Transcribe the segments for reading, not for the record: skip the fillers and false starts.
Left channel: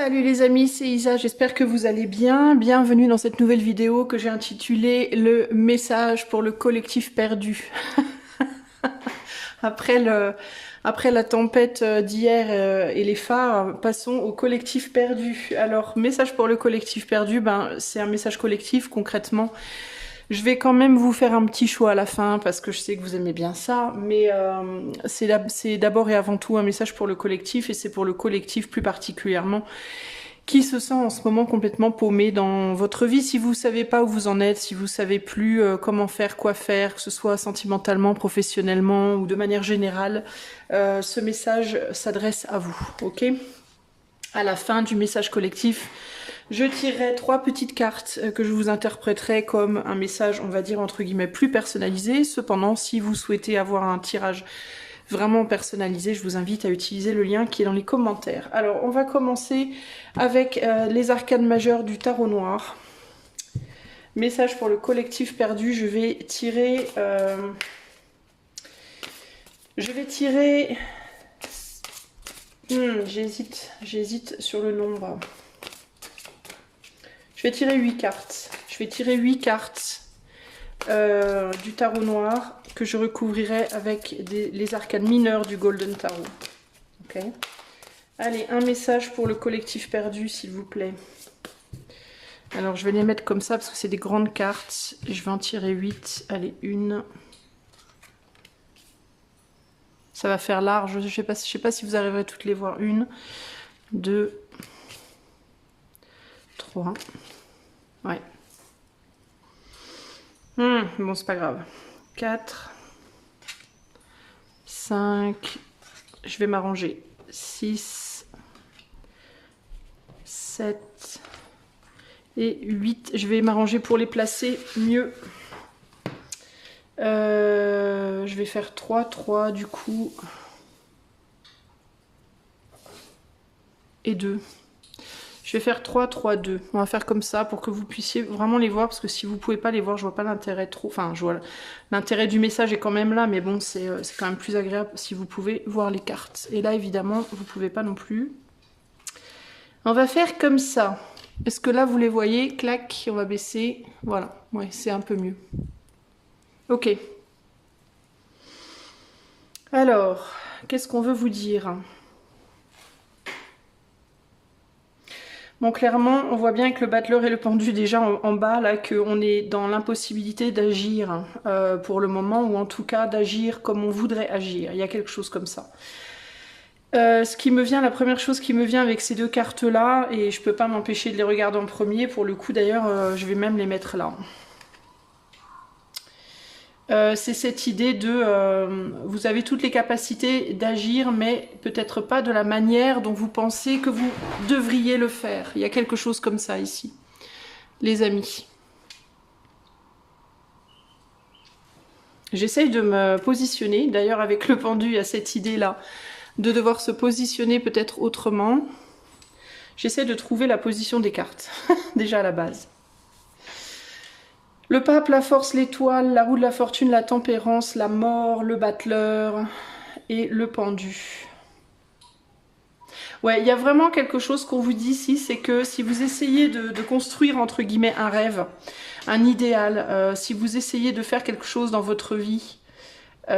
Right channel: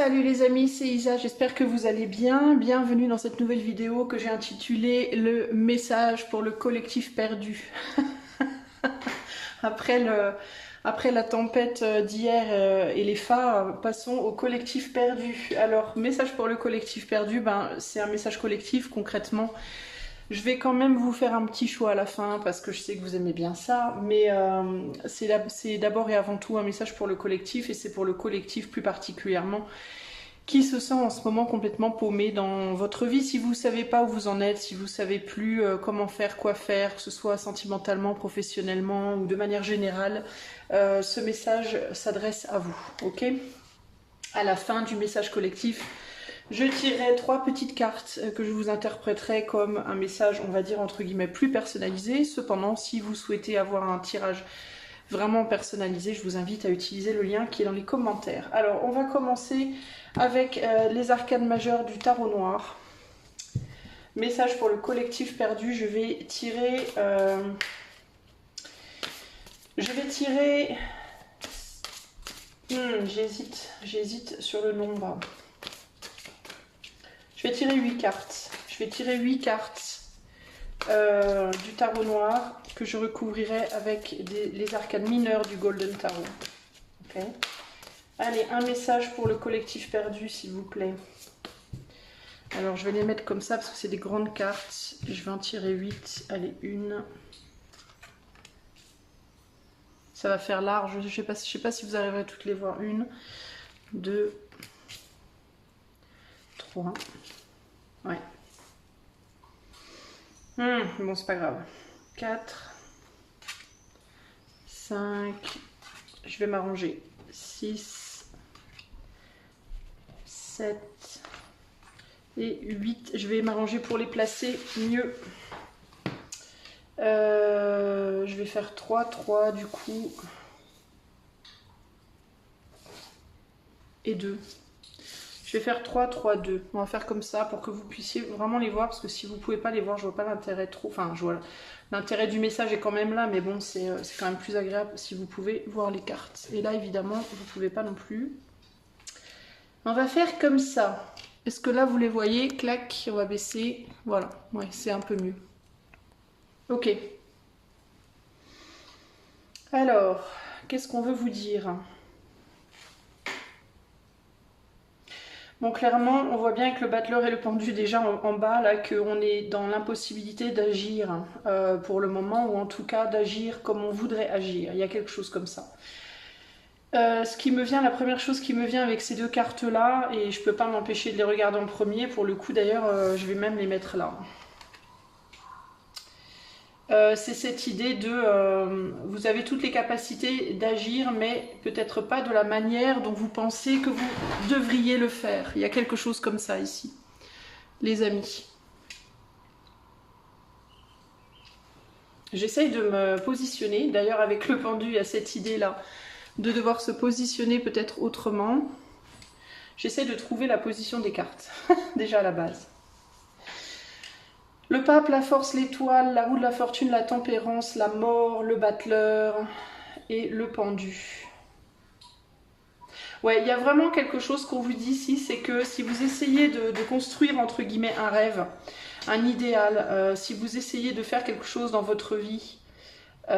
Salut les amis, c'est Isa, j'espère que vous allez bien. Bienvenue dans cette nouvelle vidéo que j'ai intitulée Le message pour le collectif perdu. Après après la tempête d'hier et les phares, passons au collectif perdu. Alors, message pour le collectif perdu, c'est un message collectif concrètement. Je vais quand même vous faire un petit choix à la fin parce que je sais que vous aimez bien ça, mais c'est d'abord et avant tout un message pour le collectif et c'est pour le collectif plus particulièrement qui se sent en ce moment complètement paumé dans votre vie. Si vous ne savez pas où vous en êtes, si vous ne savez plus comment faire, quoi faire, que ce soit sentimentalement, professionnellement ou de manière générale, ce message s'adresse à vous, ok? À la fin du message collectif, je tirerai 3 petites cartes que je vous interpréterai comme un message, on va dire entre guillemets, plus personnalisé. Cependant, si vous souhaitez avoir un tirage vraiment personnalisé, je vous invite à utiliser le lien qui est dans les commentaires. Alors, on va commencer avec les arcanes majeures du tarot noir. Message pour le collectif perdu, je vais tirer... J'hésite sur le nombre. Je vais tirer 8 cartes. Je vais tirer 8 cartes du tarot noir que je recouvrirai avec les arcanes mineures du Golden Tarot. Ok. Allez, un message pour le collectif perdu, s'il vous plaît. Alors, je vais les mettre comme ça parce que c'est des grandes cartes. Je vais en tirer 8. Allez, une. Ça va faire large. Je sais pas si vous arriverez toutes les voir. 1, 2, 3. Ouais. Bon, c'est pas grave. 4, 5. Je vais m'arranger. 6, 7 et 8. Je vais m'arranger pour les placer mieux. Je vais faire 3, 3 du coup. Et 2. Je vais faire 3, 3, 2. On va faire comme ça pour que vous puissiez vraiment les voir. Parce que si vous ne pouvez pas les voir, je vois pas l'intérêt trop. Enfin, je vois l'intérêt du message est quand même là. Mais bon, c'est quand même plus agréable si vous pouvez voir les cartes. Et là, évidemment, vous ne pouvez pas non plus. On va faire comme ça. Est-ce que là, vous les voyez? Clac, on va baisser. Voilà, ouais, c'est un peu mieux. Ok. Alors, qu'est-ce qu'on veut vous dire? Bon, clairement, on voit bien avec le battleur et le pendu déjà en bas, là, qu'on est dans l'impossibilité d'agir pour le moment, ou en tout cas d'agir comme on voudrait agir. Il y a quelque chose comme ça. La première chose qui me vient avec ces deux cartes-là, et je peux pas m'empêcher de les regarder en premier, pour le coup d'ailleurs, je vais même les mettre là. C'est cette idée de vous avez toutes les capacités d'agir, mais peut-être pas de la manière dont vous pensez que vous devriez le faire. Il y a quelque chose comme ça ici, les amis. J'essaye de me positionner, d'ailleurs avec le pendu, il y a cette idée-là, de devoir se positionner peut-être autrement. J'essaie de trouver la position des cartes, déjà à la base. Le pape, la force, l'étoile, la roue de la fortune, la tempérance, la mort, le battleur et le pendu. Ouais, il y a vraiment quelque chose qu'on vous dit ici, c'est que si vous essayez de construire entre guillemets un rêve, un idéal, si vous essayez de faire quelque chose dans votre vie, vous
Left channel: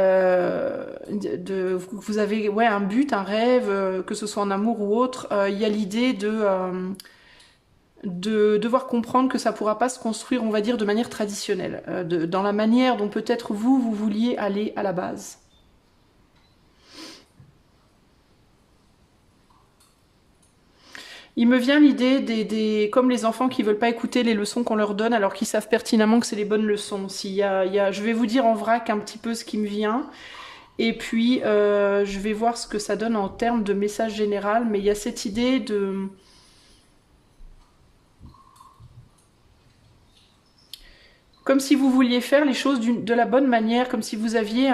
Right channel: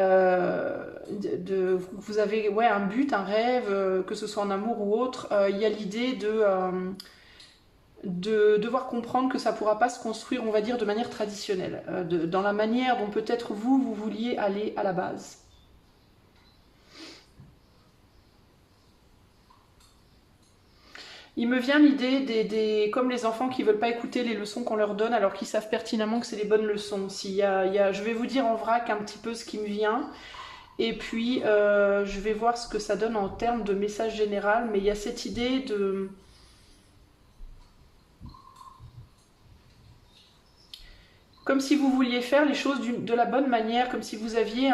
avez un but, un rêve, que ce soit en amour ou autre, il y a l'idée de devoir comprendre que ça ne pourra pas se construire, on va dire, de manière traditionnelle, dans la manière dont peut-être vous vouliez aller à la base. Il me vient l'idée comme les enfants qui ne veulent pas écouter les leçons qu'on leur donne alors qu'ils savent pertinemment que c'est les bonnes leçons. Je vais vous dire en vrac un petit peu ce qui me vient. Et puis, je vais voir ce que ça donne en termes de message général. Mais il y a cette idée de... Comme si vous vouliez faire les choses de la bonne manière, comme si vous aviez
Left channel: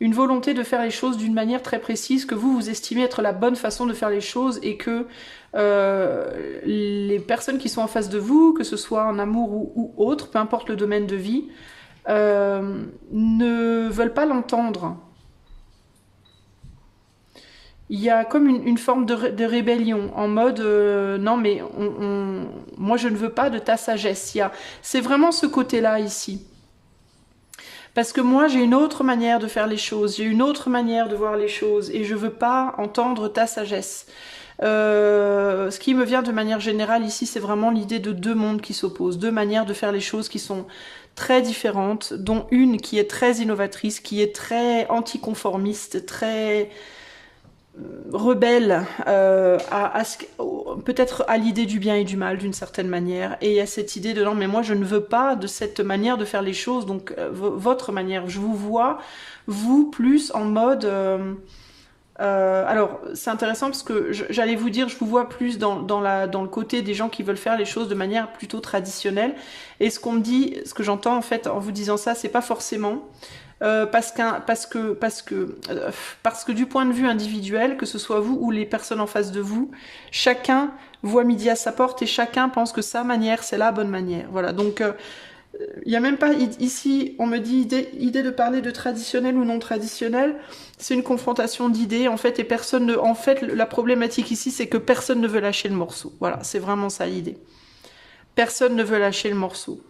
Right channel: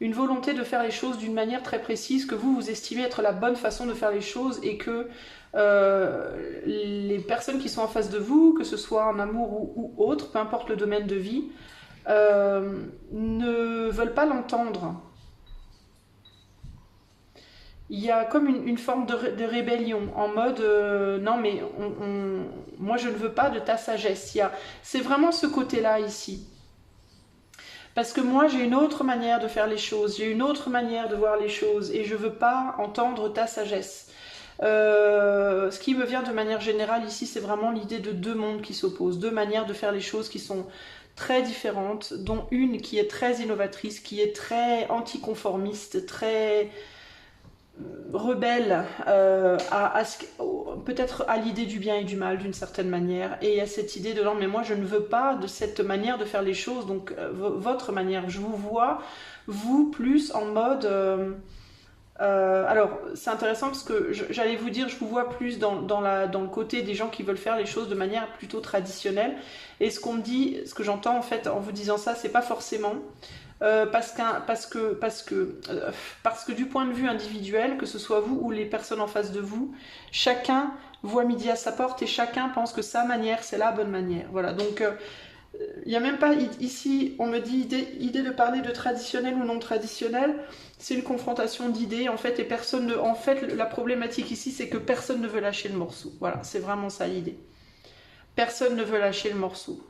une volonté de faire les choses d'une manière très précise, que vous estimez être la bonne façon de faire les choses et que les personnes qui sont en face de vous, que ce soit en amour ou autre, peu importe le domaine de vie, ne veulent pas l'entendre. il y a comme une forme de rébellion, en mode non mais moi je ne veux pas de ta sagesse. C'est vraiment ce côté-là ici. Parce que moi j'ai une autre manière de faire les choses, j'ai une autre manière de voir les choses et je veux pas entendre ta sagesse. Ce qui me vient de manière générale ici, c'est vraiment l'idée de deux mondes qui s'opposent, deux manières de faire les choses qui sont très différentes, dont une qui est très innovatrice, qui est très anticonformiste, très rebelle peut-être à l'idée du bien et du mal d'une certaine manière, et à cette idée de non mais moi je ne veux pas de cette manière de faire les choses, donc votre manière, je vous vois vous plus en mode alors c'est intéressant parce que j'allais vous dire je vous vois plus dans le côté des gens qui veulent faire les choses de manière plutôt traditionnelle, et ce qu'on me dit, ce que j'entends en fait en vous disant ça, c'est pas forcément parce que du point de vue individuel, que ce soit vous ou les personnes en face de vous, chacun voit midi à sa porte et chacun pense que sa manière c'est la bonne manière. Voilà, donc il n'y a même pas ici, on me dit idée de parler de traditionnel ou non traditionnel, c'est une confrontation d'idées en fait, et personne ne, en fait la problématique ici c'est que personne ne veut lâcher le morceau. Voilà, c'est vraiment ça l'idée. Personne ne veut lâcher le morceau.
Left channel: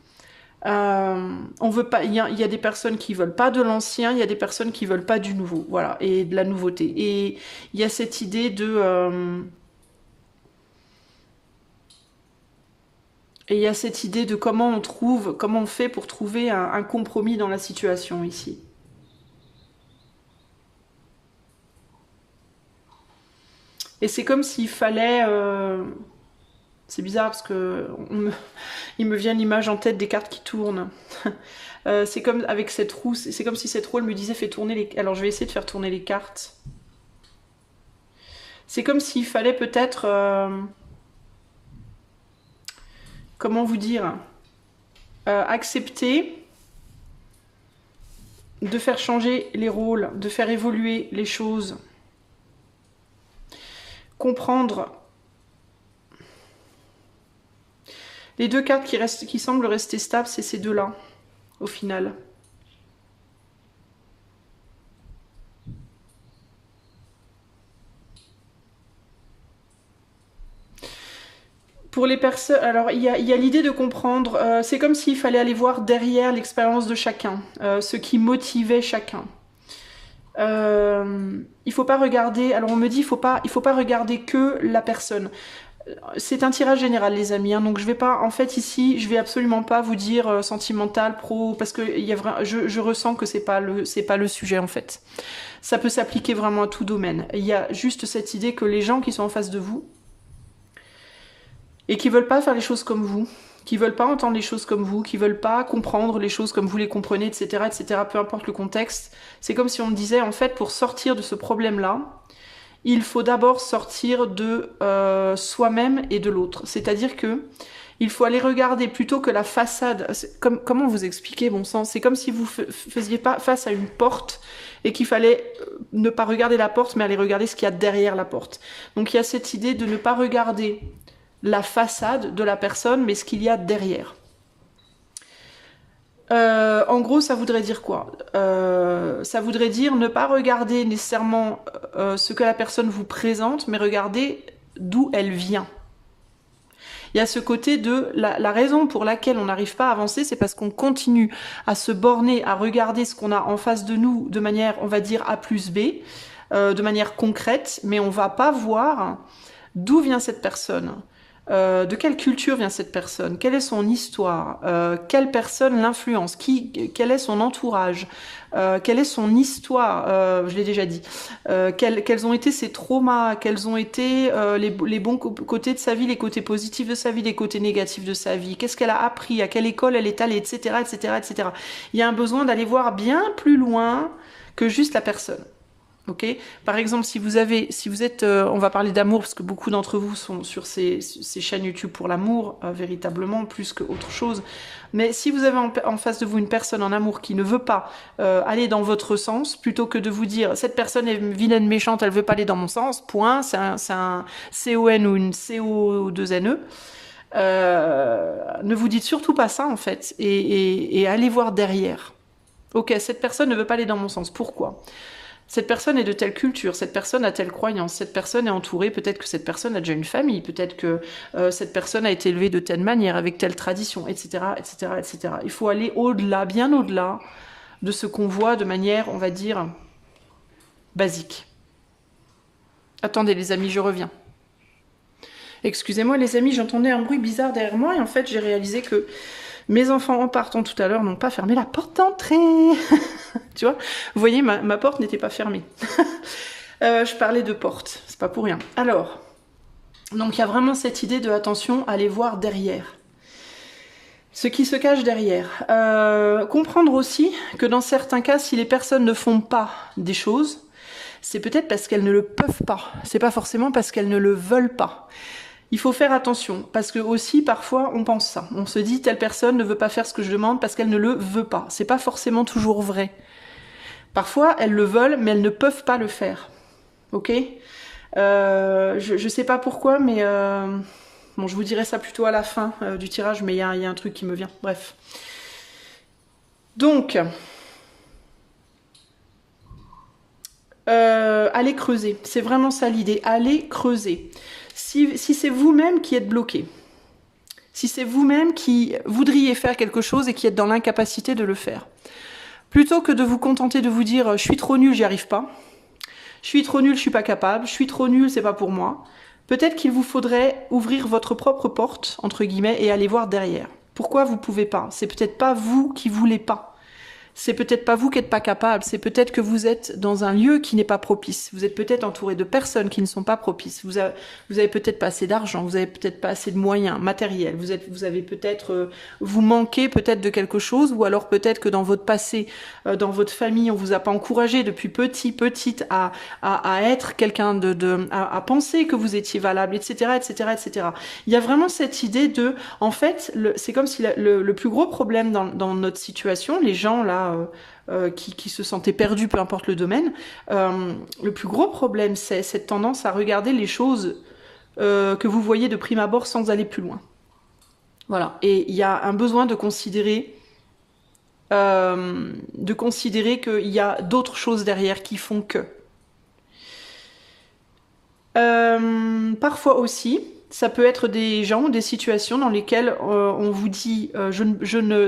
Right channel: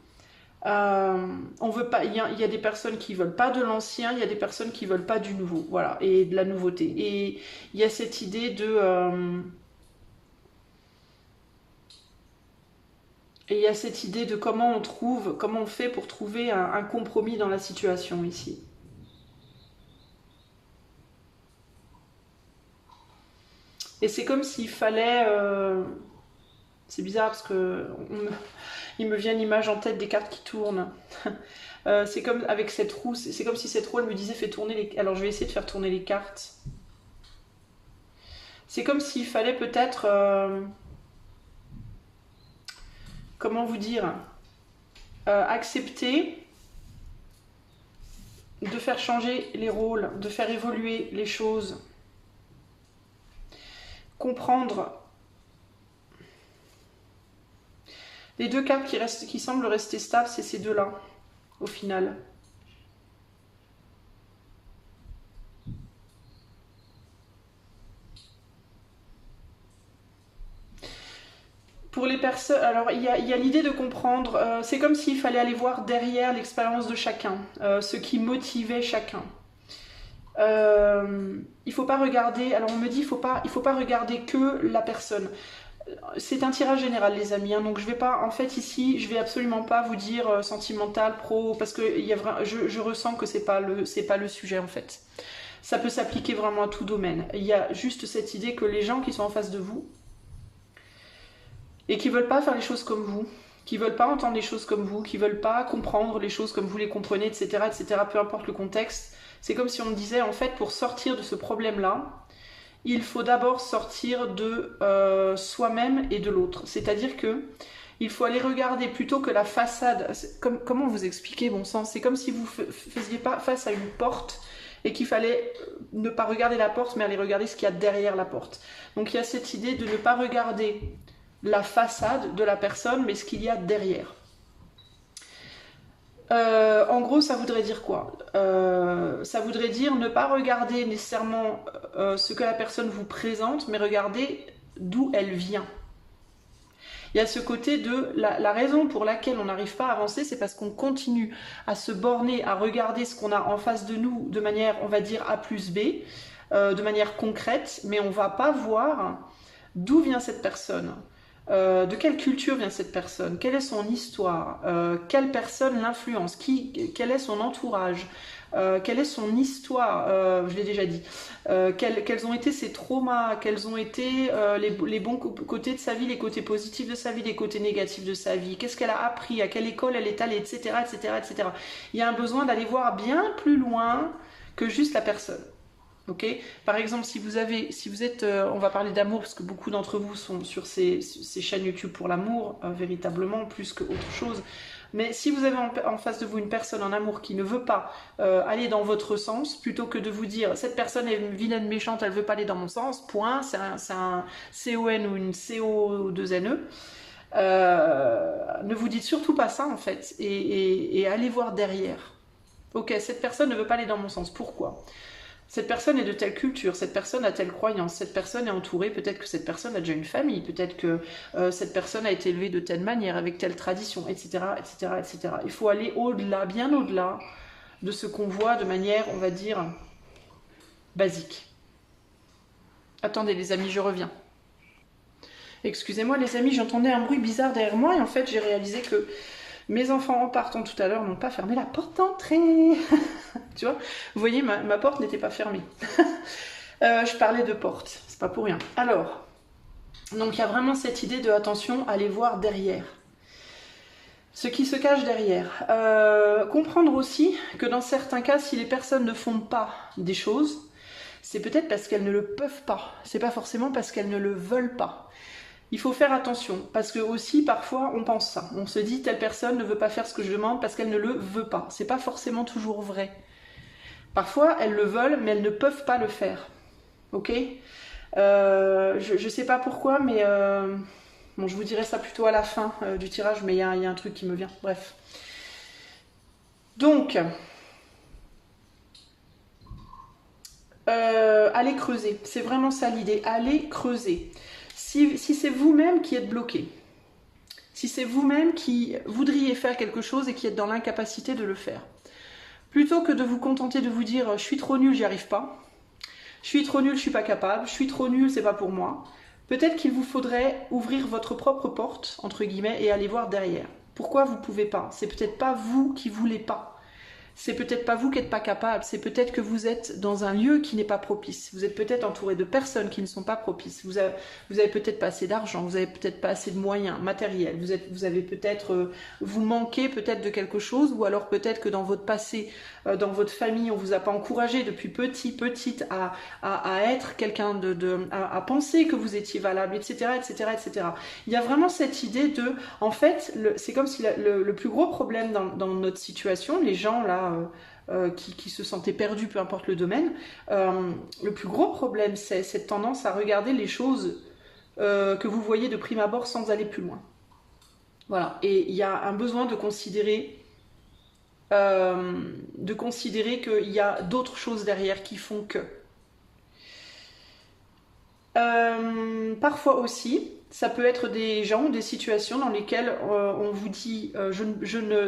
On veut pas, il y a des personnes qui veulent pas de l'ancien, il y a des personnes qui veulent pas du nouveau, voilà, et de la nouveauté. Et il y a cette idée de et il y a cette idée de comment on fait pour trouver un compromis dans la situation ici. Et c'est comme s'il fallait c'est bizarre parce que il me vient l'image en tête des cartes qui tournent. C'est comme avec cette roue, c'est comme si cette roue elle me disait fais tourner les... Alors je vais essayer de faire tourner les cartes. C'est comme s'il fallait peut-être... comment vous dire accepter de faire changer les rôles, de faire évoluer les choses. Comprendre... Les deux cartes qui semblent rester stables, c'est ces deux-là, au final. Pour les personnes, alors il y a l'idée de comprendre, c'est comme s'il fallait aller voir derrière l'expérience de chacun, ce qui motivait chacun. Il faut pas regarder, alors on me dit il faut pas regarder que la personne. C'est un tirage général les amis, hein, donc je vais pas, en fait ici, je vais absolument pas vous dire sentimental, pro, parce que je ressens que c'est pas le sujet en fait. Ça peut s'appliquer vraiment à tout domaine. Il y a juste cette idée que les gens qui sont en face de vous et qui veulent pas faire les choses comme vous, qui veulent pas entendre les choses comme vous, qui veulent pas comprendre les choses comme vous les comprenez, etc., etc., peu importe le contexte, c'est comme si on disait en fait pour sortir de ce problème-là, il faut d'abord sortir de soi-même et de l'autre. C'est-à-dire que il faut aller regarder plutôt que la façade. Comment vous expliquer, bon sang? C'est comme si vous faisiez pas face à une porte et qu'il fallait ne pas regarder la porte, mais aller regarder ce qu'il y a derrière la porte. Donc il y a cette idée de ne pas regarder la façade de la personne, mais ce qu'il y a derrière. En gros, ça voudrait dire quoi? Ça voudrait dire ne pas regarder nécessairement ce que la personne vous présente, mais regarder d'où elle vient. Il y a ce côté de la raison pour laquelle on n'arrive pas à avancer, c'est parce qu'on continue à se borner, à regarder ce qu'on a en face de nous de manière, on va dire, A plus B, de manière concrète, mais on va pas voir d'où vient cette personne. De quelle culture vient cette personne? Quelle est son histoire? Quelle personne l'influence? Quel est son entourage? Quelle est son histoire? Je l'ai déjà dit. Quels ont été ses traumas? Quels ont été les bons côtés de sa vie, les côtés positifs de sa vie, les côtés négatifs de sa vie? Qu'est-ce qu'elle a appris? À quelle école elle est allée? Etc. etc., etc. Il y a un besoin d'aller voir bien plus loin que juste la personne. Okay. Par exemple, si vous êtes, on va parler d'amour parce que beaucoup d'entre vous sont sur ces chaînes YouTube pour l'amour, véritablement, plus qu'autre chose. Mais si vous avez en face de vous une personne en amour qui ne veut pas aller dans votre sens, plutôt que de vous dire cette personne est vilaine, méchante, elle veut pas aller dans mon sens, point, c'est un CON ou une CO2NE, ne vous dites surtout pas ça en fait, et allez voir derrière. Ok, cette personne ne veut pas aller dans mon sens, pourquoi ? Cette personne est de telle culture, cette personne a telle croyance, cette personne est entourée, peut-être que cette personne a déjà une famille, peut-être que cette personne a été élevée de telle manière, avec telle tradition, etc., etc., etc. Il faut aller au-delà, bien au-delà de ce qu'on voit de manière, on va dire, basique. Attendez les amis, je reviens. Excusez-moi les amis, j'entendais un bruit bizarre derrière moi et en fait j'ai réalisé que mes enfants en partant tout à l'heure n'ont pas fermé la porte d'entrée. Tu vois, vous voyez, ma porte n'était pas fermée. Je parlais de porte, c'est pas pour rien. Alors, donc il y a vraiment cette idée de attention, aller voir derrière. Ce qui se cache derrière. Comprendre aussi que dans certains cas, si les personnes ne font pas des choses, c'est peut-être parce qu'elles ne le peuvent pas. C'est pas forcément parce qu'elles ne le veulent pas. Il faut faire attention, parce que aussi parfois on pense ça. On se dit telle personne ne veut pas faire ce que je demande parce qu'elle ne le veut pas. C'est pas forcément toujours vrai. Parfois elles le veulent, mais elles ne peuvent pas le faire. Ok, je sais pas pourquoi, mais bon, je vous dirai ça plutôt à la fin du tirage, mais il y a un truc qui me vient. Bref. Donc, allez creuser. C'est vraiment ça l'idée. Allez creuser. Si c'est vous-même qui êtes bloqué, si c'est vous-même qui voudriez faire quelque chose et qui êtes dans l'incapacité de le faire, plutôt que de vous contenter de vous dire je suis trop nul, j'y arrive pas, je suis trop nul, je suis pas capable, je suis trop nul, c'est pas pour moi, peut-être qu'il vous faudrait ouvrir votre propre porte, entre guillemets, et aller voir derrière. Pourquoi vous pouvez pas? C'est peut-être pas vous qui voulez pas. C'est peut-être pas vous qui n'êtes pas capable, c'est peut-être que vous êtes dans un lieu qui n'est pas propice. Vous êtes peut-être entouré de personnes qui ne sont pas propices. Vous avez peut-être pas assez d'argent, vous avez peut-être pas assez de moyens matériels. Vous avez peut-être, vous manquez peut-être de quelque chose, ou alors peut-être que dans votre passé, dans votre famille, on vous a pas encouragé depuis petite à être quelqu'un à penser que vous étiez valable, etc., etc., etc. Il y a vraiment cette idée de, en fait, c'est comme si le plus gros problème dans notre situation, les gens là qui se sentaient perdus, peu importe le domaine, le plus gros problème, c'est cette tendance à regarder les choses que vous voyez de prime abord sans aller plus loin. Voilà. Et il y a un besoin de considérer qu'il y a d'autres choses derrière qui font que. Parfois aussi, ça peut être des gens ou des situations dans lesquelles on vous dit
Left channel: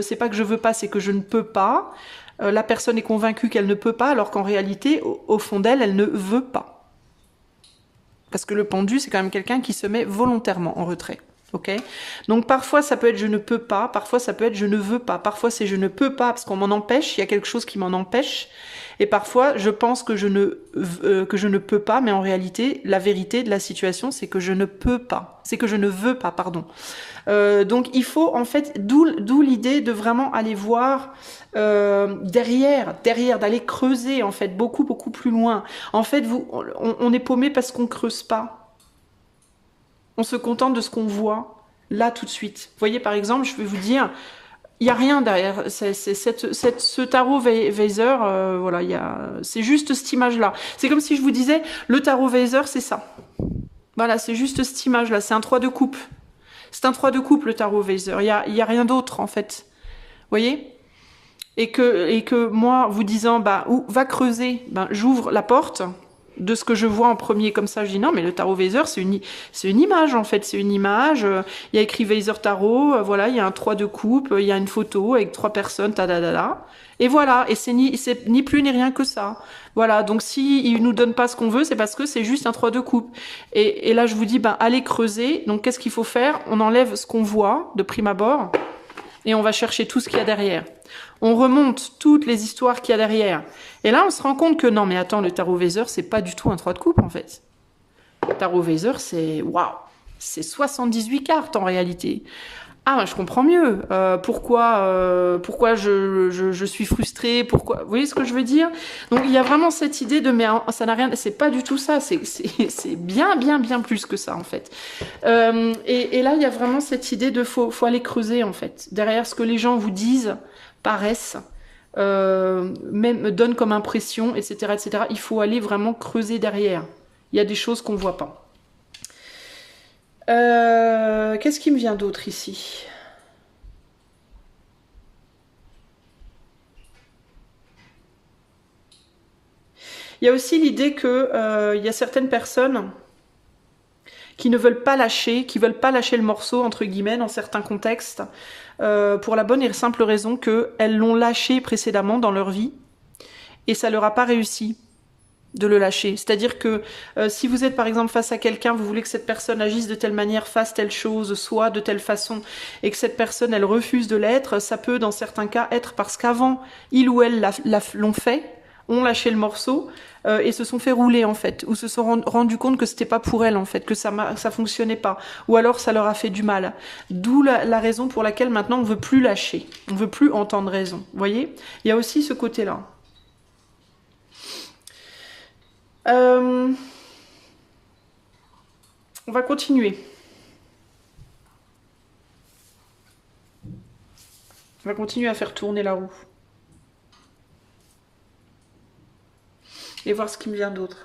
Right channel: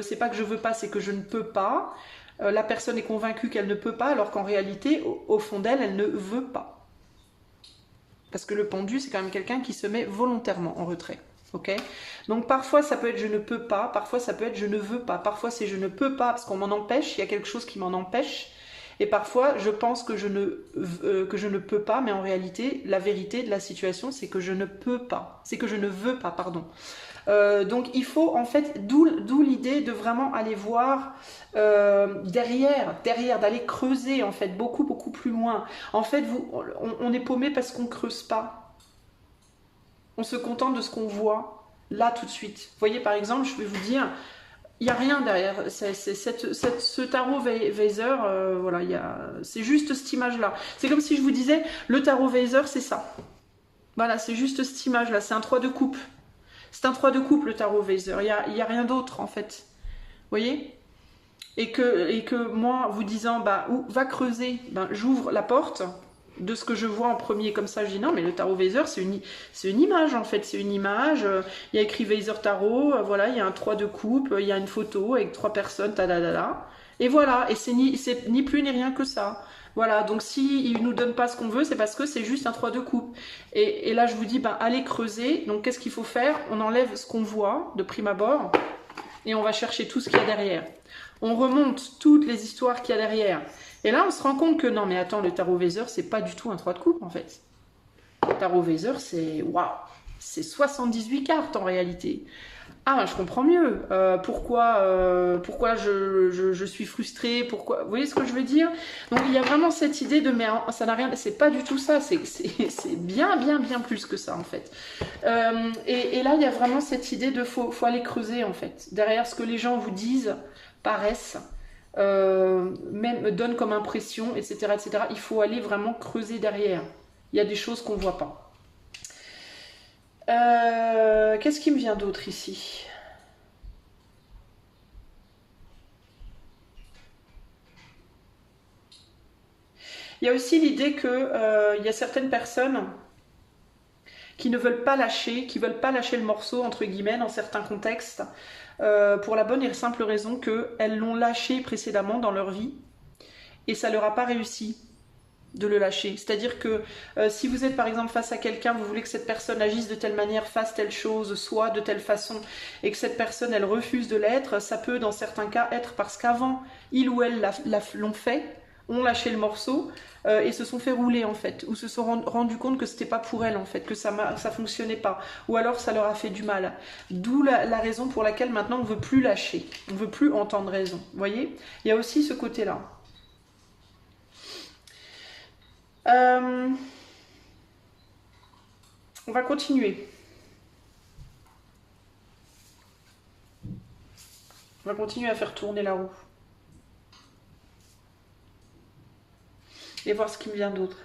c'est pas que je veux pas, c'est que je ne peux pas. La personne est convaincue qu'elle ne peut pas, alors qu'en réalité, au fond d'elle, elle ne veut pas. Parce que le pendu, c'est quand même quelqu'un qui se met volontairement en retrait. Ok ? Donc parfois, ça peut être je ne peux pas, parfois ça peut être je ne veux pas, parfois c'est je ne peux pas parce qu'on m'en empêche, il y a quelque chose qui m'en empêche. Et parfois, je pense que je ne peux pas, mais en réalité, la vérité de la situation, c'est que je ne peux pas. C'est que je ne veux pas, pardon. Donc, il faut, en fait, d'où l'idée de vraiment aller voir derrière, d'aller creuser, en fait, beaucoup, beaucoup plus loin. En fait, on est paumé parce qu'on ne creuse pas. On se contente de ce qu'on voit, là, tout de suite. Vous voyez, par exemple, je vais vous dire... Il n'y a rien derrière. Ce tarot Weiser, voilà, c'est juste cette image-là. C'est comme si je vous disais, le tarot Weiser, c'est ça. Voilà, c'est juste cette image-là. C'est un 3 de coupe. C'est un 3 de coupe, le tarot Weiser. Il y a rien d'autre, en fait. Vous voyez ? Et que moi, vous disant, bah, va creuser, ben, j'ouvre la porte de ce que je vois en premier comme ça, je dis non, mais le tarot Weiser, c'est une image en fait, c'est une image, il y a écrit Weiser Tarot, voilà, il y a un 3 de coupe, il y a une photo avec 3 personnes, et voilà, et c'est ni plus ni rien que ça. Voilà, donc s'il nous donne pas ce qu'on veut, c'est parce que c'est juste un 3 de coupe. Et là, je vous dis, ben, allez creuser, donc qu'est-ce qu'il faut faire? On enlève ce qu'on voit de prime abord, et on va chercher tout ce qu'il y a derrière. On remonte toutes les histoires qu'il y a derrière. Et là, on se rend compte que non, mais attends, le tarot Weiser, c'est pas du tout un 3 de coupe, en fait. Le tarot Weiser, c'est... Waouh! C'est 78 cartes, en réalité. Ah, je comprends mieux. Pourquoi je suis frustrée, pourquoi... Vous voyez ce que je veux dire? Donc, il y a vraiment cette idée de... Mais ça n'a rien... C'est pas du tout ça. C'est bien, bien, bien plus que ça, en fait. Et là, il y a vraiment cette idée de... Faut aller creuser, en fait. Derrière ce que les gens vous disent... paraissent, même donnent comme impression, etc., etc. Il faut aller vraiment creuser derrière. Il y a des choses qu'on ne voit pas. Qu'est-ce qui me vient d'autre ici? Il y a aussi l'idée que il y a certaines personnes qui ne veulent pas lâcher, qui veulent pas lâcher le morceau, entre guillemets, dans certains contextes, pour la bonne et simple raison qu'elles l'ont lâché précédemment dans leur vie, et ça leur a pas réussi de le lâcher. C'est-à-dire que si vous êtes par exemple face à quelqu'un, vous voulez que cette personne agisse de telle manière, fasse telle chose, soit de telle façon, et que cette personne, elle refuse de l'être, ça peut dans certains cas être parce qu'avant, il ou elle l'ont fait, ont lâché le morceau, et se sont fait rouler en fait, ou se sont rendu compte que c'était pas pour elle en fait, que ça fonctionnait pas, ou alors ça leur a fait du mal. D'où la raison pour laquelle maintenant on veut plus lâcher, on veut plus entendre raison. Vous voyez, il y a aussi ce côté-là. On va continuer. On va continuer à faire tourner la roue. Et voir ce qui me vient d'autre.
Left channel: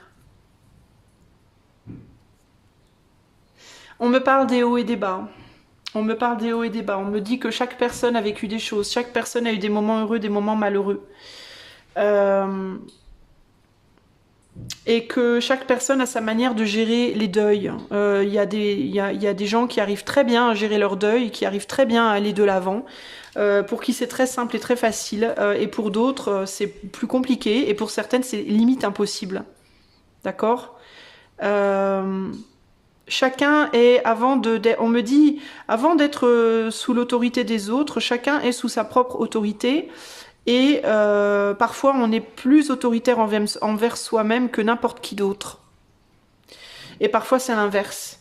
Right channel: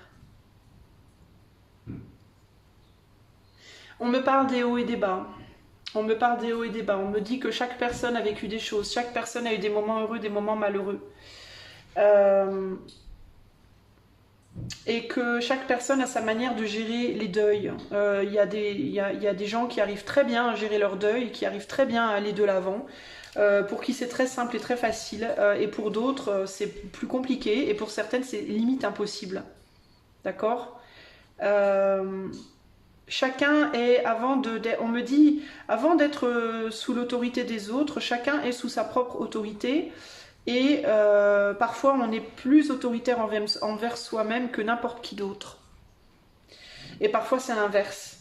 On me parle des hauts et des bas. On me parle des hauts et des bas. On me dit que chaque personne a vécu des choses. Chaque personne a eu des moments heureux, des moments malheureux. Et que chaque personne a sa manière de gérer les deuils. Il y a des gens qui arrivent très bien à gérer leur deuil, qui arrivent très bien à aller de l'avant, pour qui c'est très simple et très facile, et pour d'autres c'est plus compliqué, et pour certaines c'est limite impossible. D'accord? Chacun est, on me dit, avant d'être sous l'autorité des autres, chacun est sous sa propre autorité. Et parfois, on est plus autoritaire envers soi-même que n'importe qui d'autre. Et parfois, c'est l'inverse.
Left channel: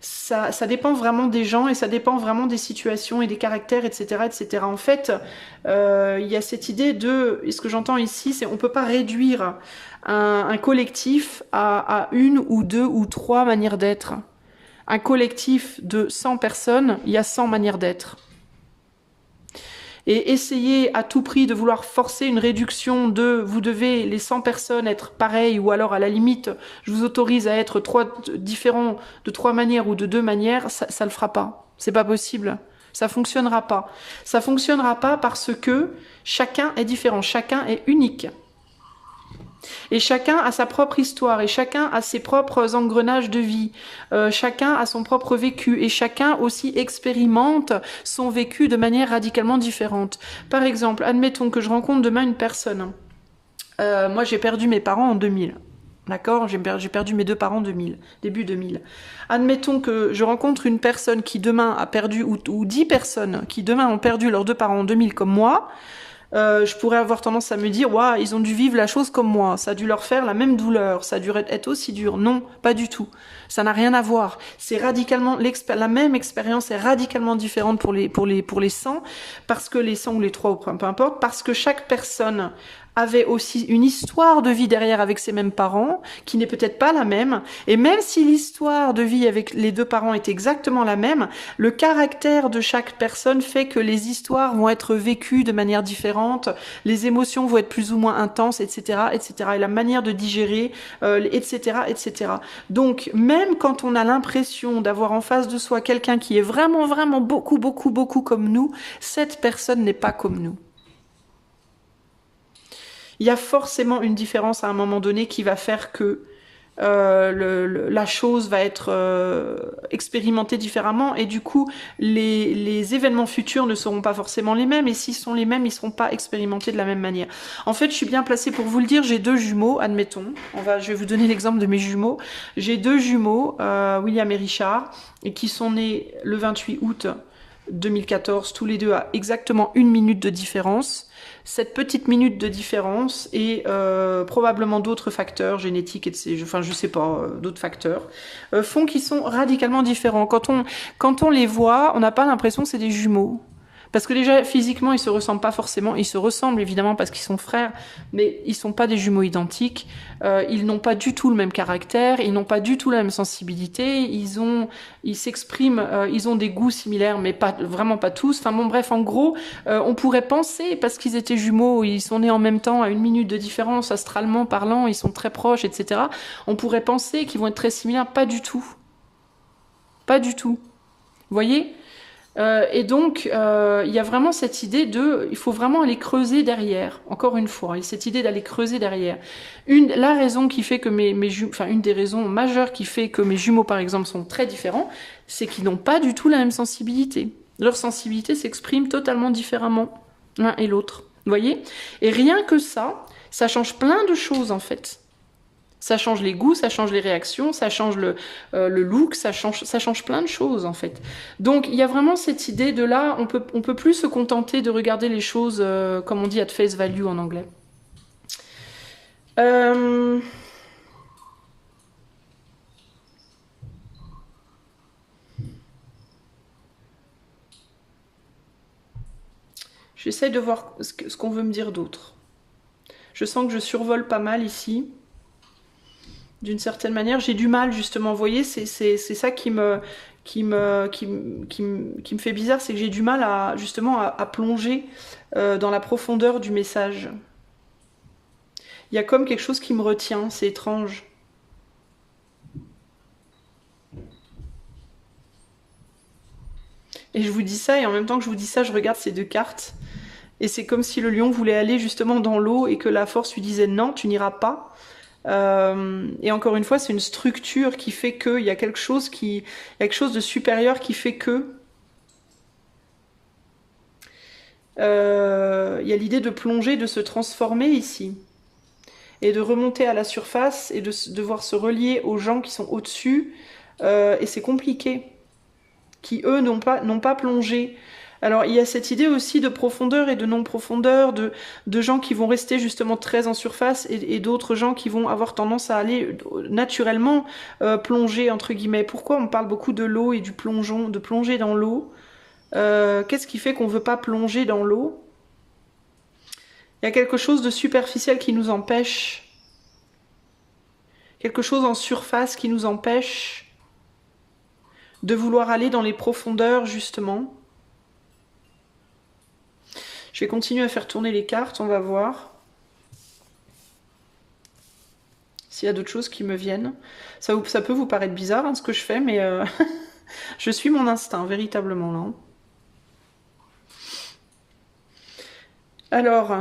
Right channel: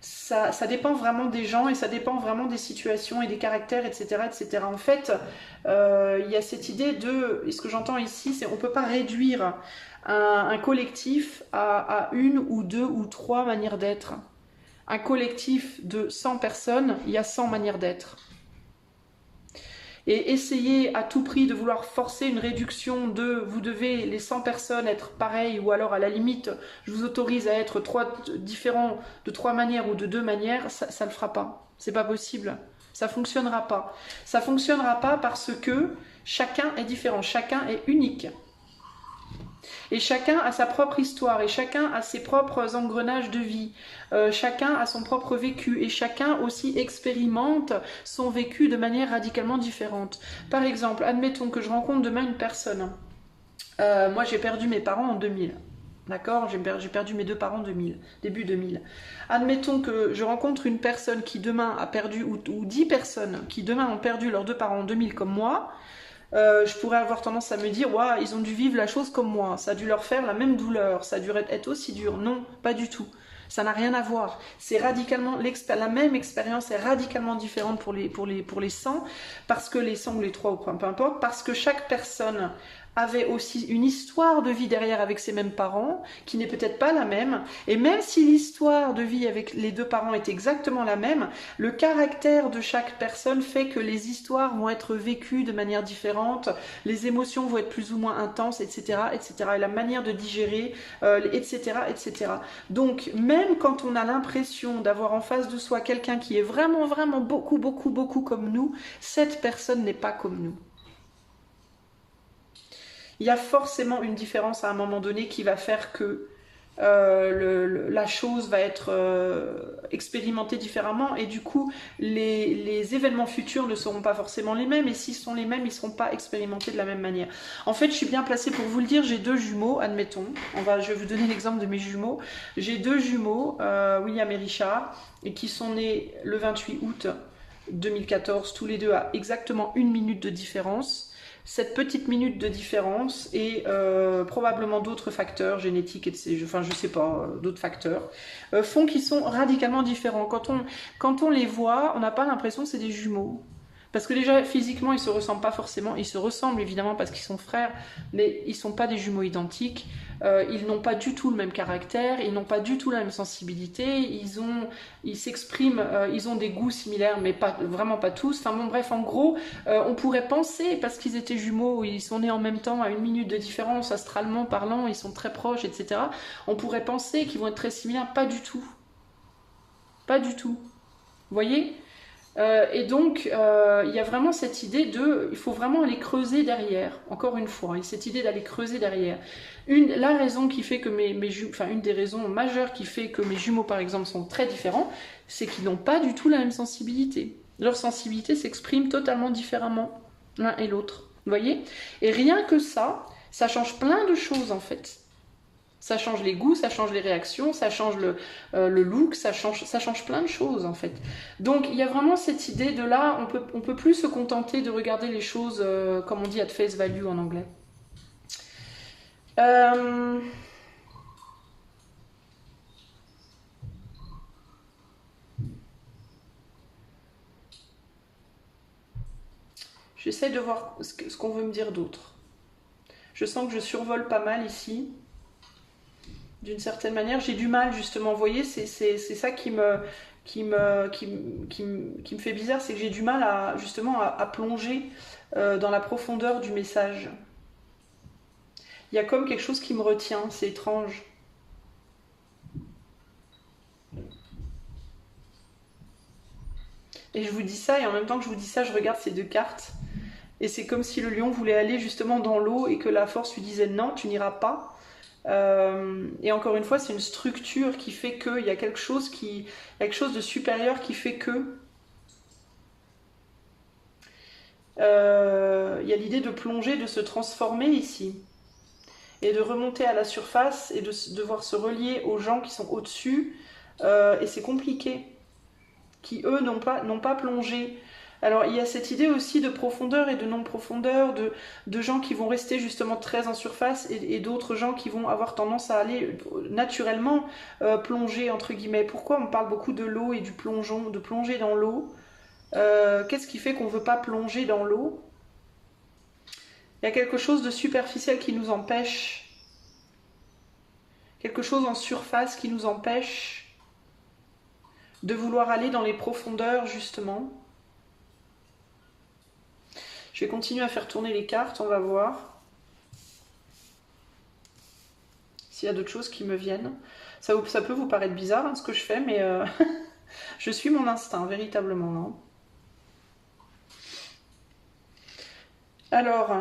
Ça dépend vraiment des gens et ça dépend vraiment des situations et des caractères, etc. etc. En fait, il y a cette idée de... Et ce que j'entends ici, c'est qu'on ne peut pas réduire un collectif à une ou deux ou trois manières d'être. Un collectif de 100 personnes, il y a 100 manières d'être. Et essayer à tout prix de vouloir forcer une réduction de vous devez les 100 personnes être pareilles, ou alors à la limite je vous autorise à être différents de 3 manières ou de 2 manières, ça le fera pas. C'est pas possible. Ça fonctionnera pas. Ça fonctionnera pas parce que chacun est différent, chacun est unique. Et chacun a sa propre histoire, et chacun a ses propres engrenages de vie, chacun a son propre vécu, et chacun aussi expérimente son vécu de manière radicalement différente. Par exemple, admettons que je rencontre demain une personne. Moi j'ai perdu mes parents en 2000. D'accord? J'ai perdu mes 2 parents en 2000, début 2000. Admettons que je rencontre une personne qui demain a perdu, ou 10 personnes qui demain ont perdu leurs 2 parents en 2000 comme moi. Je pourrais avoir tendance à me dire waouh, ils ont dû vivre la chose comme moi, ça a dû leur faire la même douleur, ça a dû être aussi dur. Non, pas du tout. Ça n'a rien à voir. C'est radicalement la même expérience est radicalement différente pour les 100, parce que les 100 ou les 3 ou peu importe, parce que chaque personne avait aussi une histoire de vie derrière avec ses mêmes parents, qui n'est peut-être pas la même, et même si l'histoire de vie avec les 2 parents est exactement la même, le caractère de chaque personne fait que les histoires vont être vécues de manière différente, les émotions vont être plus ou moins intenses, etc., etc., et la manière de digérer, etc., etc. Donc, même quand on a l'impression d'avoir en face de soi quelqu'un qui est vraiment, vraiment beaucoup, beaucoup, beaucoup comme nous, cette personne n'est pas comme nous. Il y a forcément une différence à un moment donné qui va faire que la chose va être expérimentée différemment, et du coup les événements futurs ne seront pas forcément les mêmes, et s'ils sont les mêmes, ils ne seront pas expérimentés de la même manière. En fait, je suis bien placée pour vous le dire, j'ai 2 jumeaux, admettons, je vais vous donner l'exemple de mes jumeaux. J'ai 2 jumeaux, William et Richard, et qui sont nés le 28 août 2014, tous les deux à exactement 1 minute de différence. Cette petite minute de différence et probablement d'autres facteurs génétiques, enfin je sais pas, d'autres facteurs, font qu'ils sont radicalement différents. Quand on les voit, on n'a pas l'impression que c'est des jumeaux. Parce que déjà, physiquement, ils se ressemblent pas forcément. Ils se ressemblent évidemment parce qu'ils sont frères, mais ils sont pas des jumeaux identiques. Ils n'ont pas du tout le même caractère, ils n'ont pas du tout la même sensibilité. Ils s'expriment, ils ont des goûts similaires, mais vraiment pas tous. Enfin bon, bref, en gros, on pourrait penser, parce qu'ils étaient jumeaux, ils sont nés en même temps, à 1 minute de différence, astralement parlant, ils sont très proches, etc. On pourrait penser qu'ils vont être très similaires. Pas du tout. Pas du tout. Vous voyez ? Et donc, il y a vraiment cette idée de, il faut vraiment aller creuser derrière. Encore une fois, et cette idée d'aller creuser derrière. La raison qui fait que enfin une des raisons majeures qui fait que mes jumeaux, par exemple, sont très différents, c'est qu'ils n'ont pas du tout la même sensibilité. Leur sensibilité s'exprime totalement différemment l'un et l'autre. Vous voyez? Et rien que ça change plein de choses en fait. Ça change les goûts, ça change les réactions, ça change le look, ça change plein de choses en fait. Donc il y a vraiment cette idée de là, on peut plus se contenter de regarder les choses comme on dit at face value en anglais. Euh, J'essaye de voir ce qu'on veut me dire d'autre. Je sens que je survole pas mal ici. D'une certaine manière, j'ai du mal justement. Vous voyez, c'est ça qui me fait bizarre, c'est que j'ai du mal à justement à plonger dans la profondeur du message. Il y a comme quelque chose qui me retient, c'est étrange. Et je vous dis ça, et en même temps que je vous dis ça, je regarde ces deux cartes. Et c'est comme si le lion voulait aller justement dans l'eau et que la force lui disait non, tu n'iras pas. Et encore une fois, c'est une structure qui fait qu'il y a quelque chose de supérieur qui fait que il y a l'idée de plonger, de se transformer ici et de remonter à la surface et de devoir se relier aux gens qui sont au-dessus. Et c'est compliqué, qui eux n'ont pas plongé. Alors il y a cette idée aussi de profondeur et de non-profondeur, de gens qui vont rester justement très en surface et d'autres gens qui vont avoir tendance à aller naturellement plonger entre guillemets. Pourquoi on parle beaucoup de l'eau et du plongeon, de plonger dans l'eau? Qu'est-ce qui fait qu'on ne veut pas plonger dans l'eau? Il y a quelque chose de superficiel qui nous empêche, quelque chose en surface qui nous empêche de vouloir aller dans les profondeurs justement. Je vais continuer à faire tourner les cartes, on va voir s'il y a d'autres choses qui me viennent. Ça peut vous paraître bizarre hein, ce que je fais, mais je suis mon instinct, véritablement. Hein. Alors,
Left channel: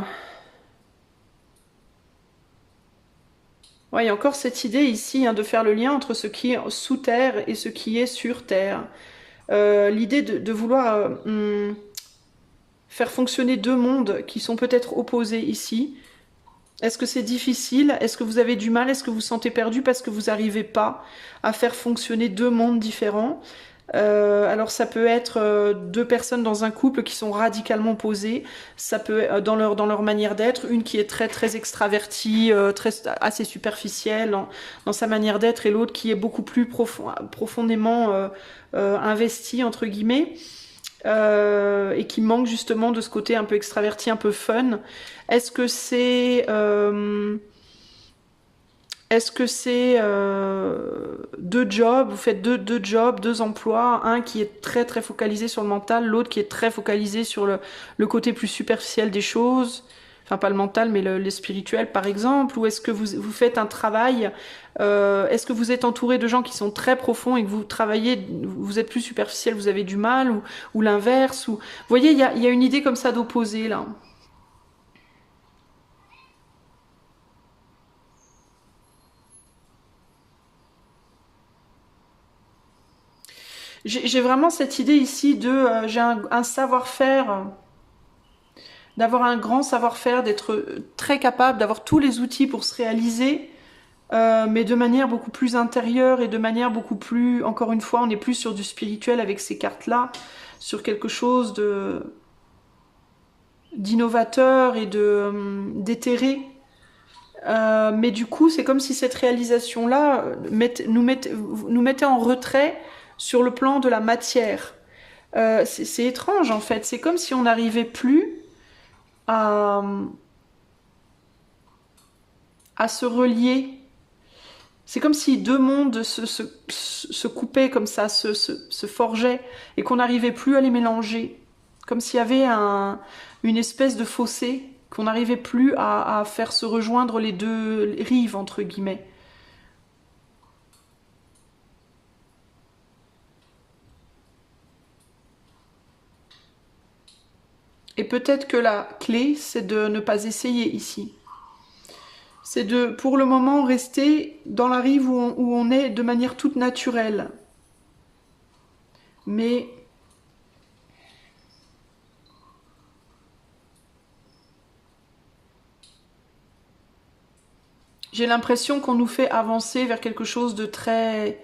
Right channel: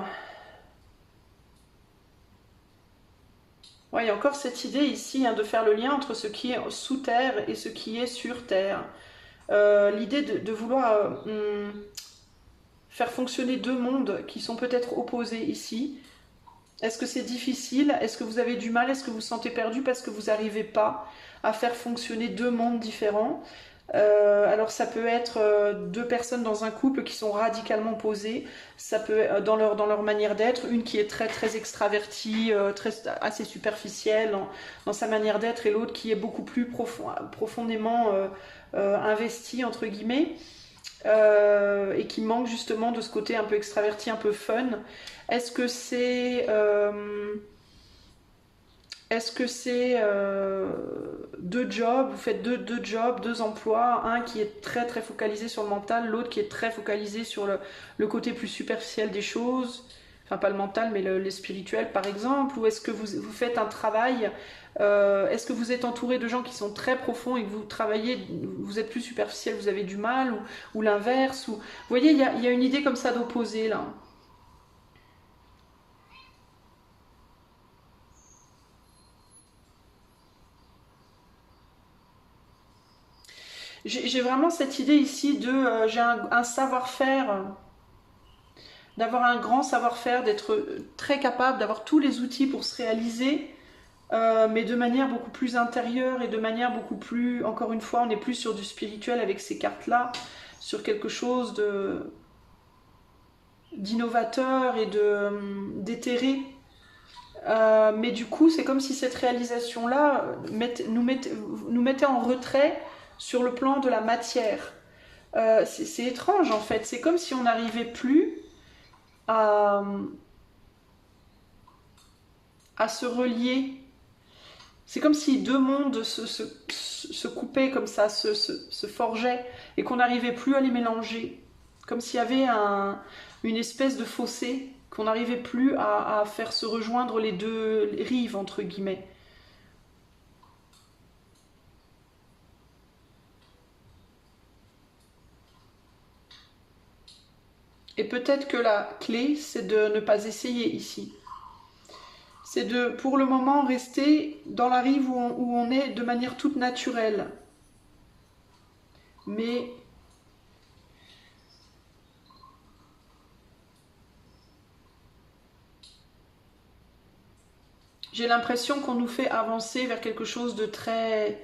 ouais, il y a encore cette idée ici hein, de faire le lien entre ce qui est sous terre et ce qui est sur terre. L'idée de vouloir faire fonctionner deux mondes qui sont peut-être opposés ici. Est-ce que c'est difficile? Est-ce que vous avez du mal? Est-ce que vous vous sentez perdu parce que vous n'arrivez pas à faire fonctionner deux mondes différents? Alors ça peut être deux personnes dans un couple qui sont radicalement opposées, ça peut être dans leur manière d'être, une qui est très très extravertie, assez superficielle dans sa manière d'être et l'autre qui est beaucoup plus profondément investie entre guillemets. Et qui manque justement de ce côté un peu extraverti, un peu fun. Est-ce que c'est deux jobs, vous faites deux jobs, deux emplois, un qui est très très focalisé sur le mental, l'autre qui est très focalisé sur le côté plus superficiel des choses, enfin pas le mental mais le spirituel par exemple, ou est-ce que vous faites un travail, est-ce que vous êtes entouré de gens qui sont très profonds et que vous travaillez, vous êtes plus superficiel, vous avez du mal, ou l'inverse, ou... Vous voyez, il y a une idée comme ça d'opposé là. J'ai vraiment cette idée ici de j'ai un savoir-faire, d'avoir un grand savoir-faire, d'être très capable, d'avoir tous les outils pour se réaliser, mais de manière beaucoup plus intérieure et de manière beaucoup plus, encore une fois, on est plus sur du spirituel avec ces cartes-là, sur quelque chose de d'innovateur et de d'éthéré. Mais du coup, c'est comme si cette réalisation-là nous mettait en retrait sur le plan de la matière. C'est étrange en fait. C'est comme si on n'arrivait plus à, à se relier. C'est comme si deux mondes se coupaient comme ça, se forgeaient, et qu'on n'arrivait plus à les mélanger. Comme s'il y avait une espèce de fossé, qu'on n'arrivait plus à faire se rejoindre les deux rives, entre guillemets. Et peut-être que la clé, c'est de ne pas essayer ici. C'est de, pour le moment, rester dans la rive où on est de manière toute naturelle. Mais j'ai l'impression qu'on nous fait avancer vers quelque chose de très...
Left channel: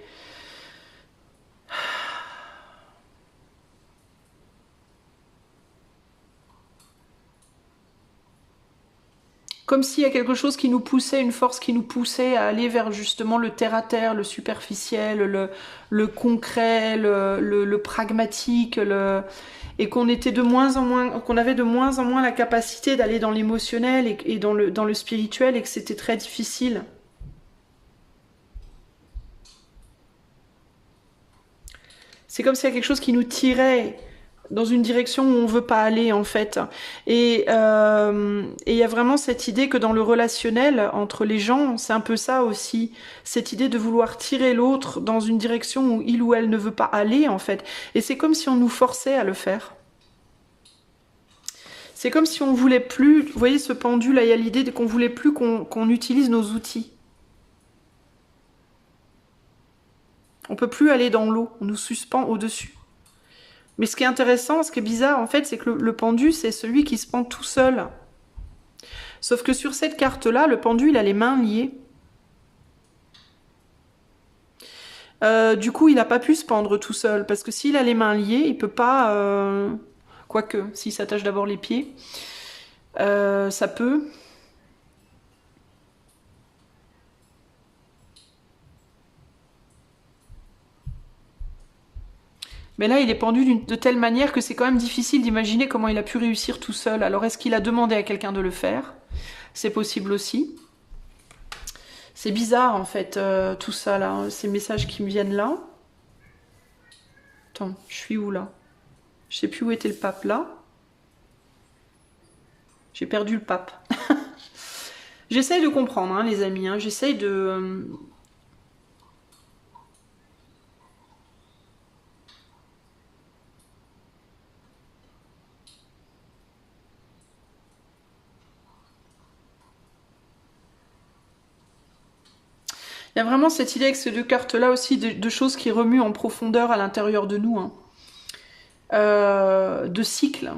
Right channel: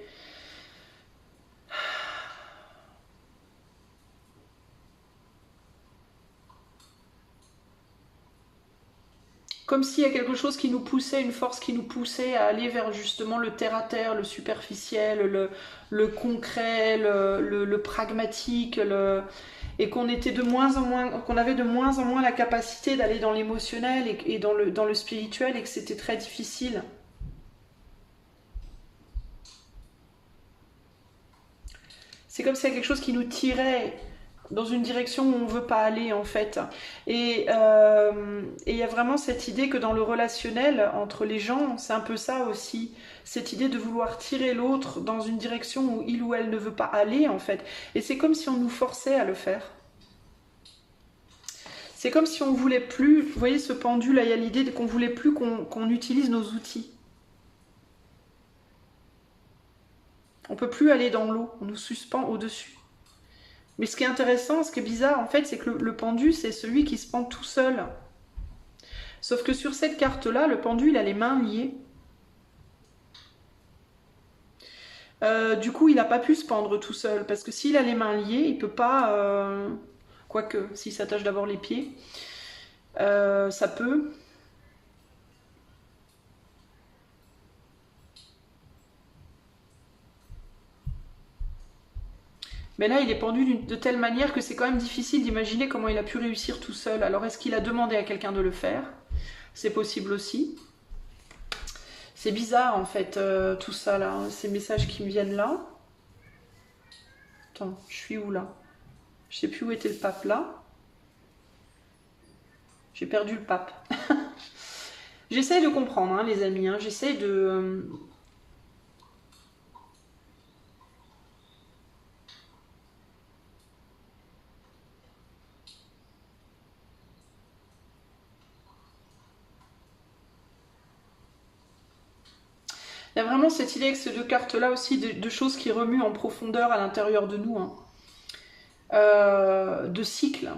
Comme s'il y a quelque chose qui nous poussait, une force qui nous poussait à aller vers justement le terre-à-terre, le superficiel, le concret, le pragmatique, et qu'on était de moins en moins, qu'on avait de moins en moins la capacité d'aller dans l'émotionnel et dans le spirituel, et que c'était très difficile. C'est comme s'il y a quelque chose qui nous tirait dans une direction où on ne veut pas aller en fait. Et il y a vraiment cette idée que dans le relationnel entre les gens, c'est un peu ça aussi, cette idée de vouloir tirer l'autre dans une direction où il ou elle ne veut pas aller en fait. Et c'est comme si on nous forçait à le faire. C'est comme si on voulait plus, vous voyez ce pendule, là il y a l'idée qu'on voulait plus qu'on utilise nos outils. On peut plus aller dans l'eau, on nous suspend au-dessus. Mais ce qui est intéressant, ce qui est bizarre en fait, c'est que le pendu, c'est celui qui se pend tout seul. Sauf que sur cette carte-là, le pendu, il a les mains liées. Du coup, il n'a pas pu se pendre tout seul, parce que s'il a les mains liées, il peut pas... Quoique, s'il s'attache d'abord les pieds, ça peut... Mais là, il est pendu de telle manière que c'est quand même difficile d'imaginer comment il a pu réussir tout seul. Alors, est-ce qu'il a demandé à quelqu'un de le faire? C'est possible aussi. C'est bizarre, en fait, tout ça, là. Ces messages qui me viennent là. Attends, je suis où, là? Je sais plus où était le pape, là. J'ai perdu le pape. J'essaye de comprendre, hein, les amis. Hein. J'essaye de... Il y a vraiment cette idée avec ces deux cartes-là aussi de choses qui remuent en profondeur à l'intérieur de nous. Hein. De cycles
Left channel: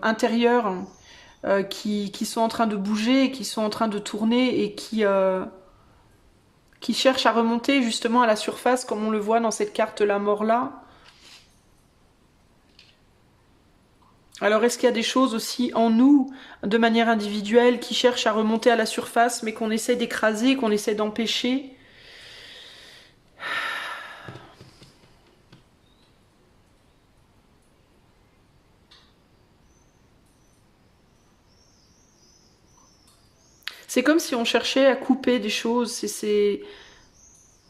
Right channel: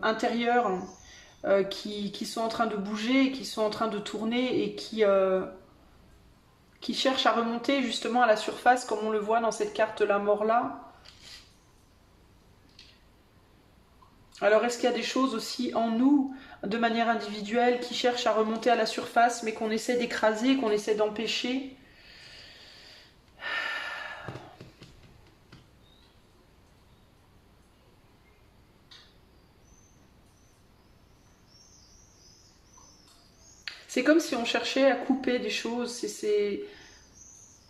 intérieurs qui sont en train de bouger, qui sont en train de tourner et qui cherchent à remonter justement à la surface comme on le voit dans cette carte La Mort-là. Alors est-ce qu'il y a des choses aussi en nous, de manière individuelle, qui cherchent à remonter à la surface mais qu'on essaie d'écraser, qu'on essaie d'empêcher ? C'est comme si on cherchait à couper des choses, c'est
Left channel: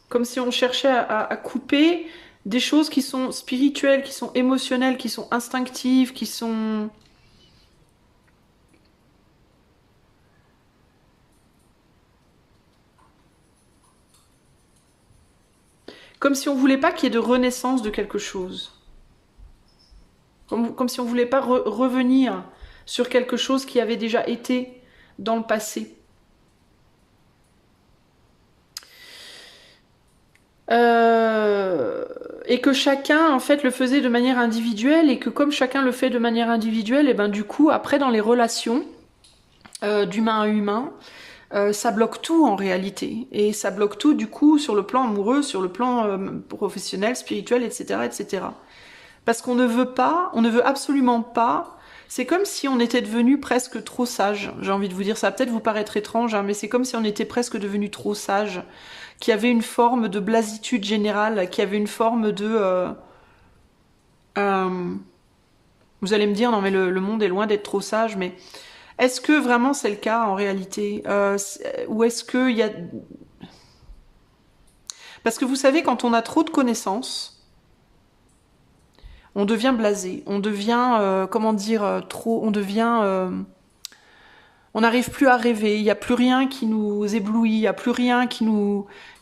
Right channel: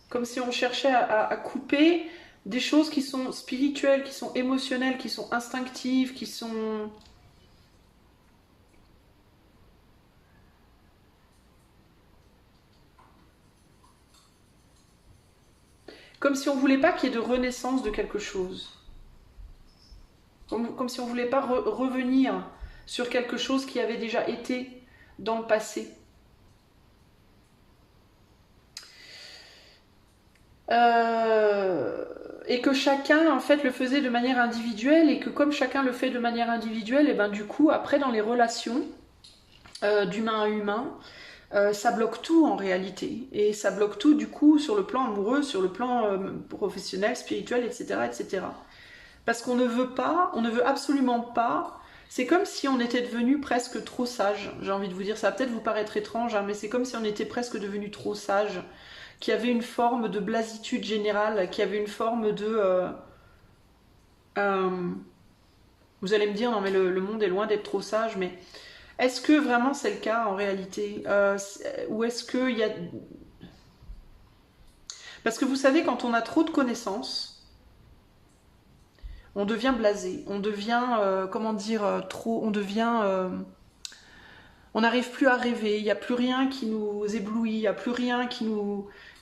comme si on cherchait à couper des choses qui sont spirituelles, qui sont émotionnelles, qui sont instinctives, qui sont... Comme si on voulait pas qu'il y ait de renaissance de quelque chose. Comme si on voulait pas revenir sur quelque chose qui avait déjà été dans le passé. Et que chacun en fait le faisait de manière individuelle et que comme chacun le fait de manière individuelle, et ben du coup après dans les relations d'humain à humain, ça bloque tout en réalité et ça bloque tout du coup sur le plan amoureux, sur le plan professionnel, spirituel, etc., etc. Parce qu'on ne veut pas, on ne veut absolument pas. C'est comme si on était devenu presque trop sage. J'ai envie de vous dire, ça va peut-être vous paraître étrange, hein, mais c'est comme si on était presque devenu trop sage, qui avait une forme de blasitude générale, qui avait une forme de... vous allez me dire, non mais le monde est loin d'être trop sage, mais est-ce que vraiment c'est le cas en réalité ou est-ce qu'il y a... Parce que vous savez, quand on a trop de connaissances, on devient blasé, on devient, comment dire, trop... On devient... on n'arrive plus à rêver, il n'y a plus rien qui nous éblouit, il n'y a plus rien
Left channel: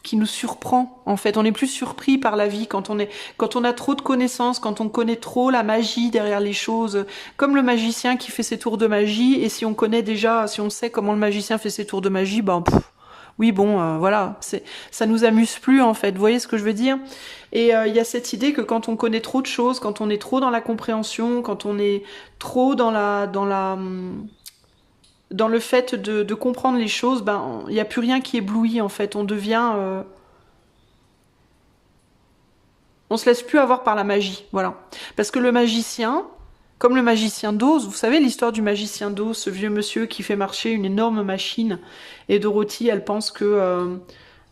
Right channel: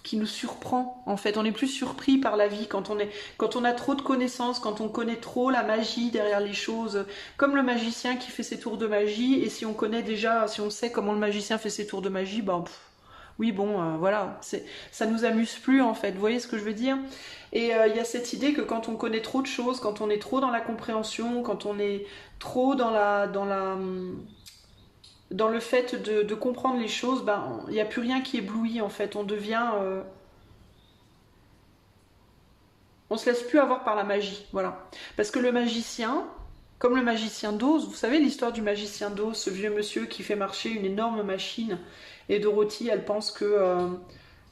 qui nous surprend en fait. On est plus surpris par la vie quand on a trop de connaissances, quand on connaît trop la magie derrière les choses, comme le magicien qui fait ses tours de magie. Et si on connaît déjà, si on sait comment le magicien fait ses tours de magie, ben oui bon, voilà, ça nous amuse plus en fait. Vous voyez ce que je veux dire? Et il y a cette idée que quand on connaît trop de choses, quand on est trop dans la compréhension, quand on est trop dans le fait de comprendre les choses, ben il n'y a plus rien qui éblouit en fait. On se laisse plus avoir par la magie, voilà. Parce que le magicien, comme le magicien d'Oz, vous savez l'histoire du magicien d'Oz, ce vieux monsieur qui fait marcher une énorme machine, et Dorothy, elle pense que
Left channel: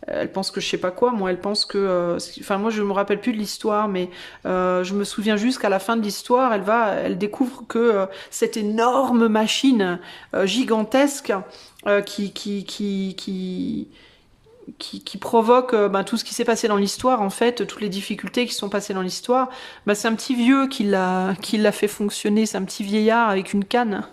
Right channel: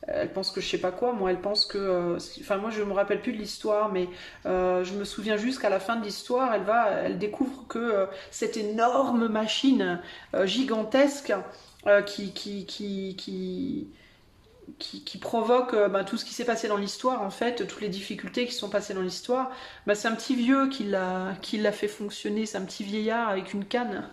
je sais pas quoi, moi, elle pense que... enfin, moi, je me rappelle plus de l'histoire, mais je me souviens juste qu'à la fin de l'histoire, elle découvre que cette énorme machine gigantesque qui provoque ben, tout ce qui s'est passé dans l'histoire, en fait, toutes les difficultés qui sont passées dans l'histoire, ben, c'est un petit vieux qui l'a fait fonctionner, c'est un petit vieillard avec une canne.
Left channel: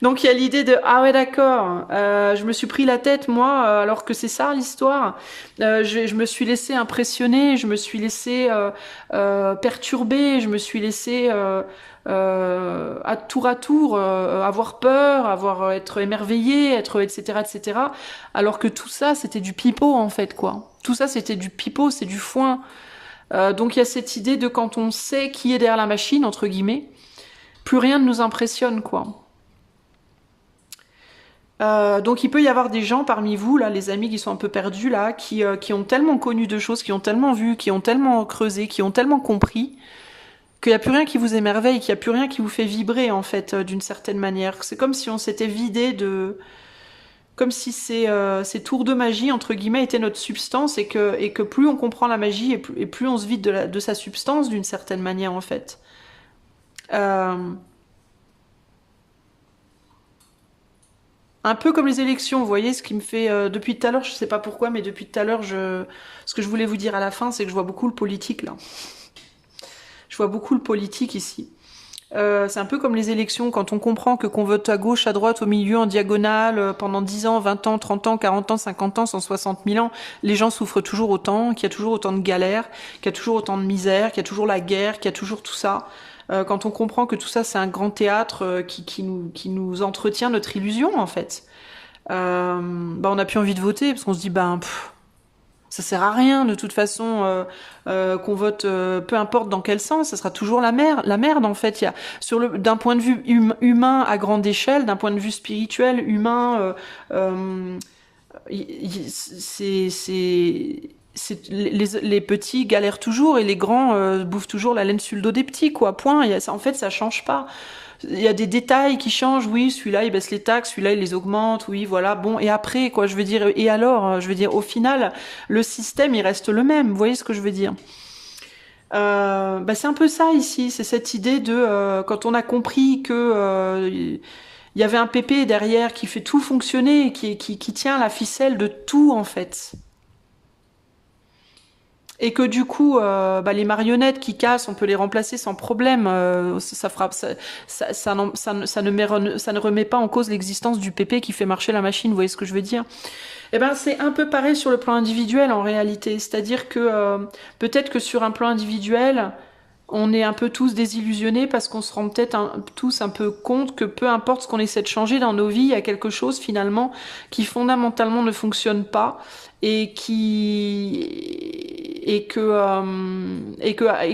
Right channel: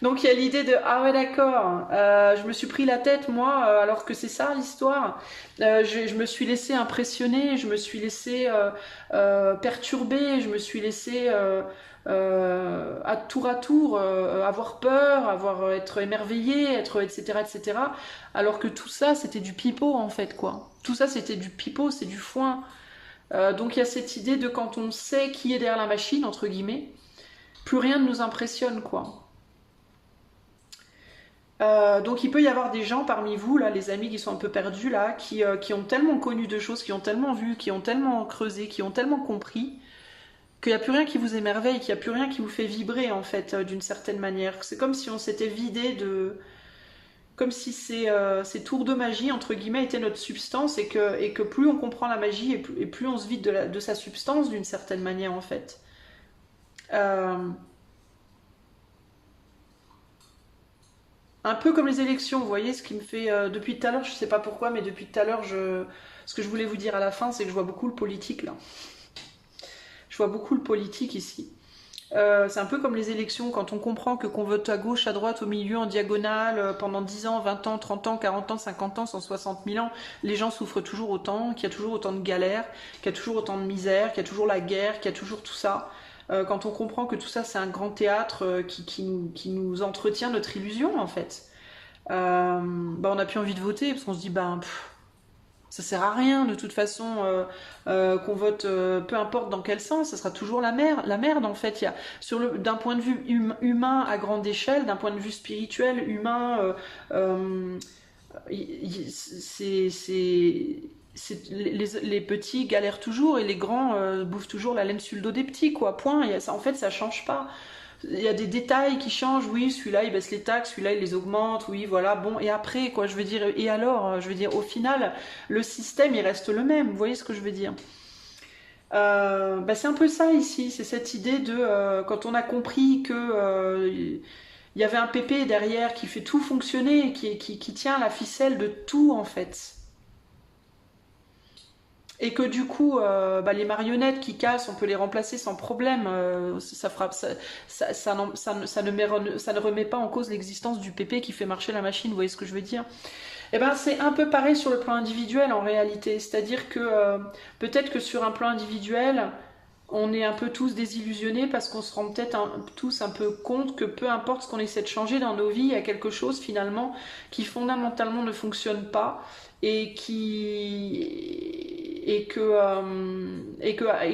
Donc il y a l'idée de ah ouais d'accord, je me suis pris la tête moi alors que c'est ça l'histoire. Je me suis laissé impressionner, je me suis laissé perturber, je me suis laissé à tour avoir peur, être émerveillé, être etc. Alors que tout ça c'était du pipeau en fait quoi. Tout ça c'était du pipeau, c'est du foin. Donc il y a cette idée de quand on sait qui est derrière la machine entre guillemets, plus rien ne nous impressionne quoi. Donc il peut y avoir des gens parmi vous, là, les amis qui sont un peu perdus, là, qui ont tellement connu de choses, qui ont tellement vu, qui ont tellement creusé, qui ont tellement compris, qu'il n'y a plus rien qui vous émerveille, qu'il n'y a plus rien qui vous fait vibrer, en fait, d'une certaine manière. C'est comme si on s'était vidé de... Comme si ces tours de magie, entre guillemets, étaient notre substance et que plus on comprend la magie et plus on se vide de sa substance, d'une certaine manière, en fait. Euh, Un peu comme les élections, vous voyez, ce qui me fait depuis tout à l'heure, je sais pas pourquoi, mais depuis tout à l'heure, ce que je voulais vous dire à la fin, c'est que je vois beaucoup le politique là. Je vois beaucoup le politique ici. C'est un peu comme les élections, quand on comprend que qu'on vote à gauche, à droite, au milieu, en diagonale, pendant 10 ans, 20 ans, 30 ans, 40 ans, 50 ans, 160 000 ans, les gens souffrent toujours autant, qu'il y a toujours autant de galères, qu'il y a toujours autant de misère, qu'il y a toujours la guerre, qu'il y a toujours tout ça. Quand on comprend que tout ça c'est un grand théâtre qui nous entretient notre illusion en fait, bah, on n'a plus envie de voter parce qu'on se dit ben ça sert à rien de toute façon qu'on vote, peu importe dans quel sens, ça sera toujours la merde en fait. D'un point de vue humain à grande échelle, d'un point de vue spirituel, humain, les petits galèrent toujours et les grands bouffent toujours la laine sur le dos des petits, quoi. Point. En fait, ça change pas. Il y a des détails qui changent, oui, celui-là il baisse les taxes, celui-là il les augmente, oui, voilà, bon, et après, quoi, je veux dire, et alors, je veux dire, au final, le système il reste le même, vous voyez ce que je veux dire? Bah, c'est un peu ça ici, c'est cette idée de quand on a compris que il y avait un pépé derrière qui fait tout fonctionner, qui tient la ficelle de tout en fait. Et que du coup, bah, les marionnettes qui cassent, on peut les remplacer sans problème. Ça ne remet pas en cause l'existence du PP qui fait marcher la machine. Vous voyez ce que je veux dire? Eh ben, c'est un peu pareil sur le plan individuel en réalité. C'est-à-dire que peut-être que sur un plan individuel, on est un peu tous désillusionnés parce qu'on se rend peut-être tous un peu compte que peu importe ce qu'on essaie de changer dans nos vies, il y a quelque chose finalement qui fondamentalement ne fonctionne pas et et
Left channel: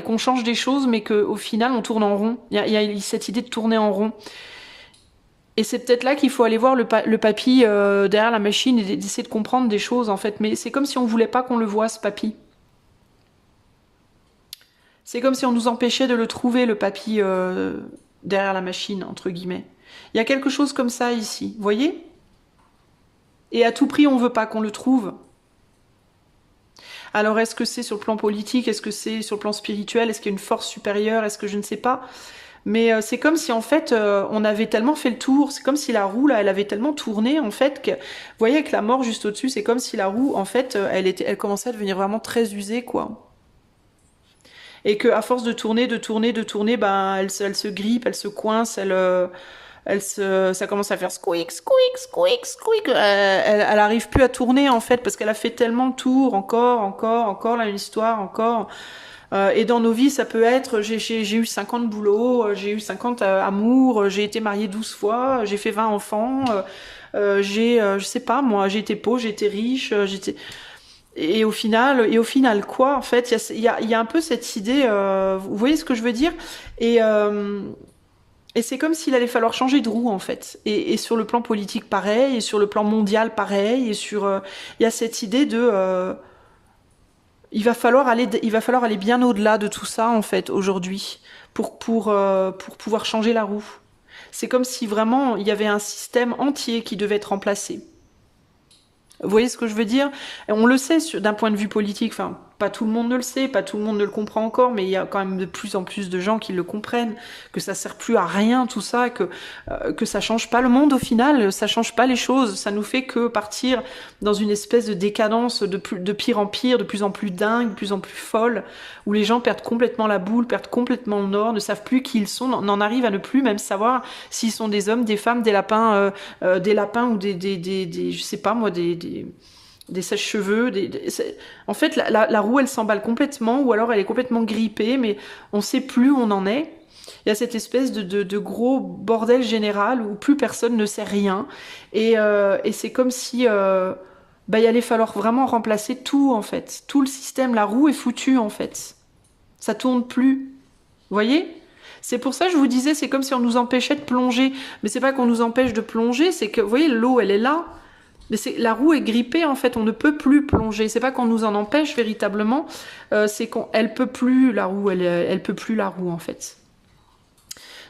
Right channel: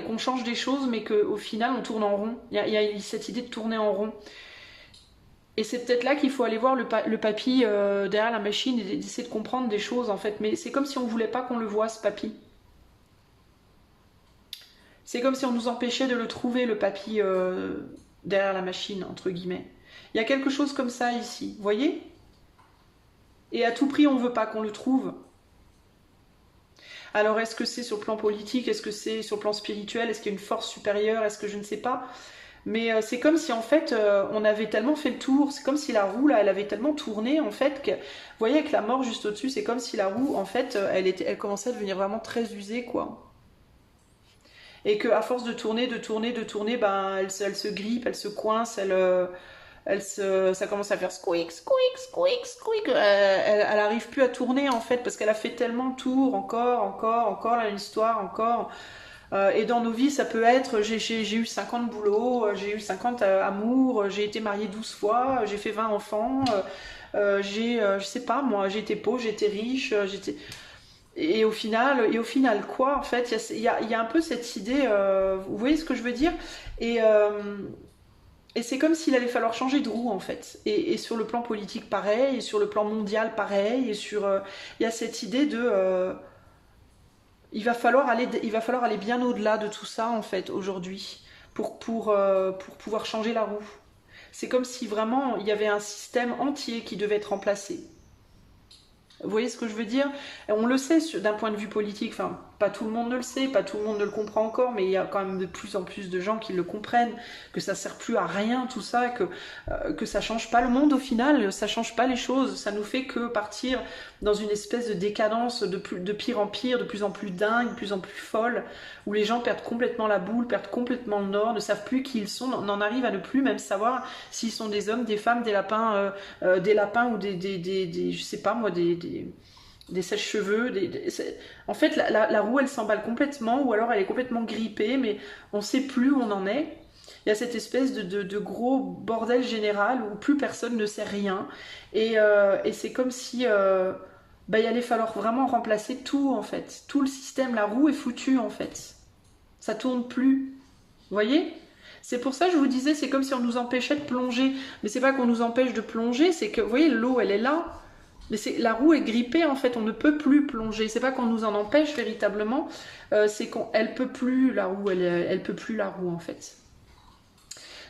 qu'on change des choses mais qu'au final on tourne en rond. Il y a cette idée de tourner en rond. Et c'est peut-être là qu'il faut aller voir le papy derrière la machine et d'essayer de comprendre des choses en fait. Mais c'est comme si on voulait pas qu'on le voie ce papy. C'est comme si on nous empêchait de le trouver, le papy derrière la machine, entre guillemets. Il y a quelque chose comme ça ici, vous voyez? Et à tout prix, on veut pas qu'on le trouve. Alors, est-ce que c'est sur le plan politique? Est-ce que c'est sur le plan spirituel? Est-ce qu'il y a une force supérieure? Est-ce que je ne sais pas? Mais c'est comme si, en fait, on avait tellement fait le tour. C'est comme si la roue, là, elle avait tellement tourné, en fait, que... Vous voyez, avec la mort juste au-dessus, c'est comme si la roue, en fait, elle commençait à devenir vraiment très usée, quoi. Et qu'à force de tourner, ben, elle se grippe, elle se coince, ça commence à faire squeak, squeak, squeak, squeak. Elle arrive plus à tourner en fait parce qu'elle a fait tellement de tours, encore la même histoire, encore. Et dans nos vies, ça peut être, j'ai eu 50 boulots, j'ai eu 50 amours, j'ai été mariée 12 fois, j'ai fait 20 enfants, je sais pas moi, j'ai été pauvre, j'ai été riche, j'étais... Et au final, quoi, en fait, il y a un peu cette idée, vous voyez ce que je veux dire? Et, euh, et c'est comme s'il allait falloir changer de roue, en fait. Et sur le plan politique, pareil, et sur le plan mondial, pareil, il y a cette idée de... il va falloir aller bien au-delà de tout ça, en fait, aujourd'hui, pour pouvoir changer la roue. C'est comme si vraiment il y avait un système entier qui devait être remplacé. Vous voyez ce que je veux dire? On le sait d'un point de vue politique, enfin, pas tout le monde ne le sait, pas tout le monde ne le comprend encore, mais il y a quand même de plus en plus de gens qui le comprennent, que ça sert plus à rien tout ça, que ça change pas le monde au final, ça change pas les choses, ça nous fait que partir dans une espèce de décadence de pire en pire, de plus en plus dingue, de plus en plus folle, où les gens perdent complètement la boule, perdent complètement le nord, ne savent plus qui ils sont, n'en arrivent à ne plus même savoir s'ils sont des hommes, des femmes, des lapins ou je sais pas moi, des sèches-cheveux. En fait, la roue, elle s'emballe complètement, ou alors elle est complètement grippée, mais on sait plus où on en est. Il y a cette espèce de gros bordel général où plus personne ne sait rien. Et c'est comme si il allait falloir vraiment remplacer tout, en fait. Tout le système, la roue est foutue, en fait. Ça tourne plus. Vous voyez? C'est pour ça que je vous disais, c'est comme si on nous empêchait de plonger. Mais c'est pas qu'on nous empêche de plonger, c'est que, vous voyez, l'eau, elle est là. Mais la roue est grippée, en fait, on ne peut plus plonger. C'est pas qu'on nous en empêche véritablement, c'est qu'elle peut plus, la roue, elle peut plus la roue, en fait.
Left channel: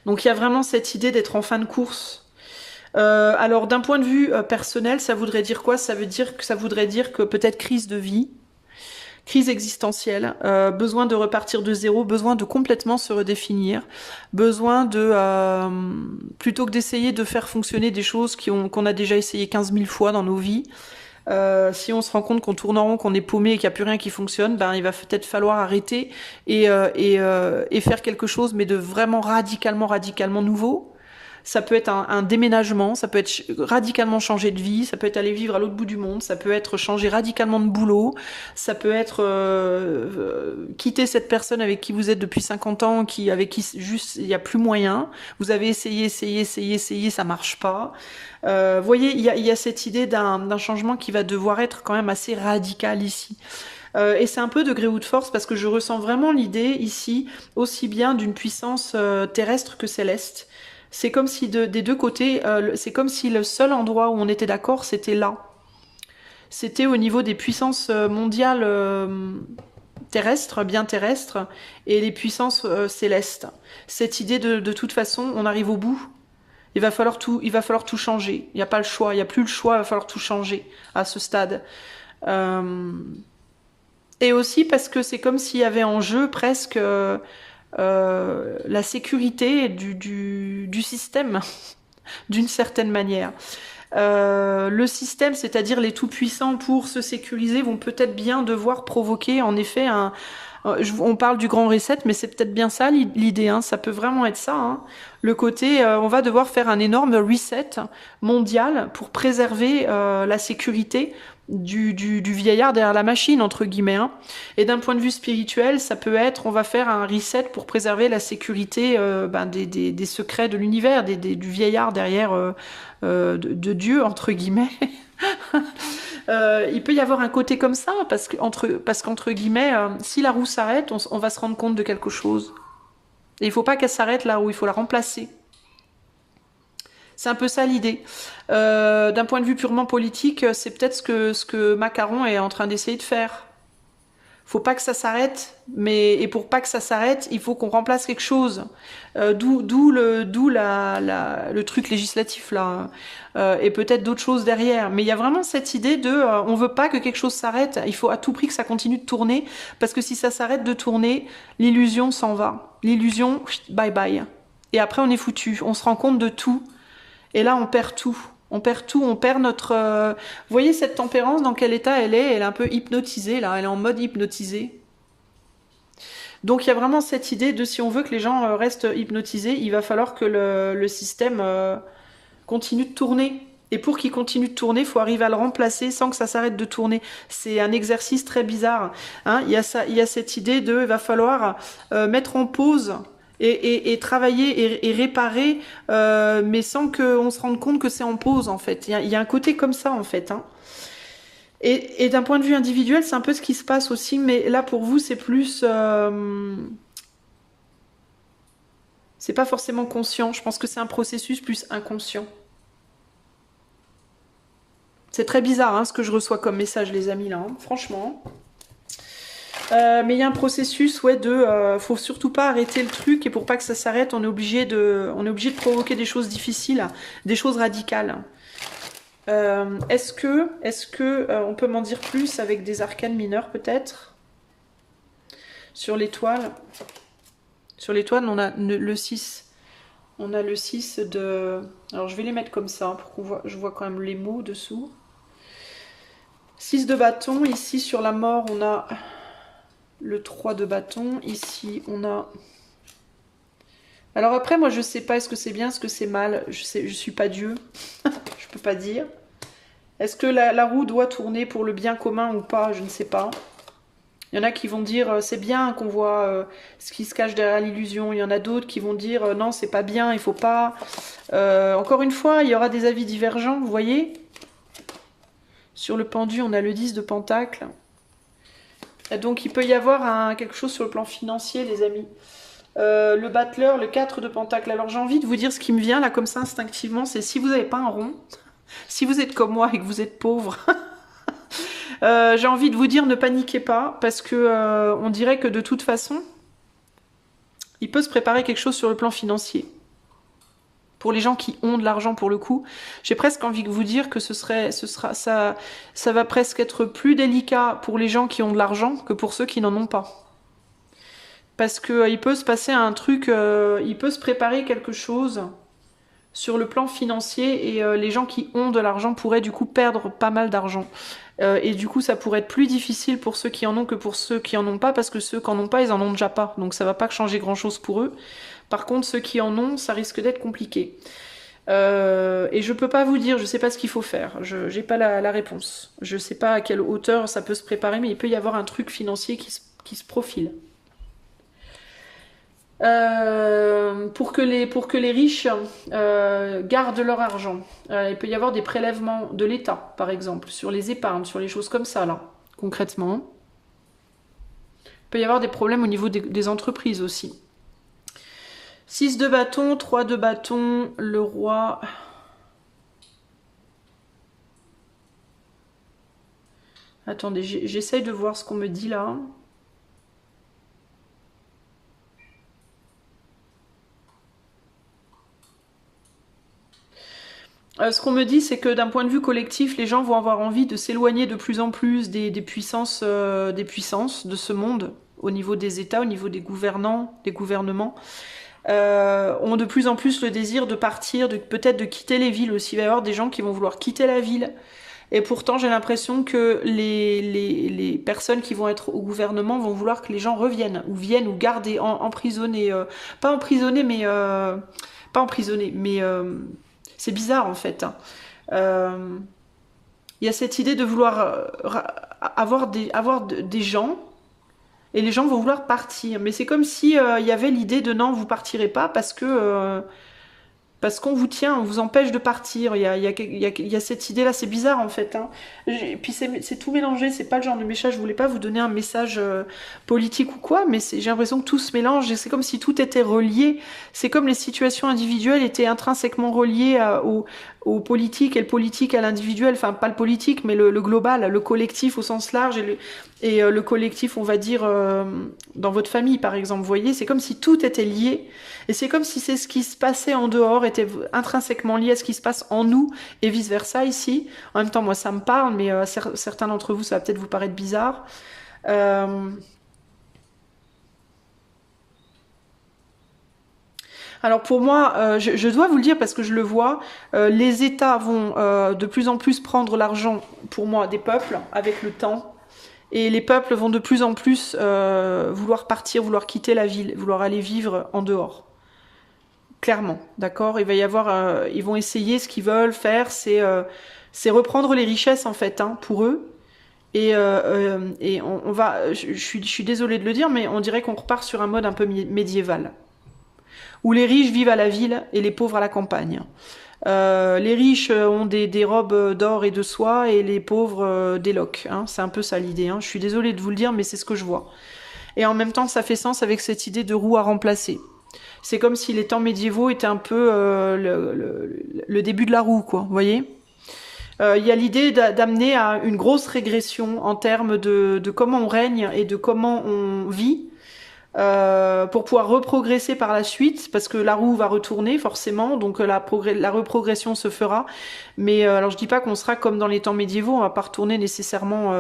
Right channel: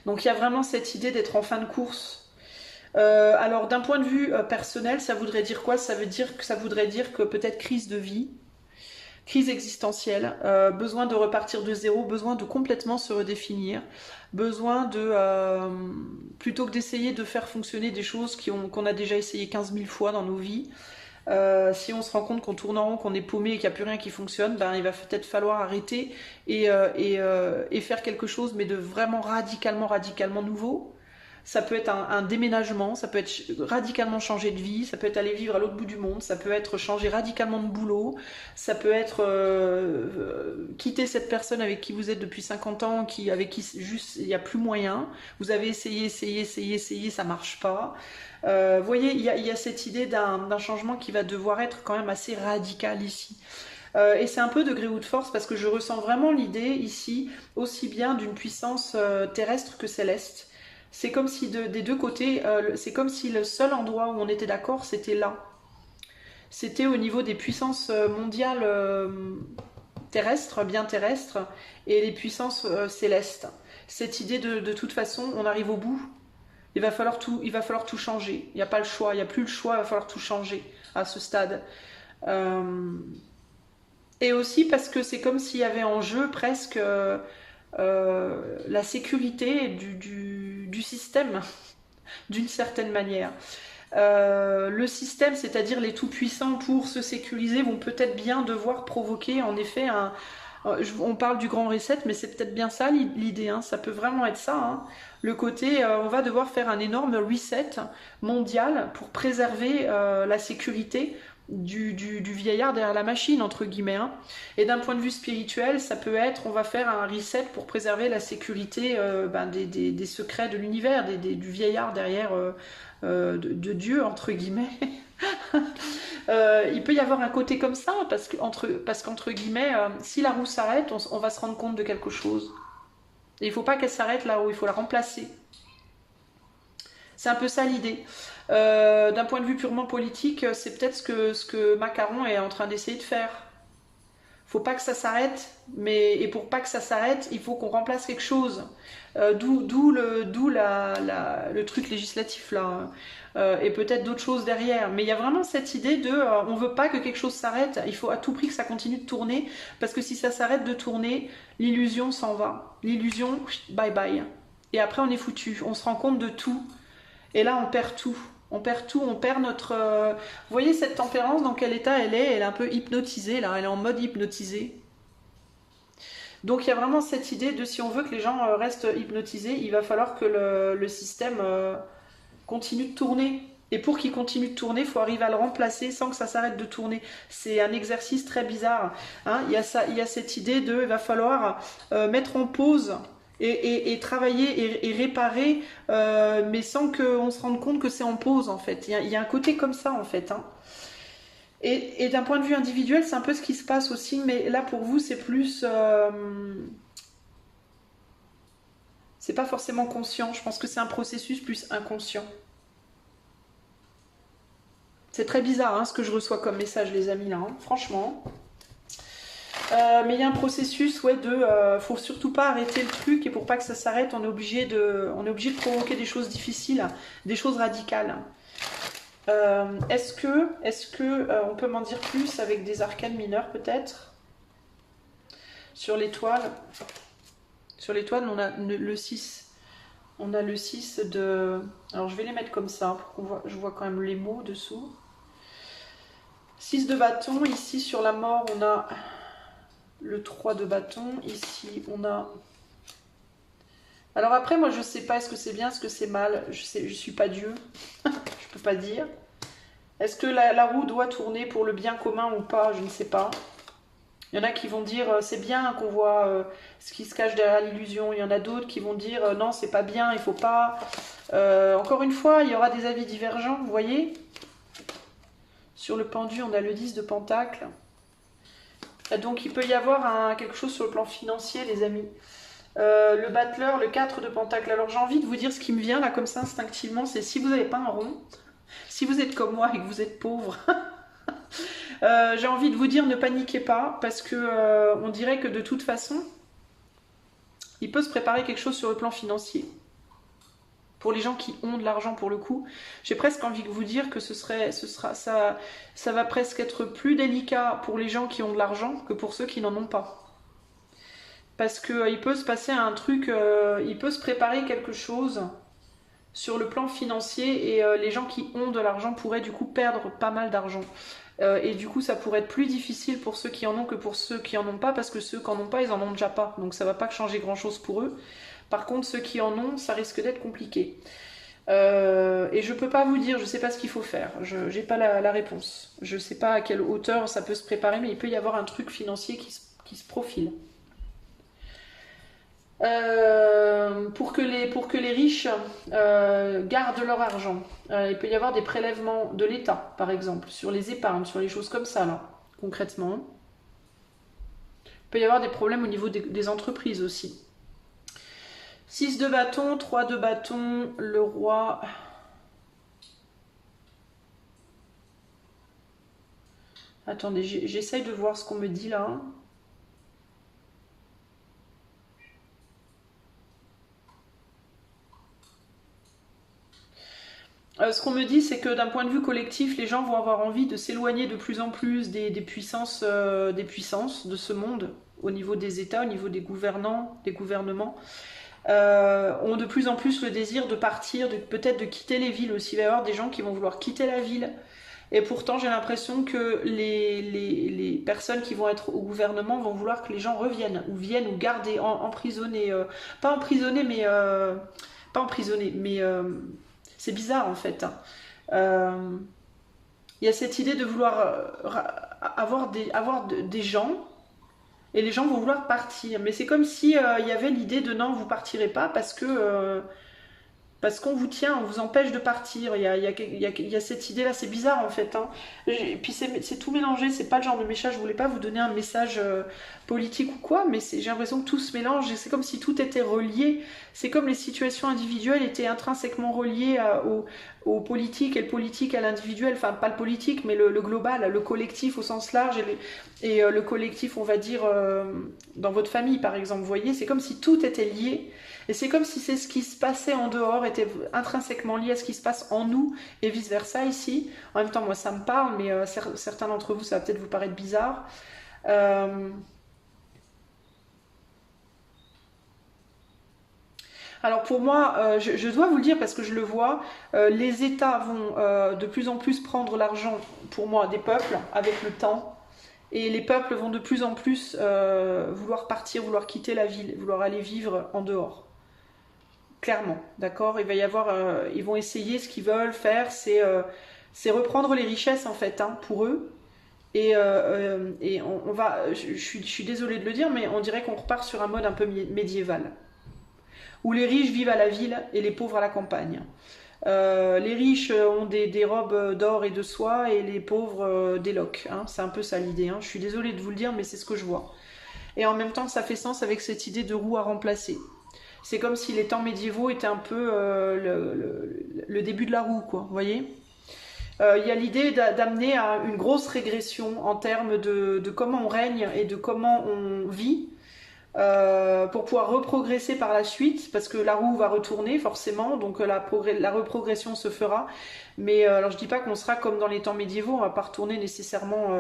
Donc il y a vraiment cette idée d'être en fin de course. Alors d'un point de vue personnel, ça voudrait dire quoi? Ça voudrait dire que peut-être crise de vie, crise existentielle, besoin de repartir de zéro, besoin de complètement se redéfinir, besoin de plutôt que d'essayer de faire fonctionner des choses qu'on a déjà essayé 15 000 fois dans nos vies. Si on se rend compte qu'on tourne en rond, qu'on est paumé et qu'il n'y a plus rien qui fonctionne, ben, il va peut-être falloir arrêter et faire quelque chose, mais de vraiment radicalement nouveau. Ça peut être un déménagement, ça peut être radicalement changer de vie, ça peut être aller vivre à l'autre bout du monde, ça peut être changer radicalement de boulot, ça peut être quitter cette personne avec qui vous êtes depuis 50 ans, avec qui juste il n'y a plus moyen. Vous avez essayé, ça marche pas. Vous voyez, il y a cette idée d'un changement qui va devoir être quand même assez radical ici. Et c'est un peu de gré ou de force parce que je ressens vraiment l'idée ici aussi bien d'une puissance terrestre que céleste. C'est comme si des deux côtés, c'est comme si le seul endroit où on était d'accord, c'était là. C'était au niveau des puissances mondiales terrestres, bien terrestres, et les puissances célestes. Cette idée de toute façon, on arrive au bout. Il va falloir tout changer. Il n'y a pas le choix, il n'y a plus le choix, il va falloir tout changer à ce stade. Euh, Et aussi parce que c'est comme s'il y avait en jeu presque la sécurité du système, d'une certaine manière. Le système, c'est-à-dire les tout-puissants, pour se sécuriser, vont peut-être bien devoir provoquer en effet on parle du grand reset, mais c'est peut-être bien ça l'idée, hein, ça peut vraiment être ça. Hein. Le côté, on va devoir faire un énorme reset mondial pour préserver la sécurité du vieillard derrière la machine, entre guillemets. Hein. Et d'un point de vue spirituel, ça peut être, on va faire un reset pour préserver la sécurité des secrets de l'univers, du vieillard derrière de Dieu, entre guillemets. Il peut y avoir un côté comme ça, parce qu'entre guillemets, si la roue s'arrête, on va se rendre compte de quelque chose. Et il ne faut pas qu'elle s'arrête la roue, il faut la remplacer. C'est un peu ça l'idée. D'un point de vue purement politique, c'est peut-être ce que Macron est en train d'essayer de faire. Faut pas que ça s'arrête, et pour pas que ça s'arrête, il faut qu'on remplace quelque chose. D'où le truc législatif là, et peut-être d'autres choses derrière. Mais il y a vraiment cette idée on veut pas que quelque chose s'arrête, il faut à tout prix que ça continue de tourner, parce que si ça s'arrête de tourner, l'illusion s'en va. L'illusion, bye bye. Et après on est foutu, on se rend compte de tout, et là on perd tout. On perd tout, on perd notre... Vous voyez cette tempérance, dans quel état elle est? Elle est un peu hypnotisée, là, elle est en mode hypnotisé. Donc il y a vraiment cette idée de si on veut que les gens restent hypnotisés, il va falloir que le système continue de tourner. Et pour qu'il continue de tourner, il faut arriver à le remplacer sans que ça s'arrête de tourner. C'est un exercice très bizarre. Hein. Il y a cette idée de il va falloir mettre en pause et travailler et réparer, mais sans qu'on se rende compte que c'est en pause en fait. Il y a un côté comme ça en fait. Hein. Et d'un point de vue individuel, c'est un peu ce qui se passe aussi, mais là pour vous, c'est plus... c'est pas forcément conscient. Je pense que c'est un processus plus inconscient. C'est très bizarre hein, ce que je reçois comme message, les amis, là, hein, franchement. Mais il y a un processus, ouais, faut surtout pas arrêter le truc, et pour pas que ça s'arrête, on est obligé de provoquer des choses difficiles, des choses radicales. Est-ce que on peut m'en dire plus avec des arcanes mineurs, peut-être? Sur l'étoile. Sur l'étoile, on a le 6. On a le 6 de... Alors, je vais les mettre comme ça, pour qu'on voit, je vois quand même les mots dessous. 6 de bâton. Ici, sur la mort, on a le 3 de bâton. Ici, on a... Alors après, moi, je sais pas, est-ce que c'est bien, est-ce que c'est mal? Je suis pas Dieu. Je peux pas dire. Est-ce que la roue doit tourner pour le bien commun ou pas? Je ne sais pas. Il y en a qui vont dire c'est bien qu'on voit ce qui se cache derrière l'illusion. Il y en a d'autres qui vont dire non, c'est pas bien, il faut pas. Encore une fois, il y aura des avis divergents, vous voyez. Sur le pendu, on a le 10 de pentacle. Donc il peut y avoir quelque chose sur le plan financier, les amis. Le battleur, le 4 de pentacle. Alors j'ai envie de vous dire ce qui me vient là comme ça instinctivement, c'est si vous n'avez pas un rond, si vous êtes comme moi et que vous êtes pauvre... j'ai envie de vous dire ne paniquez pas parce que on dirait que de toute façon il peut se préparer quelque chose sur le plan financier pour les gens qui ont de l'argent pour le coup. J'ai presque envie de vous dire que ça va presque être plus délicat pour les gens qui ont de l'argent que pour ceux qui n'en ont pas, parce que il peut se passer un truc, il peut se préparer quelque chose sur le plan financier et les gens qui ont de l'argent pourraient du coup perdre pas mal d'argent. Et du coup, ça pourrait être plus difficile pour ceux qui en ont que pour ceux qui en ont pas, parce que ceux qui en ont pas, ils en ont déjà pas. Donc ça va pas changer grand-chose pour eux. Par contre, ceux qui en ont, ça risque d'être compliqué. Et je peux pas vous dire, je sais pas ce qu'il faut faire. Je n'ai pas la réponse. Je sais pas à quelle hauteur ça peut se préparer, mais il peut y avoir un truc financier qui se profile. Pour que les riches gardent leur argent. Il peut y avoir des prélèvements de l'État, par exemple, sur les épargnes, sur les choses comme ça, là, concrètement. Il peut y avoir des problèmes au niveau des entreprises aussi. 6 de bâton, 3 de bâton, le roi. Attendez, j'essaye de voir ce qu'on me dit là. Ce qu'on me dit, c'est que d'un point de vue collectif, les gens vont avoir envie de s'éloigner de plus en plus des puissances de ce monde, au niveau des États, au niveau des gouvernants, des gouvernements, ont de plus en plus le désir de partir, peut-être de quitter les villes aussi. Il va y avoir des gens qui vont vouloir quitter la ville. Et pourtant, j'ai l'impression que les personnes qui vont être au gouvernement vont vouloir que les gens reviennent, ou viennent, ou gardés, emprisonnés. Pas emprisonnés, mais... pas emprisonnés, mais... c'est bizarre en fait. Il y a cette idée de vouloir avoir des gens et les gens vont vouloir partir. Mais c'est comme si il y avait l'idée de non, vous partirez pas parce qu'on vous tient, on vous empêche de partir. Il y a cette idée-là, c'est bizarre en fait. Hein. Et puis c'est tout mélangé, c'est pas le genre de message, je voulais pas vous donner un message politique ou quoi, mais j'ai l'impression que tout se mélange, et c'est comme si tout était relié. C'est comme les situations individuelles étaient intrinsèquement reliées au politique, et le politique à l'individuel, enfin pas le politique, mais le global, le collectif au sens large, et le collectif, on va dire, dans votre famille par exemple, vous voyez, c'est comme si tout était lié. Et c'est comme si c'est ce qui se passait en dehors était intrinsèquement lié à ce qui se passe en nous et vice-versa ici. En même temps, moi, ça me parle, mais certains d'entre vous, ça va peut-être vous paraître bizarre. Alors pour moi, je dois vous le dire parce que je le vois, les États vont de plus en plus prendre l'argent, pour moi, des peuples avec le temps. Et les peuples vont de plus en plus vouloir partir, vouloir quitter la ville, vouloir aller vivre en dehors. Clairement, d'accord. Il va y avoir, ils vont essayer, ce qu'ils veulent faire, c'est reprendre les richesses en fait, hein, pour eux. Et on va, je suis désolée de le dire, mais on dirait qu'on repart sur un mode un peu médiéval, où les riches vivent à la ville et les pauvres à la campagne. Les riches ont des robes d'or et de soie et les pauvres des loques. Hein. C'est un peu ça l'idée. Hein. Je suis désolée de vous le dire, mais c'est ce que je vois. Et en même temps, ça fait sens avec cette idée de roue à remplacer. C'est comme si les temps médiévaux étaient un peu le début de la roue, quoi. Vous voyez ? Il y a l'idée d'amener à une grosse régression en termes de comment on règne et de comment on vit pour pouvoir reprogresser par la suite, parce que la roue va retourner forcément, donc la reprogression se fera. Mais alors je dis pas qu'on sera comme dans les temps médiévaux, on va pas retourner nécessairement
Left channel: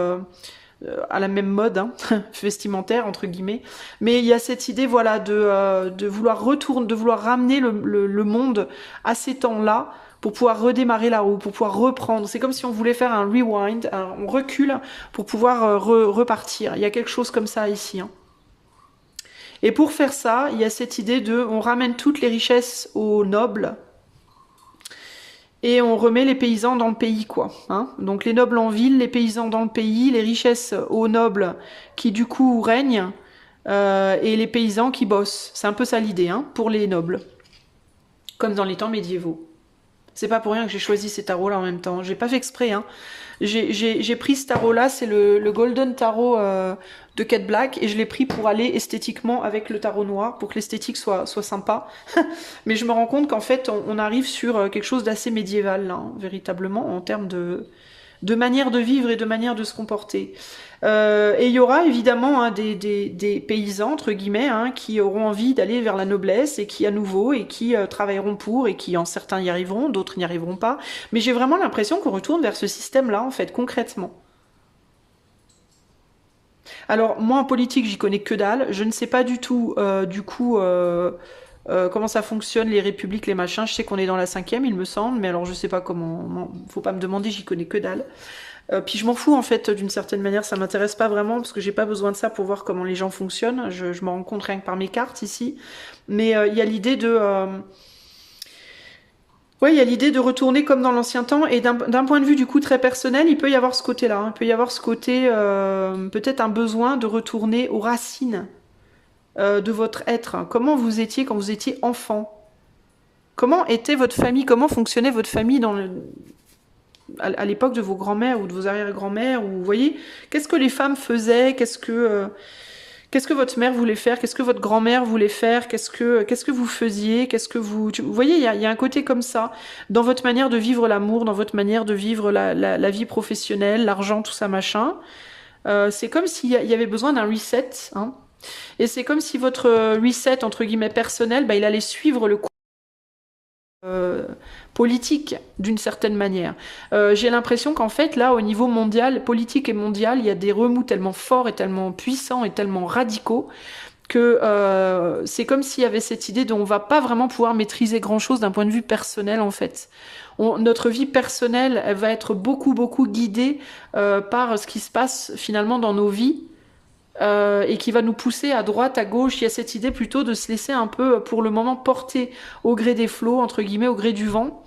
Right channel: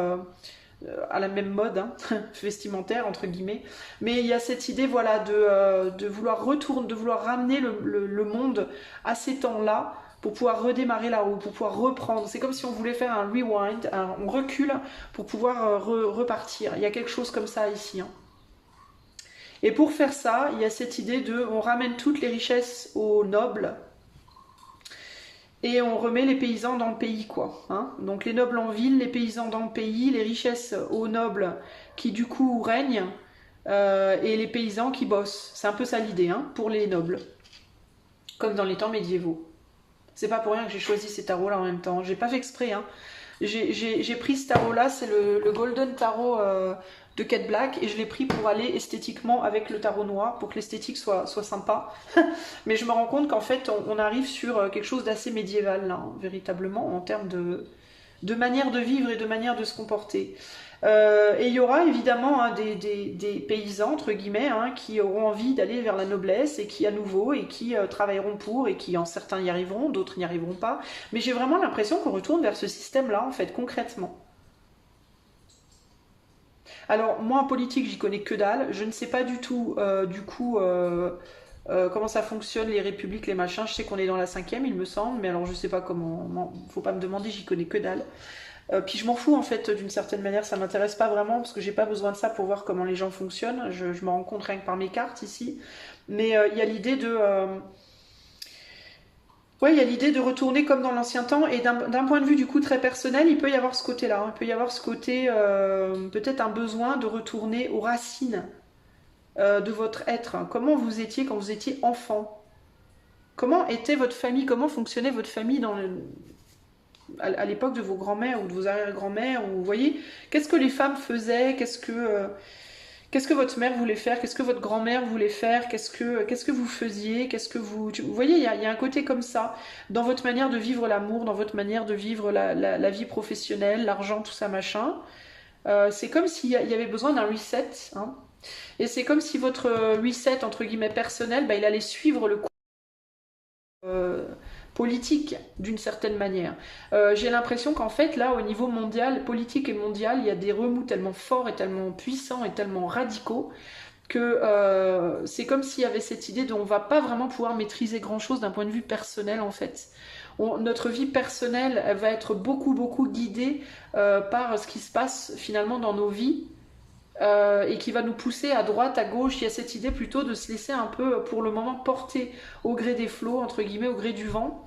à la même mode hein, vestimentaire entre guillemets, mais il y a cette idée voilà de vouloir retourner, de vouloir ramener le monde à ces temps-là pour pouvoir redémarrer la roue, pour pouvoir reprendre. C'est comme si on voulait faire un rewind, on recule pour pouvoir repartir. Il y a quelque chose comme ça ici. Hein. Et pour faire ça, il y a cette idée de, on ramène toutes les richesses aux nobles et on remet les paysans dans le pays, quoi. Hein. Donc les nobles en ville, les paysans dans le pays, les richesses aux nobles qui du coup règnent et les paysans qui bossent. C'est un peu ça l'idée, hein, pour les nobles, comme dans les temps médiévaux. C'est pas pour rien que j'ai choisi ces tarots-là en même temps. J'ai pas fait exprès, hein. J'ai pris ce tarot-là, c'est le Golden Tarot de Kate Black, et je l'ai pris pour aller esthétiquement avec le tarot noir, pour que l'esthétique soit sympa. Mais je me rends compte qu'en fait, on arrive sur quelque chose d'assez médiéval, là, hein, véritablement, en termes de manière de vivre et de manière de se comporter. Et il y aura évidemment hein, des paysans, entre guillemets, hein, qui auront envie d'aller vers la noblesse et qui à nouveau, et qui travailleront pour, et qui en certains y arriveront, d'autres n'y arriveront pas. Mais j'ai vraiment l'impression qu'on retourne vers ce système-là, en fait, concrètement. Alors, moi en politique, j'y connais que dalle. Je ne sais pas du tout, du coup, comment ça fonctionne, les républiques, les machins. Je sais qu'on est dans la 5e, il me semble, mais alors je sais pas comment. Faut pas me demander, j'y connais que dalle. Puis je m'en fous en fait d'une certaine manière, ça m'intéresse pas vraiment parce que j'ai pas besoin de ça pour voir comment les gens fonctionnent. Je me rends compte rien que par mes cartes ici. Mais il y a l'idée de, ouais, il y a l'idée de retourner comme dans l'ancien temps et d'un point de vue du coup très personnel, il peut y avoir ce côté-là. Hein. Il peut y avoir ce côté, peut-être un besoin de retourner aux racines de votre être. Comment vous étiez quand vous étiez enfant? Comment était votre famille? Comment fonctionnait votre famille à l'époque de vos grands-mères ou de vos arrière-grands-mères? Ou vous voyez, qu'est-ce que les femmes faisaient? Qu'est-ce que votre mère voulait faire? Qu'est-ce que votre grand-mère voulait faire? Qu'est-ce que vous faisiez? Vous voyez, il y a un côté comme ça dans votre manière de vivre l'amour, dans votre manière de vivre la vie professionnelle, l'argent, tout ça machin. C'est comme s'il y avait besoin d'un reset, hein. Et c'est comme si votre reset entre guillemets personnel, bah, il allait suivre le cours politique d'une certaine manière. J'ai l'impression qu'en fait là au niveau mondial, politique et mondial, il y a des remous tellement forts et tellement puissants et tellement radicaux que c'est comme s'il y avait cette idée dont on va pas vraiment pouvoir maîtriser grand chose d'un point de vue personnel en fait. Notre vie personnelle elle va être beaucoup guidée par ce qui se passe finalement dans nos vies et qui va nous pousser à droite, à gauche. Il y a cette idée plutôt de se laisser un peu, pour le moment, porter au gré des flots, entre guillemets, au gré du vent.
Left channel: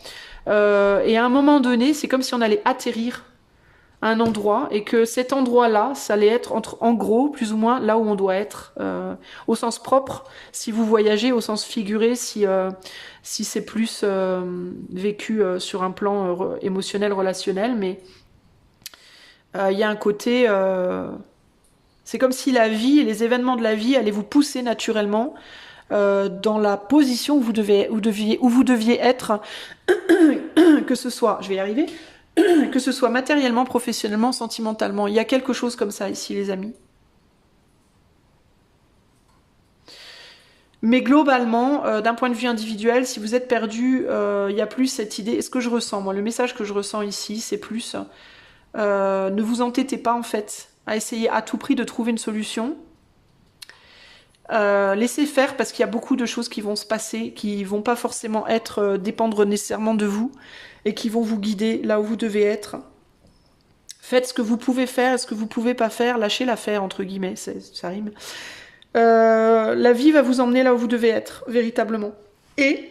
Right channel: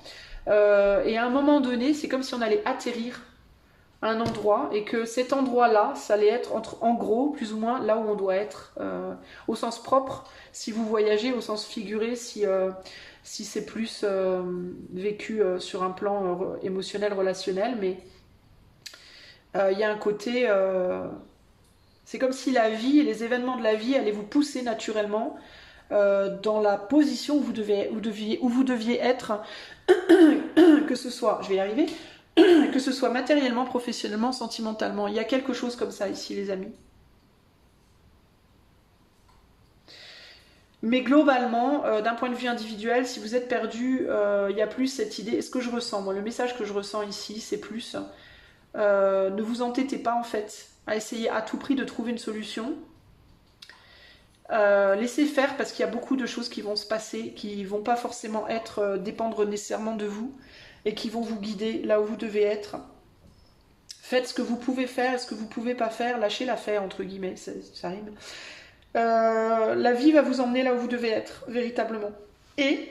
Et à un moment donné, c'est comme si on allait atterrir à un endroit et que cet endroit-là, ça allait être en gros, plus ou moins, là où on doit être, au sens propre, si vous voyagez, au sens figuré, si c'est plus vécu sur un plan émotionnel, relationnel. Mais il y a un côté... c'est comme si la vie et les événements de la vie allaient vous pousser naturellement dans la position où vous deviez être, que ce soit, je vais y arriver, que ce soit matériellement, professionnellement, sentimentalement. Il y a quelque chose comme ça ici, les amis. Mais globalement, d'un point de vue individuel, si vous êtes perdu, il y a plus cette idée. Et ce que je ressens, moi, le message que je ressens ici, c'est plus ne vous entêtez pas en fait à essayer à tout prix de trouver une solution. Laissez faire parce qu'il y a beaucoup de choses qui vont se passer, qui vont pas forcément dépendre nécessairement de vous et qui vont vous guider là où vous devez être. Faites ce que vous pouvez faire, ce que vous pouvez pas faire, lâchez l'affaire, entre guillemets, ça rime. La vie va vous emmener là où vous devez être, véritablement. Et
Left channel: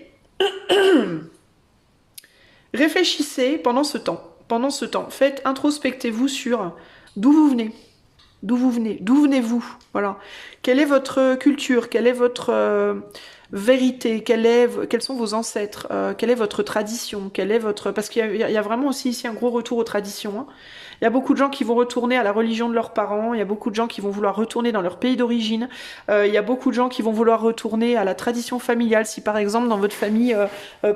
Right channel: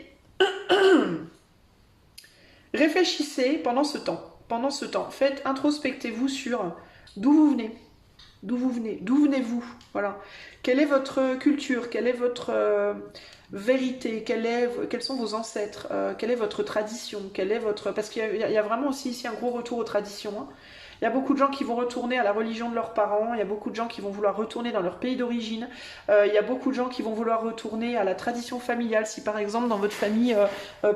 réfléchissez pendant ce temps. Pendant ce temps, introspectez-vous sur d'où vous venez. D'où vous venez, d'où venez-vous, voilà. Quelle est votre culture, quelle est votre vérité, quels sont vos ancêtres, quelle est votre tradition, quelle est votre... Parce qu'il y a vraiment aussi ici un gros retour aux traditions, hein. Il y a beaucoup de gens qui vont retourner à la religion de leurs parents, il y a beaucoup de gens qui vont vouloir retourner dans leur pays d'origine, il y a beaucoup de gens qui vont vouloir retourner à la tradition familiale. Si par exemple dans votre famille,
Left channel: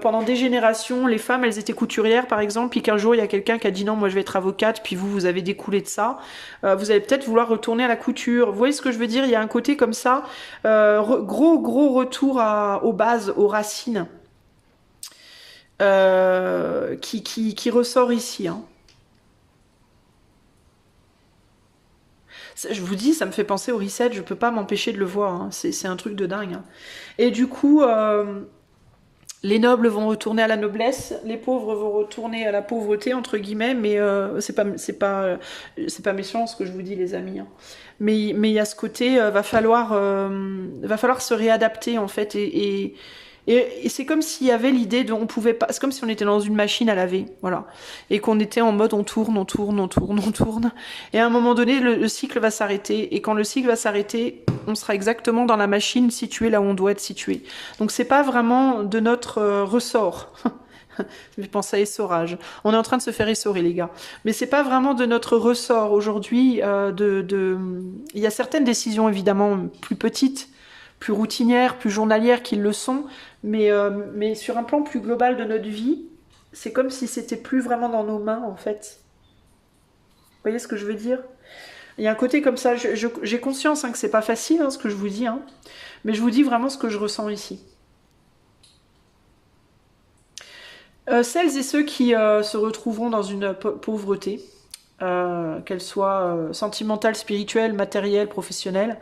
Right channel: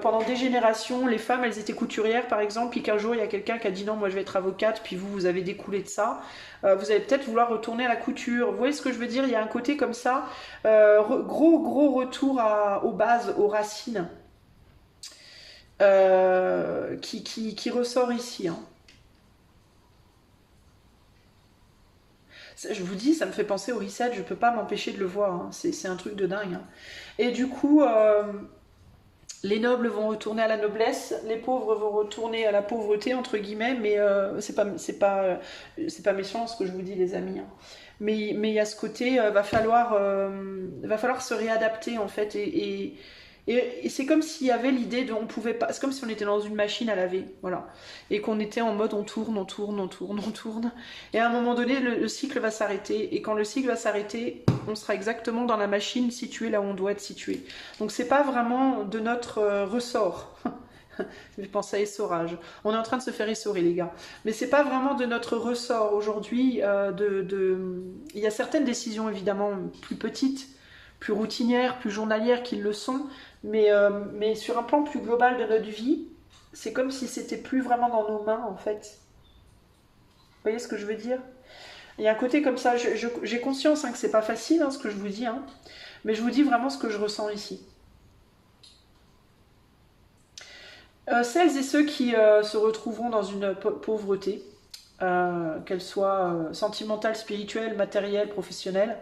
pendant des générations, les femmes elles étaient couturières par exemple, puis qu'un jour il y a quelqu'un qui a dit non moi je vais être avocate, puis vous avez découlé de ça, vous allez peut-être vouloir retourner à la couture. Vous voyez ce que je veux dire? Il y a un côté comme ça, gros retour aux bases, aux racines, qui ressort ici, hein. Je vous dis, ça me fait penser au reset, je peux pas m'empêcher de le voir, hein. C'est un truc de dingue, hein. Et du coup, les nobles vont retourner à la noblesse, les pauvres vont retourner à la pauvreté, entre guillemets, mais c'est pas méchant ce que je vous dis, les amis, hein. Mais il y a ce côté, va falloir se réadapter, en fait, et c'est comme s'il y avait l'idée de, on pouvait pas, c'est comme si on était dans une machine à laver, voilà, et qu'on était en mode on tourne, et à un moment donné le cycle va s'arrêter, et quand le cycle va s'arrêter, on sera exactement dans la machine située là où on doit être situé. Donc c'est pas vraiment de notre ressort. Je pense à essorage. On est en train de se faire essorer, les gars. Mais c'est pas vraiment de notre ressort aujourd'hui. Il y a certaines décisions évidemment plus petites, plus routinières, plus journalières qui le sont, mais sur un plan plus global de notre vie, c'est comme si c'était plus vraiment dans nos mains en fait. Vous voyez ce que je veux dire? Il y a un côté comme ça, j'ai conscience, hein, que c'est pas facile, hein, ce que je vous dis, hein, mais je vous dis vraiment ce que je ressens ici. Celles et ceux qui se retrouveront dans une pauvreté, qu'elle soit sentimentale, spirituelle, matérielle, professionnelle,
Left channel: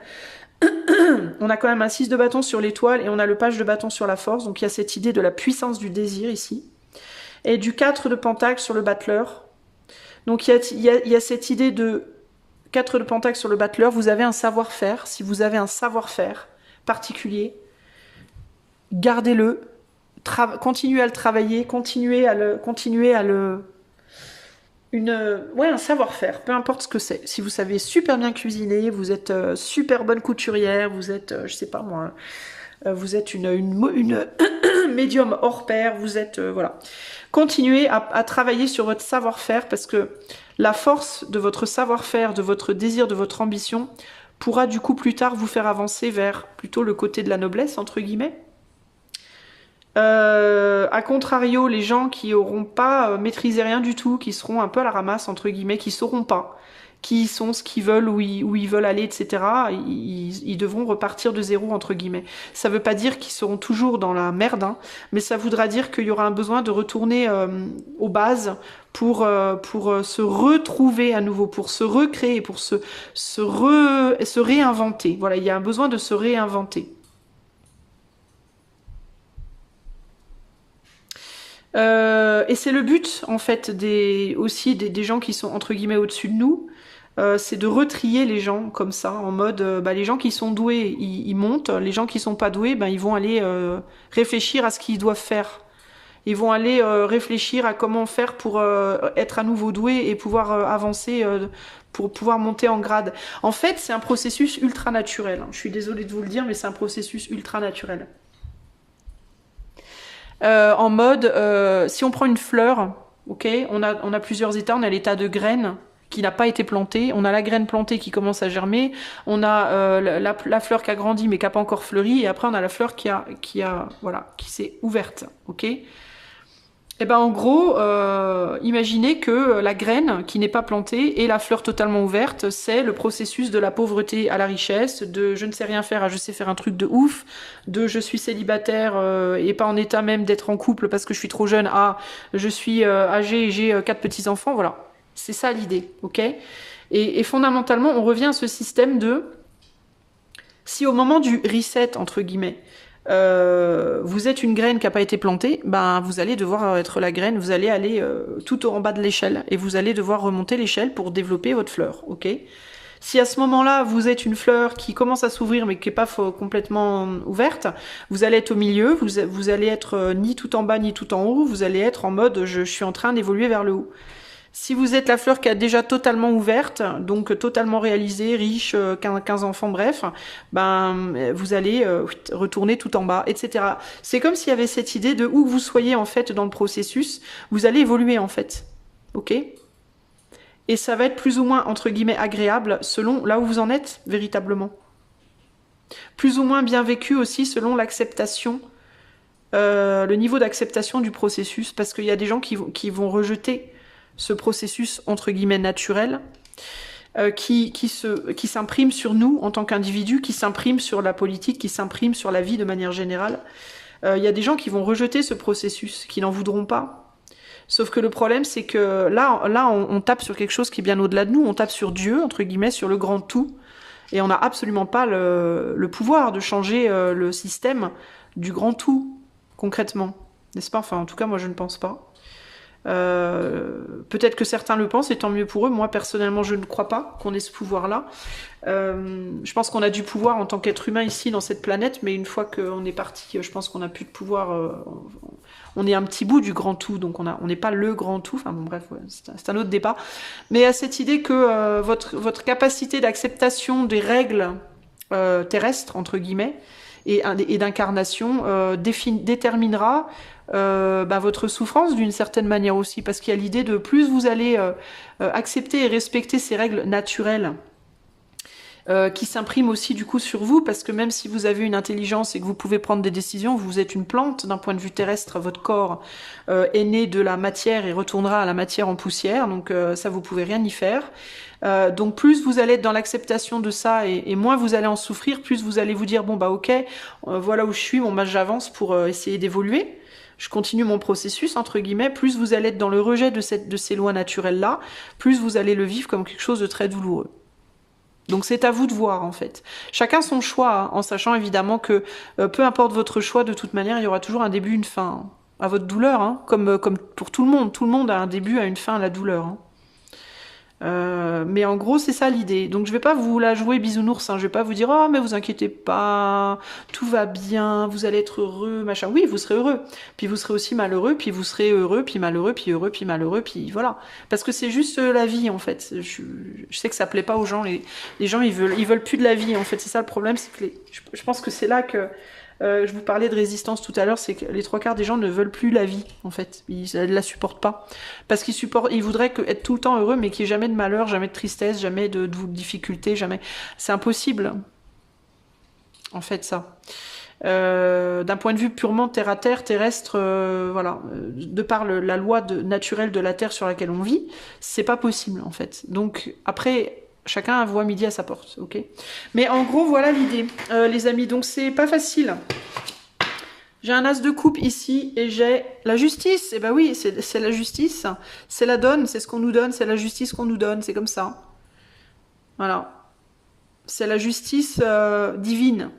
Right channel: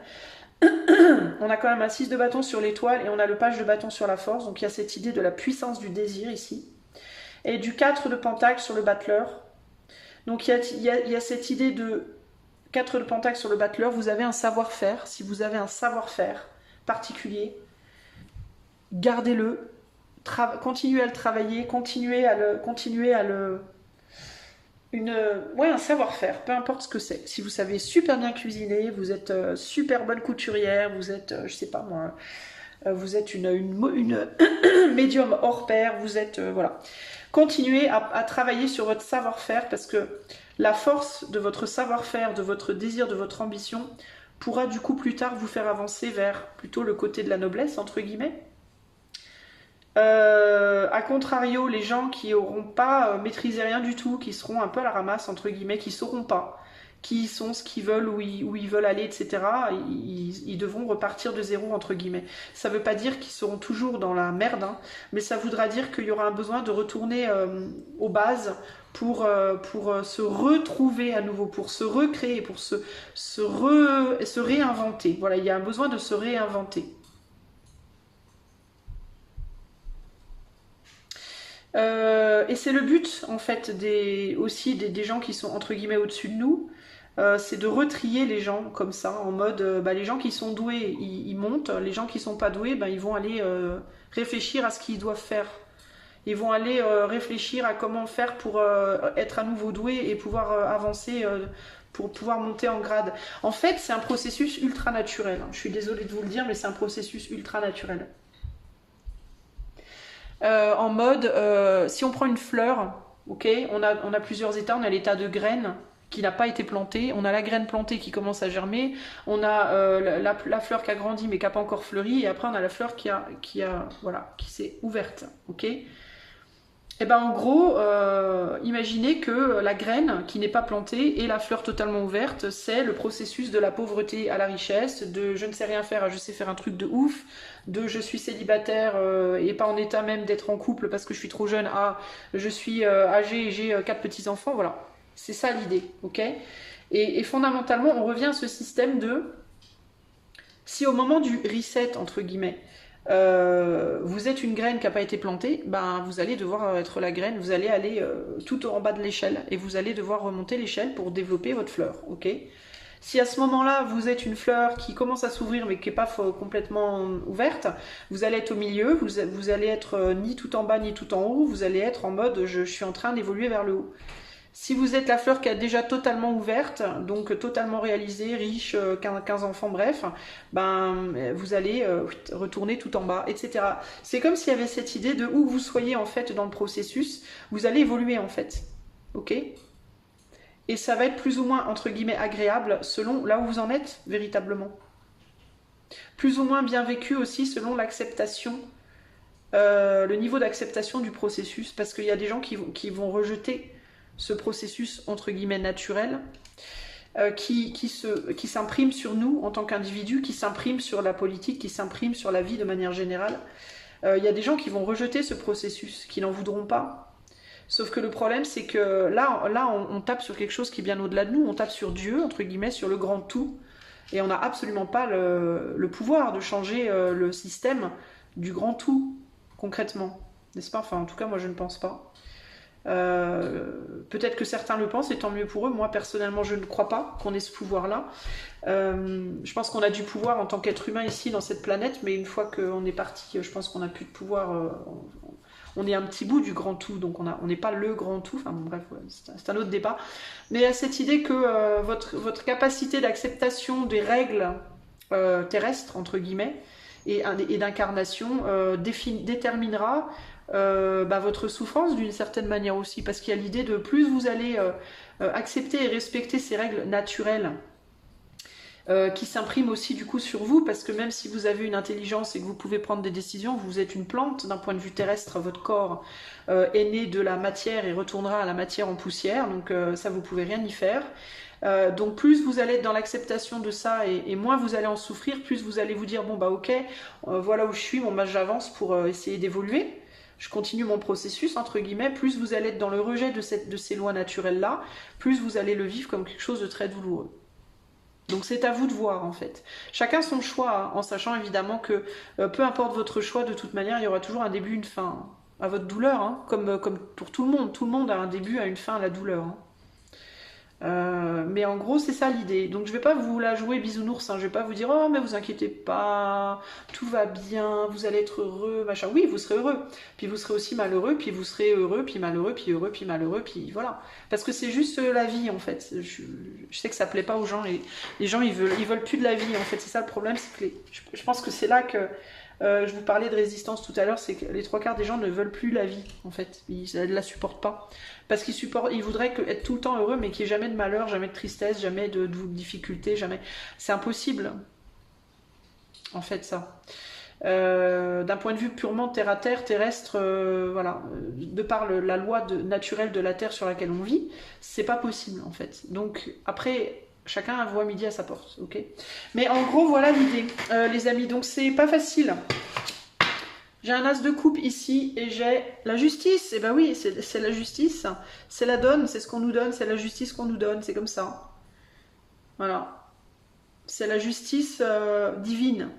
on a quand même un 6 de bâton sur l'étoile et on a le page de bâton sur la force, donc il y a cette idée de la puissance du désir ici. Et du 4 de pentacle sur le battleur. Donc il y a cette idée de 4 de pentacle sur le battleur, vous avez un savoir-faire. Si vous avez un savoir-faire particulier, gardez-le, continuez à le travailler, continuez à le... un savoir-faire, peu importe ce que c'est. Si vous savez super bien cuisiner, vous êtes super bonne couturière, vous êtes, je sais pas moi, vous êtes une médium hors pair, vous êtes, voilà. Continuez à travailler sur votre savoir-faire parce que la force de votre savoir-faire, de votre désir, de votre ambition pourra du coup plus tard vous faire avancer vers plutôt le côté de la noblesse, entre guillemets. A contrario, les gens qui n'auront pas maîtrisé rien du tout, qui seront un peu à la ramasse, entre guillemets, qui sauront pas qui sont, ce qu'ils veulent, où ils veulent aller, etc., ils devront repartir de zéro, entre guillemets. Ça veut pas dire qu'ils seront toujours dans la merde, hein, mais ça voudra dire qu'il y aura un besoin de retourner aux bases pour se retrouver à nouveau, pour se recréer, pour se réinventer. Voilà, il y a un besoin de se réinventer. Et c'est le but, en fait, aussi des gens qui sont, entre guillemets, au-dessus de nous, c'est de retrier les gens comme ça, en mode, les gens qui sont doués, ils montent, les gens qui sont pas doués, ils vont aller réfléchir à ce qu'ils doivent faire. Ils vont aller réfléchir à comment faire pour être à nouveau doués et pouvoir avancer, pour pouvoir monter en grade. En fait, c'est un processus ultra naturel, hein. Je suis désolée de vous le dire, mais c'est un processus ultra naturel. En mode, si on prend une fleur, ok, on a plusieurs états, on a l'état de graine qui n'a pas été plantée, on a la graine plantée qui commence à germer, on a la fleur qui a grandi mais qui n'a pas encore fleuri, et après on a la fleur qui s'est ouverte, ok. Et ben en gros, imaginez que la graine qui n'est pas plantée et la fleur totalement ouverte, c'est le processus de la pauvreté à la richesse, de je ne sais rien faire à je sais faire un truc de ouf, de je suis célibataire et pas en état même d'être en couple parce que je suis trop jeune à je suis âgée et j'ai 4 petits-enfants, voilà. C'est ça l'idée, ok. Et fondamentalement, on revient à ce système de si au moment du reset, entre guillemets, vous êtes une graine qui n'a pas été plantée, ben vous allez devoir être la graine, vous allez aller tout en bas de l'échelle et vous allez devoir remonter l'échelle pour développer votre fleur, ok? Si à ce moment-là, vous êtes une fleur qui commence à s'ouvrir mais qui n'est pas complètement ouverte, vous allez être au milieu, vous allez être ni tout en bas ni tout en haut, vous allez être en mode je suis en train d'évoluer vers le haut. Si vous êtes la fleur qui a déjà totalement ouverte, donc totalement réalisée, riche, 15 enfants, bref, ben vous allez retourner tout en bas, etc. C'est comme s'il y avait cette idée de où vous soyez en fait dans le processus, vous allez évoluer en fait, ok? Et ça va être plus ou moins entre guillemets agréable selon là où vous en êtes véritablement. Plus ou moins bien vécu aussi selon l'acceptation, le niveau d'acceptation du processus, parce qu'il y a des gens qui vont rejeter ce processus entre guillemets naturel qui s'imprime sur nous en tant qu'individus, qui s'imprime sur la politique, qui s'imprime sur la vie de manière générale. Il y a des gens qui vont rejeter ce processus, qui n'en voudront pas. Sauf que le problème, c'est que là on tape sur quelque chose qui est bien au-delà de nous, on tape sur Dieu, entre guillemets, sur le grand tout, et on n'a absolument pas le pouvoir de changer le système du grand tout, concrètement. N'est-ce pas? Enfin, en tout cas, moi, je ne pense pas. Peut-être que certains le pensent et tant mieux pour eux. Moi personnellement je ne crois pas qu'on ait ce pouvoir là. Je pense qu'on a du pouvoir en tant qu'être humain ici dans cette planète, mais une fois qu'on est parti, je pense qu'on n'a plus de pouvoir. On est un petit bout du grand tout, donc on n'est pas le grand tout. Enfin bon bref, ouais, c'est un autre débat. Mais à cette idée que votre capacité d'acceptation des règles terrestres entre guillemets et d'incarnation déterminera votre souffrance d'une certaine manière aussi, parce qu'il y a l'idée de plus vous allez accepter et respecter ces règles naturelles qui s'impriment aussi du coup sur vous, parce que même si vous avez une intelligence et que vous pouvez prendre des décisions, vous êtes une plante d'un point de vue terrestre, votre corps est né de la matière et retournera à la matière en poussière, donc ça vous pouvez rien y faire. Donc plus vous allez être dans l'acceptation de ça et moins vous allez en souffrir, plus vous allez vous dire bon bah ok, voilà où je suis, bon bah j'avance pour essayer d'évoluer. Je continue mon processus, entre guillemets, plus vous allez être dans le rejet de ces lois naturelles-là, plus vous allez le vivre comme quelque chose de très douloureux. Donc c'est à vous de voir, en fait. Chacun son choix, hein, en sachant évidemment que peu importe votre choix, de toute manière, il y aura toujours un début, une fin à votre douleur, hein, comme pour tout le monde. Tout le monde a un début, a une fin à la douleur. Hein. Mais en gros c'est ça l'idée, donc je vais pas vous la jouer bisounours, hein. Je vais pas vous dire oh mais vous inquiétez pas, tout va bien, vous allez être heureux, machin. Oui vous serez heureux, puis vous serez aussi malheureux, puis vous serez heureux, puis malheureux, puis heureux, puis malheureux, puis voilà, parce que c'est juste la vie en fait. Je sais que ça plaît pas aux gens, les gens ils veulent plus de la vie en fait, c'est ça le problème, c'est que je pense que c'est là que je vous parlais de résistance tout à l'heure, c'est que les 3/4 des gens ne veulent plus la vie, en fait. Ils ne la supportent pas. Parce ils voudraient être tout le temps heureux, mais qu'il n'y ait jamais de malheur, jamais de tristesse, jamais de difficulté, jamais. C'est impossible, en fait, ça. D'un point de vue purement terre-à-terre, terrestre, voilà, de par la loi naturelle de la Terre sur laquelle on vit, c'est pas possible, en fait. Donc, après... Chacun voit midi à sa porte, ok. Mais en gros, voilà l'idée, les amis. Donc, c'est pas facile. J'ai un as de coupe ici et j'ai la justice. Et ben oui, c'est la justice. C'est la donne, c'est ce qu'on nous donne. C'est la justice qu'on nous donne. C'est comme ça. Voilà. C'est la justice divine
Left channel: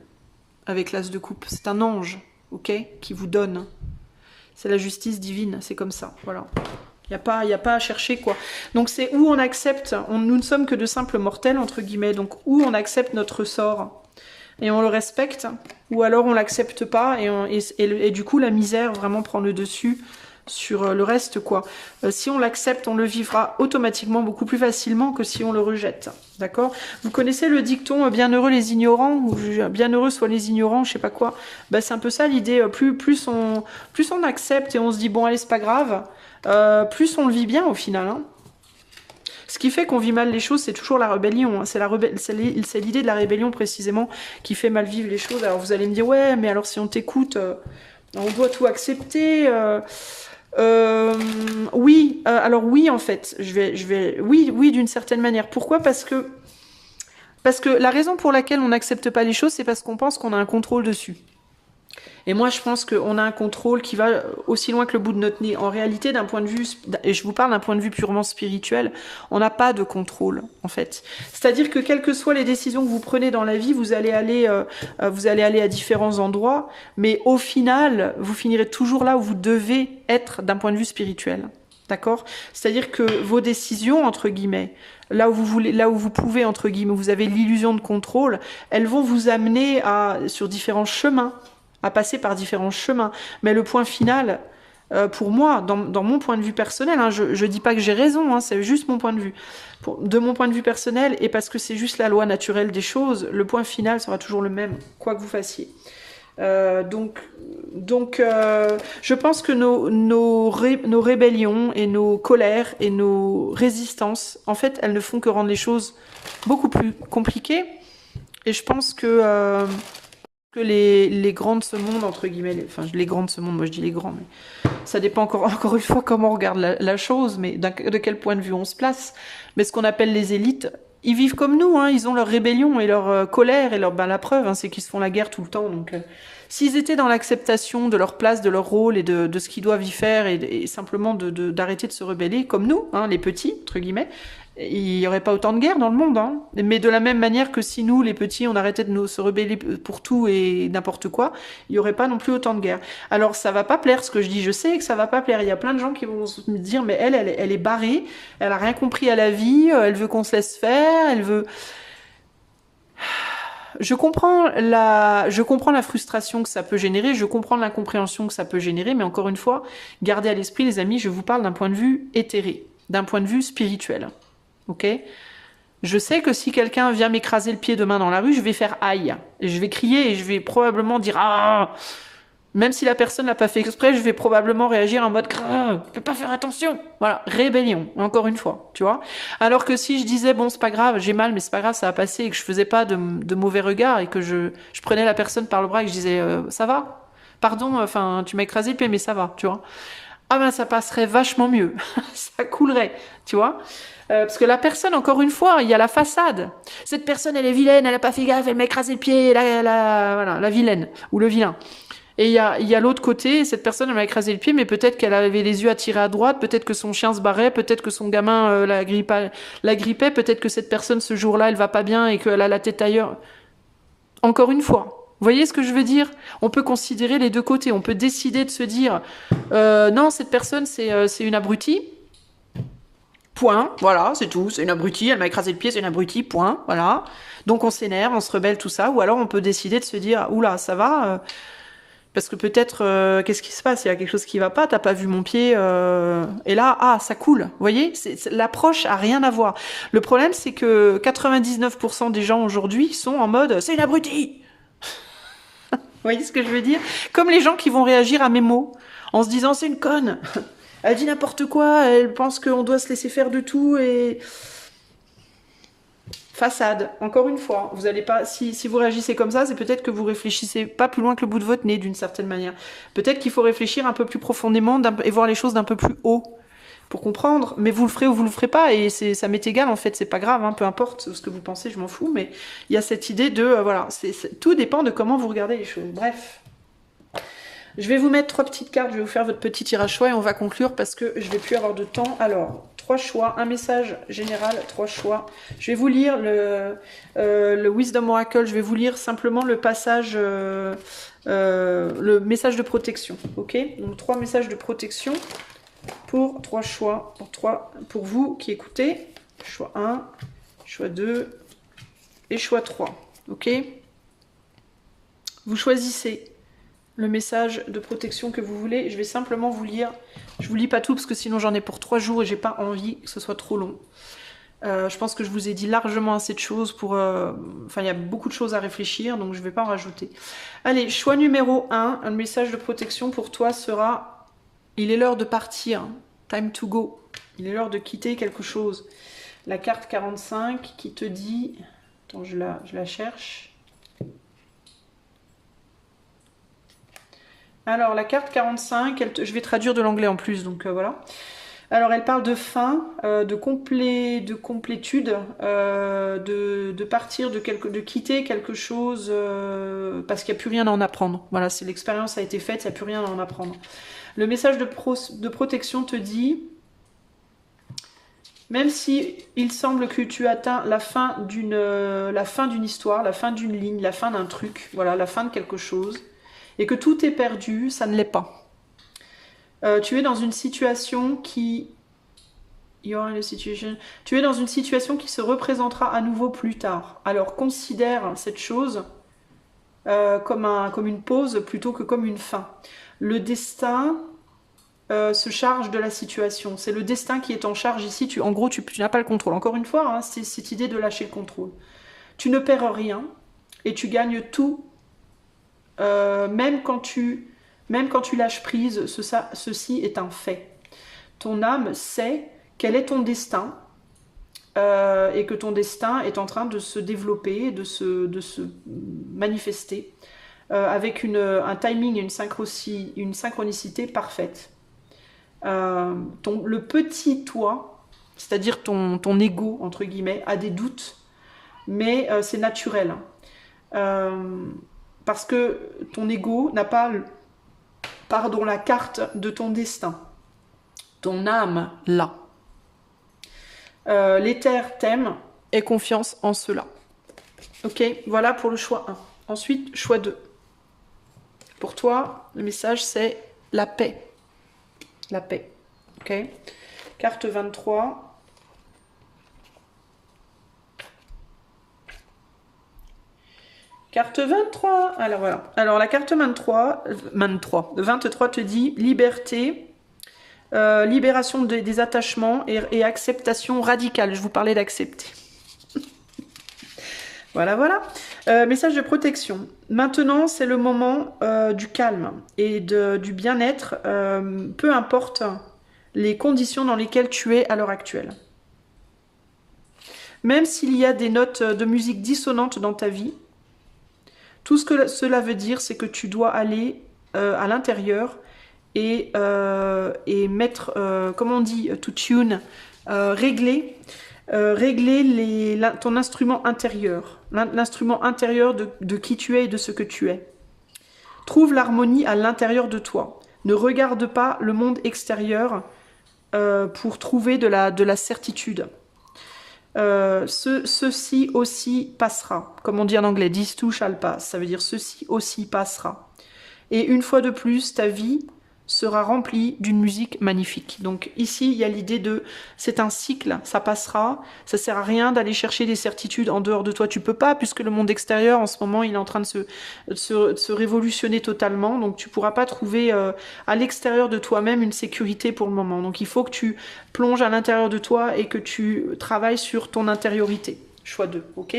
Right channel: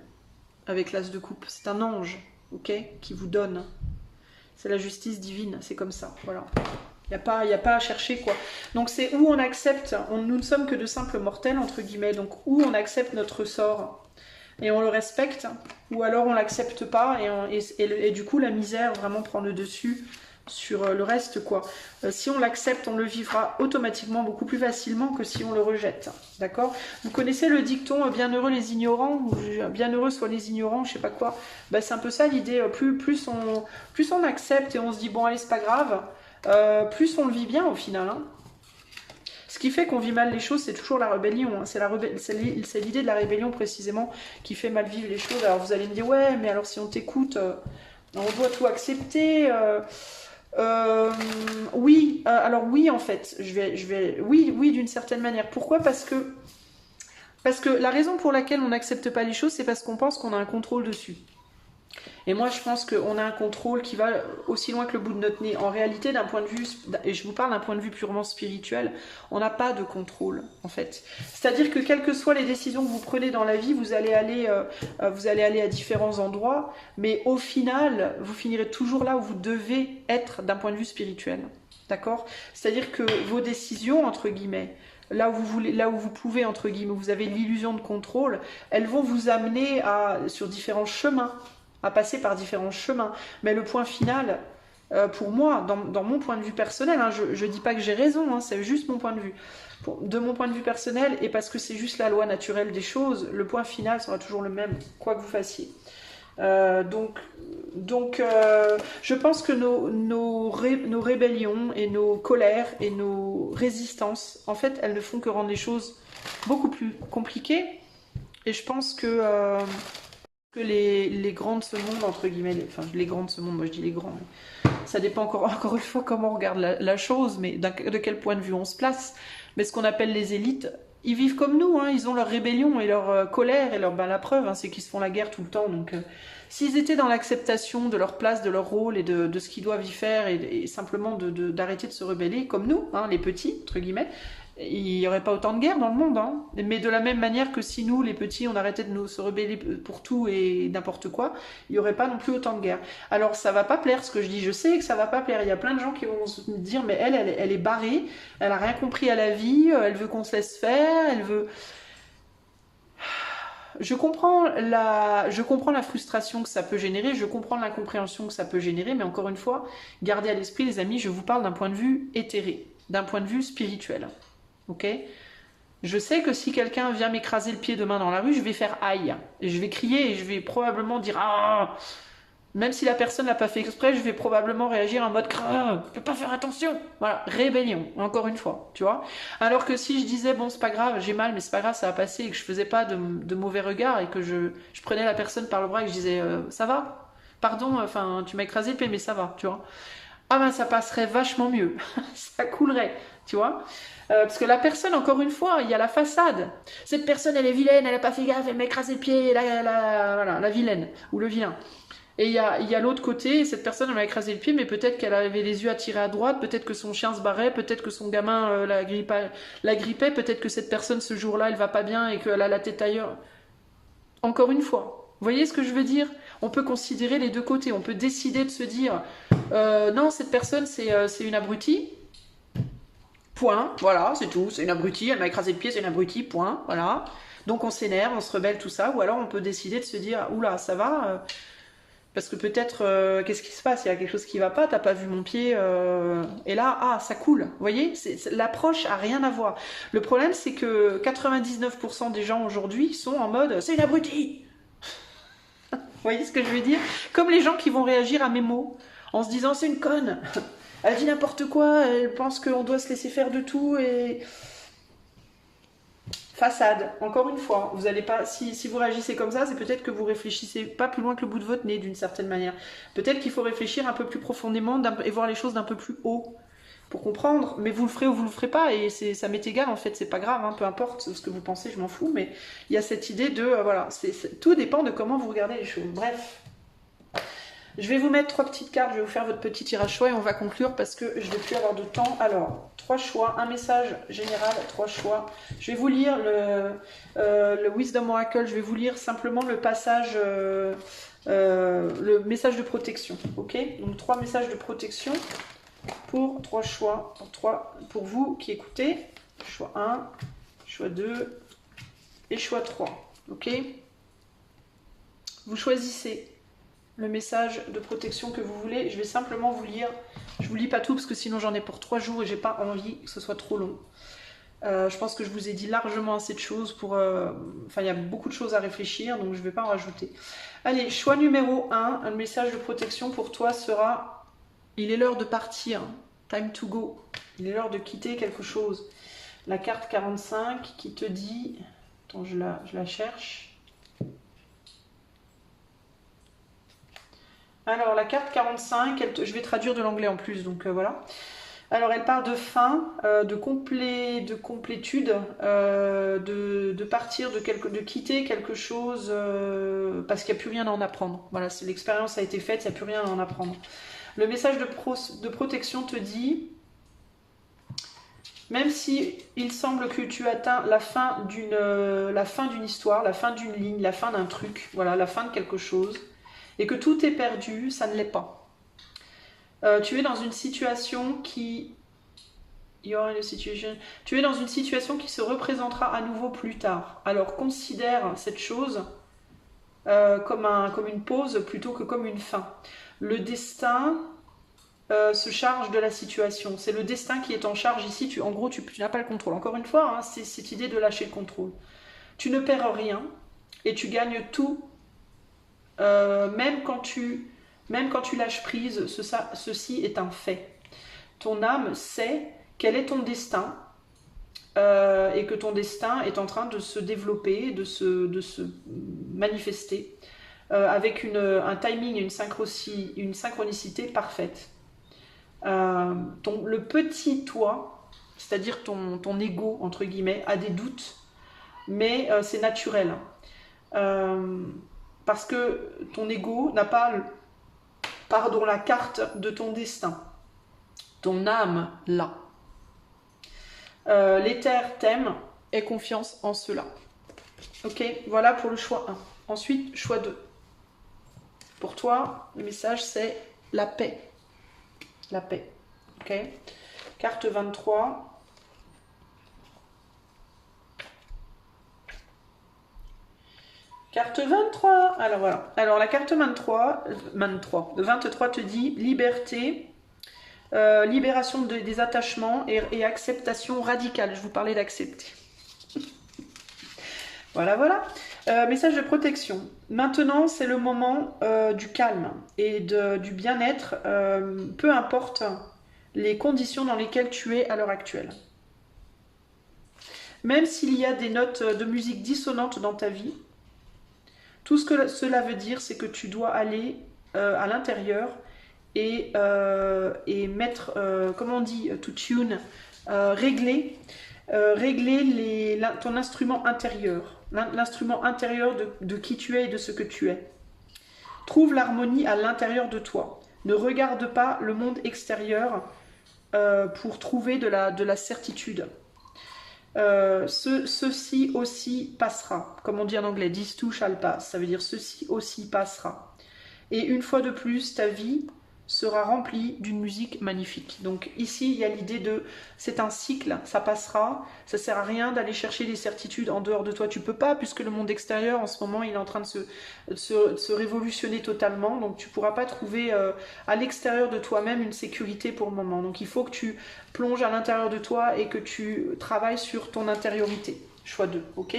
avec l'as de coupe. C'est un ange, ok, qui vous donne. C'est la justice divine. C'est comme ça. Voilà. Il n'y a pas à chercher, quoi. Donc c'est où on accepte, nous ne sommes que de simples mortels, entre guillemets, donc où on accepte notre sort et on le respecte, ou alors on l'accepte pas et du coup la misère vraiment prend le dessus sur le reste, quoi. Si on l'accepte, on le vivra automatiquement beaucoup plus facilement que si on le rejette, d'accord? Vous connaissez le dicton « bienheureux les ignorants » ou « bienheureux soient les ignorants », je sais pas quoi. Ben, c'est un peu ça l'idée, plus on accepte et on se dit « bon allez, c'est pas grave », plus on le vit bien au final. Hein. Ce qui fait qu'on vit mal les choses, c'est toujours la rébellion. Hein. C'est l'idée de la rébellion précisément qui fait mal vivre les choses. Alors vous allez me dire, ouais, mais alors si on t'écoute, on doit tout accepter. Oui, alors oui en fait, oui d'une certaine manière. Pourquoi? Parce que la raison pour laquelle on n'accepte pas les choses, c'est parce qu'on pense qu'on a un contrôle dessus. Et moi, je pense qu'on a un contrôle qui va aussi loin que le bout de notre nez. En réalité, d'un point de vue, et je vous parle d'un point de vue purement spirituel, on n'a pas de contrôle, en fait. C'est-à-dire que quelles que soient les décisions que vous prenez dans la vie, vous allez aller à différents endroits, mais au final, vous finirez toujours là où vous devez être d'un point de vue spirituel. D'accord? C'est-à-dire que vos décisions, entre guillemets, là où vous voulez, là où vous pouvez, entre guillemets, où vous avez l'illusion de contrôle, elles vont vous amener sur différents chemins, à passer par différents chemins. Mais le point final, pour moi, dans mon point de vue personnel, hein, je ne dis pas que j'ai raison, hein, c'est juste mon point de vue. De mon point de vue personnel, et parce que c'est juste la loi naturelle des choses, le point final sera toujours le même, quoi que vous fassiez. Je pense que nos rébellions et nos colères et nos résistances, en fait, elles ne font que rendre les choses beaucoup plus compliquées. Et je pense que les grands de ce monde, entre guillemets, enfin les grands de ce monde, moi je dis les grands, mais ça dépend encore une fois comment on regarde la chose, mais de quel point de vue on se place. Mais ce qu'on appelle les élites, ils vivent comme nous, hein, ils ont leur rébellion et leur colère, et la preuve, hein, c'est qu'ils se font la guerre tout le temps. Donc, s'ils étaient dans l'acceptation de leur place, de leur rôle et de ce qu'ils doivent y faire, et simplement d'arrêter de se rebeller, comme nous, hein, les petits, entre guillemets, il n'y aurait pas autant de guerres dans le monde. Hein. Mais de la même manière que si nous, les petits, on arrêtait de se rebeller pour tout et n'importe quoi, il n'y aurait pas non plus autant de guerres. Alors ça va pas plaire ce que je dis, je sais que ça va pas plaire. Il y a plein de gens qui vont me dire, mais elle est barrée, elle a rien compris à la vie, elle veut qu'on se laisse faire, elle veut... Je comprends la frustration que ça peut générer, je comprends l'incompréhension que ça peut générer, mais encore une fois, gardez à l'esprit, les amis, je vous parle d'un point de vue éthéré, d'un point de vue spirituel. Ok? Je sais que si quelqu'un vient m'écraser le pied demain dans la rue, je vais faire aïe. Et je vais crier et je vais probablement dire ah. Même si la personne n'a pas fait exprès, je vais probablement réagir en mode ah, je peux pas faire attention. Voilà, rébellion, encore une fois, tu vois. Alors que si je disais bon, c'est pas grave, j'ai mal, mais c'est pas grave, ça va passer, et que je faisais pas de mauvais regards et que je prenais la personne par le bras et que je disais ça va? Pardon, enfin, tu m'as écrasé le pied, mais ça va, tu vois. Ah ben ça passerait vachement mieux, ça coulerait, tu vois. Parce que la personne, encore une fois, il y a la façade. Cette personne, elle est vilaine, elle a pas fait gaffe, elle m'a écrasé le pied, voilà, la vilaine, ou le vilain. Et il y a l'autre côté, cette personne, elle m'a écrasé le pied, mais peut-être qu'elle avait les yeux attirés à droite, peut-être que son chien se barrait, peut-être que son gamin la grippait, peut-être que cette personne, ce jour-là, elle va pas bien et qu'elle a la tête ailleurs. Encore une fois. Vous voyez ce que je veux dire? On peut considérer les deux côtés. On peut décider de se dire non, cette personne, c'est une abrutie. Point. Voilà, c'est tout. C'est une abrutie. Elle m'a écrasé le pied, c'est une abrutie. Point. Voilà. Donc on s'énerve, on se rebelle, tout ça. Ou alors on peut décider de se dire oula, ça va. Parce que peut-être, qu'est-ce qui se passe? Il y a quelque chose qui va pas, t'as pas vu mon pied, et là, ah, ça coule. Vous voyez, l'approche a rien à voir. Le problème, c'est que 99% des gens aujourd'hui sont en mode, c'est une abrutie. Vous voyez ce que je veux dire? Comme les gens qui vont réagir à mes mots, en se disant, c'est une conne. Elle dit n'importe quoi, elle pense qu'on doit se laisser faire de tout, et... Façade, encore une fois, vous allez pas, si vous réagissez comme ça, c'est peut-être que vous réfléchissez pas plus loin que le bout de votre nez d'une certaine manière. Peut-être qu'il faut réfléchir un peu plus profondément et voir les choses d'un peu plus haut pour comprendre, mais vous le ferez ou vous le ferez pas, et ça m'est égal en fait, c'est pas grave, hein, peu importe ce que vous pensez, je m'en fous, mais il y a cette idée de, voilà, tout dépend de comment vous regardez les choses. Bref. Je vais vous mettre 3 petites cartes, je vais vous faire votre petit tirage choix et on va conclure parce que je ne vais plus avoir de temps. Alors, 3 choix, un message général, 3 choix. Je vais vous lire le Wisdom Oracle, je vais vous lire simplement le passage, le message de protection. Ok? Donc 3 messages de protection pour 3 choix, pour vous qui écoutez. Choix 1, choix 2 et choix 3. Ok? Vous choisissez le message de protection que vous voulez. Je vais simplement vous lire. Je vous lis pas tout parce que sinon j'en ai pour 3 jours et j'ai pas envie que ce soit trop long. Je pense que je vous ai dit largement assez de choses pour... Enfin, il y a beaucoup de choses à réfléchir, donc je vais pas en rajouter. Allez, choix numéro 1. Un message de protection pour toi sera... Il est l'heure de partir. Time to go. Il est l'heure de quitter quelque chose. La carte 45 qui te dit... Attends, je la cherche. Alors, la carte 45, je vais traduire de l'anglais en plus, donc voilà. Alors, elle parle de fin, de complétude, de partir, de quitter quelque chose parce qu'il n'y a plus rien à en apprendre. Voilà, c'est l'expérience a été faite, il n'y a plus rien à en apprendre. Le message de protection te dit, même si il semble que tu atteins la fin d'une histoire, la fin d'une ligne, la fin d'un truc, voilà, la fin de quelque chose, et que tout est perdu, ça ne l'est pas. Tu es dans une situation qui... Tu es dans une situation qui se représentera à nouveau plus tard. Alors considère cette chose comme une pause plutôt que comme une fin. Le destin se charge de la situation. C'est le destin qui est en charge ici. En gros, tu n'as pas le contrôle. Encore une fois, hein, c'est cette idée de lâcher le contrôle. Tu ne perds rien et tu gagnes tout, même quand tu lâches prise. Ceci est un fait. Ton âme sait quel est ton destin et que ton destin est en train de se développer, de se manifester avec un timing et une synchronicité parfaite. Le petit toi, c'est-à-dire ton ego, entre guillemets, a des doutes, mais c'est naturel. Parce que ton ego n'a pas la carte de ton destin. Ton âme l'a. L'éther t'aime, aie confiance en cela. Ok, voilà pour le choix 1. Ensuite, choix 2. Pour toi, le message c'est la paix. La paix. Ok. Carte 23. Carte 23. Alors voilà. Alors la carte 23 te dit liberté. Libération des attachements et acceptation radicale. Je vous parlais d'accepter. Voilà, voilà. Message de protection. Maintenant, c'est le moment du calme et du bien-être, peu importe les conditions dans lesquelles tu es à l'heure actuelle. Même s'il y a des notes de musique dissonantes dans ta vie, tout ce que cela veut dire, c'est que tu dois aller à l'intérieur et mettre, comment on dit, to tune, régler ton instrument intérieur, l'instrument intérieur de qui tu es et de ce que tu es. Trouve l'harmonie à l'intérieur de toi. Ne regarde pas le monde extérieur pour trouver de la certitude. Ceci aussi passera. Comme on dit en anglais, this too shall pass. Ça veut dire ceci aussi passera. Et une fois de plus, ta vie sera remplie d'une musique magnifique. Donc ici, il y a l'idée de, c'est un cycle, ça passera, ça sert à rien d'aller chercher des certitudes en dehors de toi, tu peux pas, puisque le monde extérieur, en ce moment, il est en train de se révolutionner totalement, donc tu pourras pas trouver à l'extérieur de toi-même une sécurité pour le moment. Donc il faut que tu plonges à l'intérieur de toi et que tu travailles sur ton intériorité. Choix 2, ok?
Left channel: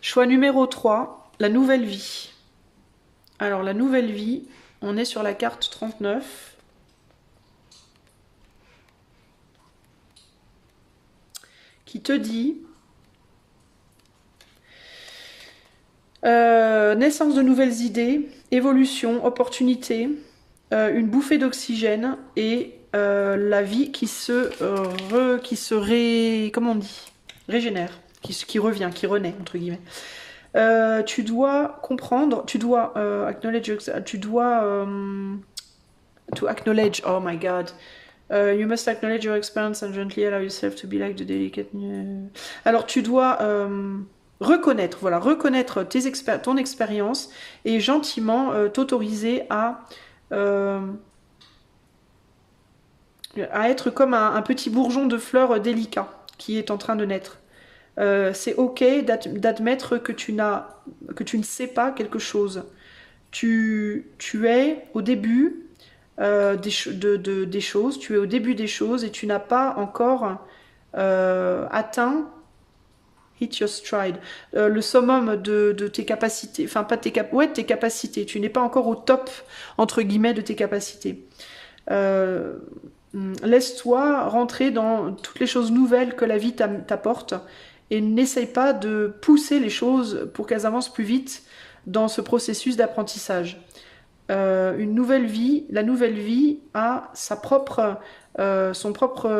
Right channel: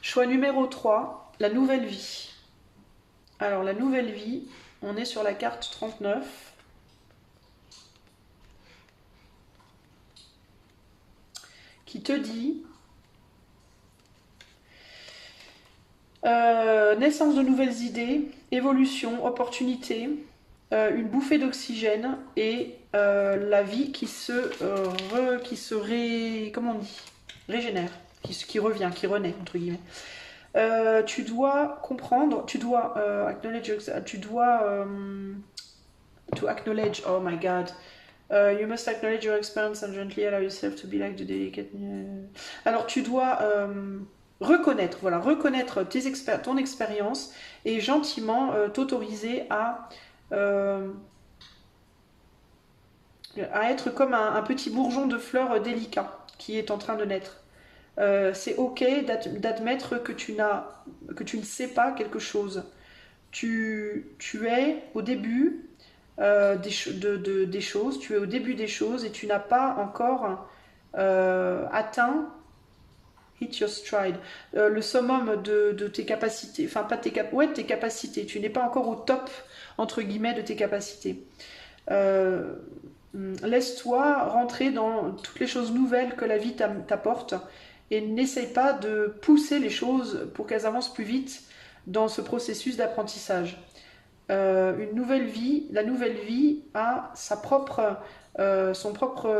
Choix numéro 3, la nouvelle vie. Alors la nouvelle vie, on est sur la carte 39. Qui te dit naissance de nouvelles idées, évolution, opportunité, une bouffée d'oxygène et la vie qui comment on dit, régénère, qui revient, qui renaît, entre guillemets. Tu dois comprendre, tu dois acknowledge, to acknowledge, oh my god, you must acknowledge your experience and gently allow yourself to be like the delicate... Alors tu dois reconnaître ton expérience et gentiment t'autoriser à être comme un petit bourgeon de fleurs délicat qui est en train de naître. C'est ok d'admettre que tu ne sais pas quelque chose. Tu es au début des choses, tu es au début des choses et tu n'as pas encore atteint hit your stride, le summum de tes capacités, enfin pas tes capacités, tu n'es pas encore au top entre guillemets de tes capacités. Laisse-toi rentrer dans toutes les choses nouvelles que la vie t'apporte et n'essaye pas de pousser les choses pour qu'elles avancent plus vite dans ce processus d'apprentissage. une nouvelle vie. La nouvelle vie a sa propre, son propre,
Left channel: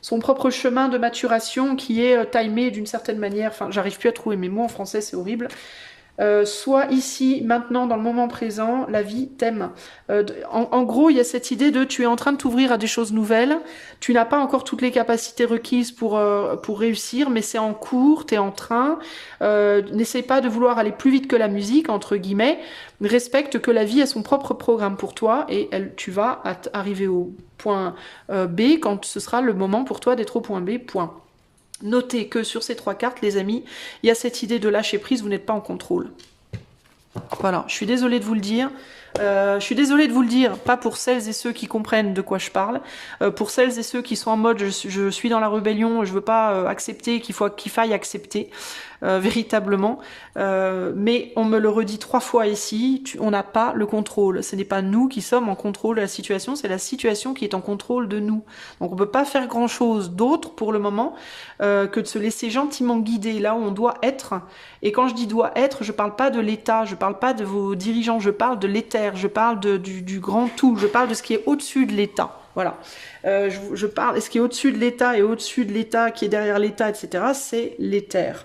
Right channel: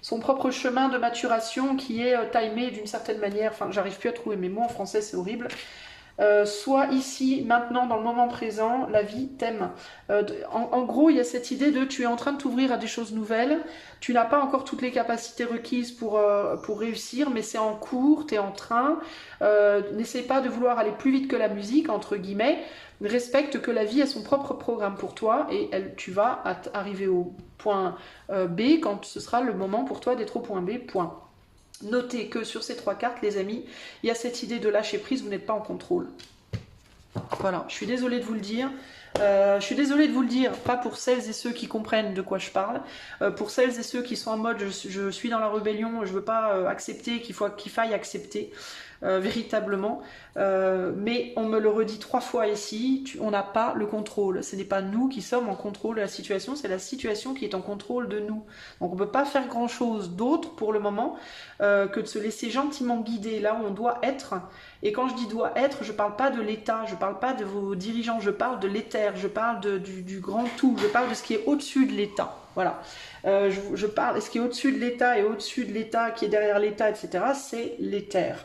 son propre chemin de maturation qui est timé d'une certaine manière. Enfin, j'arrive plus à trouver mes mots en français, c'est horrible. Soit ici, maintenant, dans le moment présent, la vie t'aime. En gros, il y a cette idée de tu es en train de t'ouvrir à des choses nouvelles, tu n'as pas encore toutes les capacités requises pour réussir, mais c'est en cours, tu es en train. N'essaie pas de vouloir aller plus vite que la musique, entre guillemets. Respecte que la vie a son propre programme pour toi et tu vas arriver au point B quand ce sera le moment pour toi d'être au point B, point. Notez que sur ces 3 cartes, les amis, il y a cette idée de lâcher prise, vous n'êtes pas en contrôle. Voilà, je suis désolée de vous le dire. Pas pour celles et ceux qui comprennent de quoi je parle, pour celles et ceux qui sont en mode je suis dans la rébellion, je veux pas accepter, qu'il faille accepter véritablement. Mais on me le redit 3 fois ici, on n'a pas le contrôle. Ce n'est pas nous qui sommes en contrôle de la situation, c'est la situation qui est en contrôle de nous. Donc on ne peut pas faire grand chose d'autre pour le moment que de se laisser gentiment guider là où on doit être. Et quand je dis doit être, je ne parle pas de l'État, je ne parle pas de vos dirigeants, je parle de l'éther, je parle du grand tout, je parle de ce qui est au-dessus de l'État. Voilà. Je parle, ce qui est au-dessus de l'État et au-dessus de l'État, qui est derrière l'État, etc., c'est l'éther.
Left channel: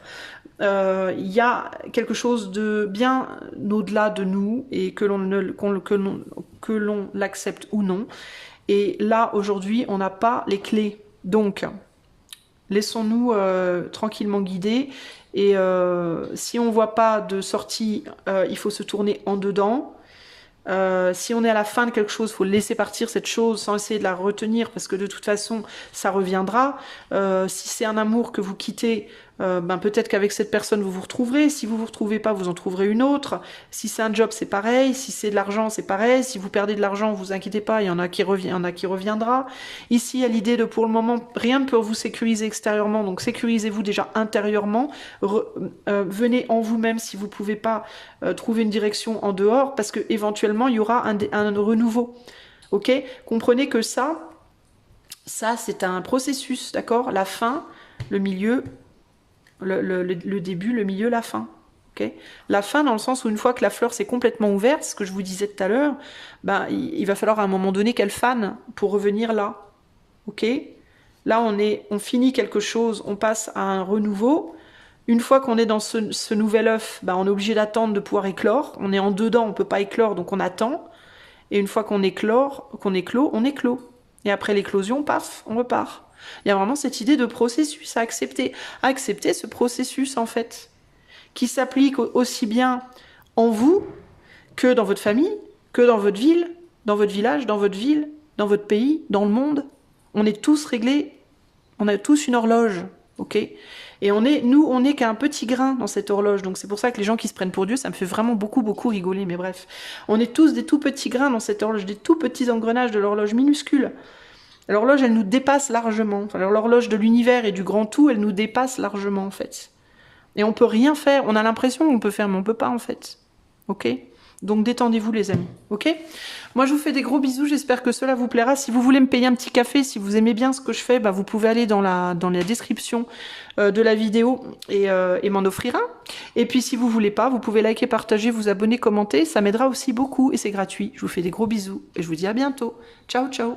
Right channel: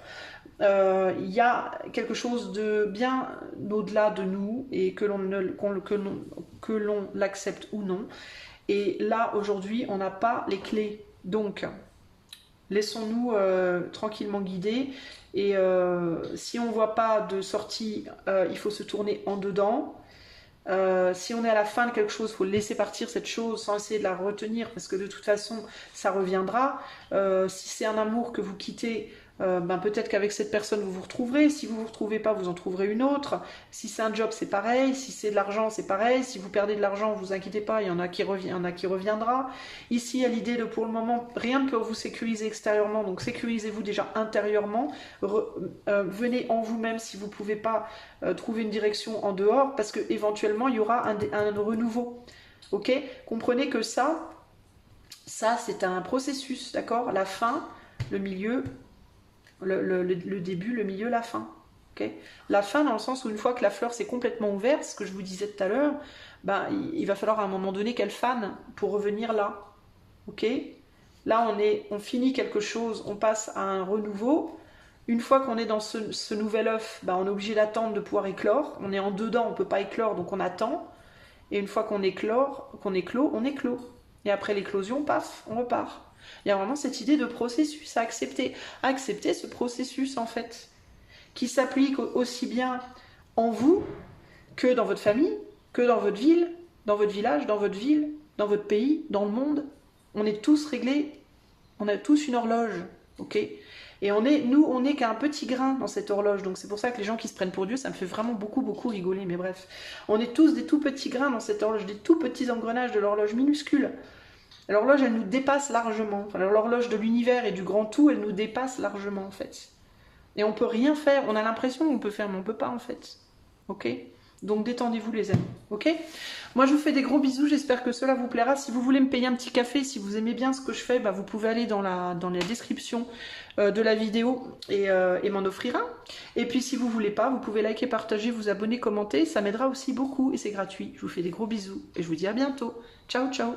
Il y a quelque chose de bien au-delà de nous et que l'on l'accepte ou non. Et là, aujourd'hui, on n'a pas les clés. Donc, laissons-nous tranquillement guider. Et si on ne voit pas de sortie, il faut se tourner en dedans. Si on est à la fin de quelque chose, il faut laisser partir cette chose sans essayer de la retenir parce que de toute façon, ça reviendra. Si c'est un amour que vous quittez, peut-être qu'avec cette personne, vous vous retrouverez. Si vous ne vous retrouvez pas, vous en trouverez une autre. Si c'est un job, c'est pareil. Si c'est de l'argent, c'est pareil. Si vous perdez de l'argent, vous inquiétez pas, il y en a qui reviendra. Ici, il y a l'idée de, pour le moment, rien ne peut vous sécuriser extérieurement, donc sécurisez-vous déjà intérieurement. Venez en vous-même si vous ne pouvez pas trouver une direction en dehors, parce que éventuellement il y aura un renouveau. Ok? Comprenez que ça c'est un processus, d'accord? La fin, le milieu, le début, le milieu, la fin. Okay, la fin dans le sens où une fois que la fleur s'est complètement ouverte, ce que je vous disais tout à l'heure, il va falloir à un moment donné qu'elle fane pour revenir là. Ok? Là on finit quelque chose, on passe à un renouveau. Une fois qu'on est dans ce nouvel œuf, on est obligé d'attendre de pouvoir éclore. On est en dedans, on ne peut pas éclore, donc on attend. Et une fois qu'on éclore, on éclot. Et après l'éclosion, paf, on repart. Il y a vraiment cette idée de processus à accepter. Accepter ce processus, en fait, qui s'applique aussi bien en vous que dans votre famille, que dans votre ville, dans votre village, dans votre ville, dans votre pays, dans le monde. On est tous réglés, on a tous une horloge, ok ? Et on est qu'un petit grain dans cette horloge. Donc c'est pour ça que les gens qui se prennent pour Dieu, ça me fait vraiment beaucoup, beaucoup rigoler. Mais bref, on est tous des tout petits grains dans cette horloge, des tout petits engrenages de l'horloge minuscule. L'horloge, elle nous dépasse largement. Enfin, l'horloge de l'univers et du grand tout, elle nous dépasse largement, en fait. Et on peut rien faire. On a l'impression qu'on peut faire, mais on peut pas, en fait. Ok ? Donc détendez-vous, les amis. Ok ? Moi, je vous fais des gros bisous. J'espère que cela vous plaira. Si vous voulez me payer un petit café, si vous aimez bien ce que je fais, vous pouvez aller dans la description de la vidéo et m'en offrir un. Et puis, si vous voulez pas, vous pouvez liker, partager, vous abonner, commenter. Ça m'aidera aussi beaucoup et c'est gratuit. Je vous fais des gros bisous et je vous dis à bientôt. Ciao, ciao.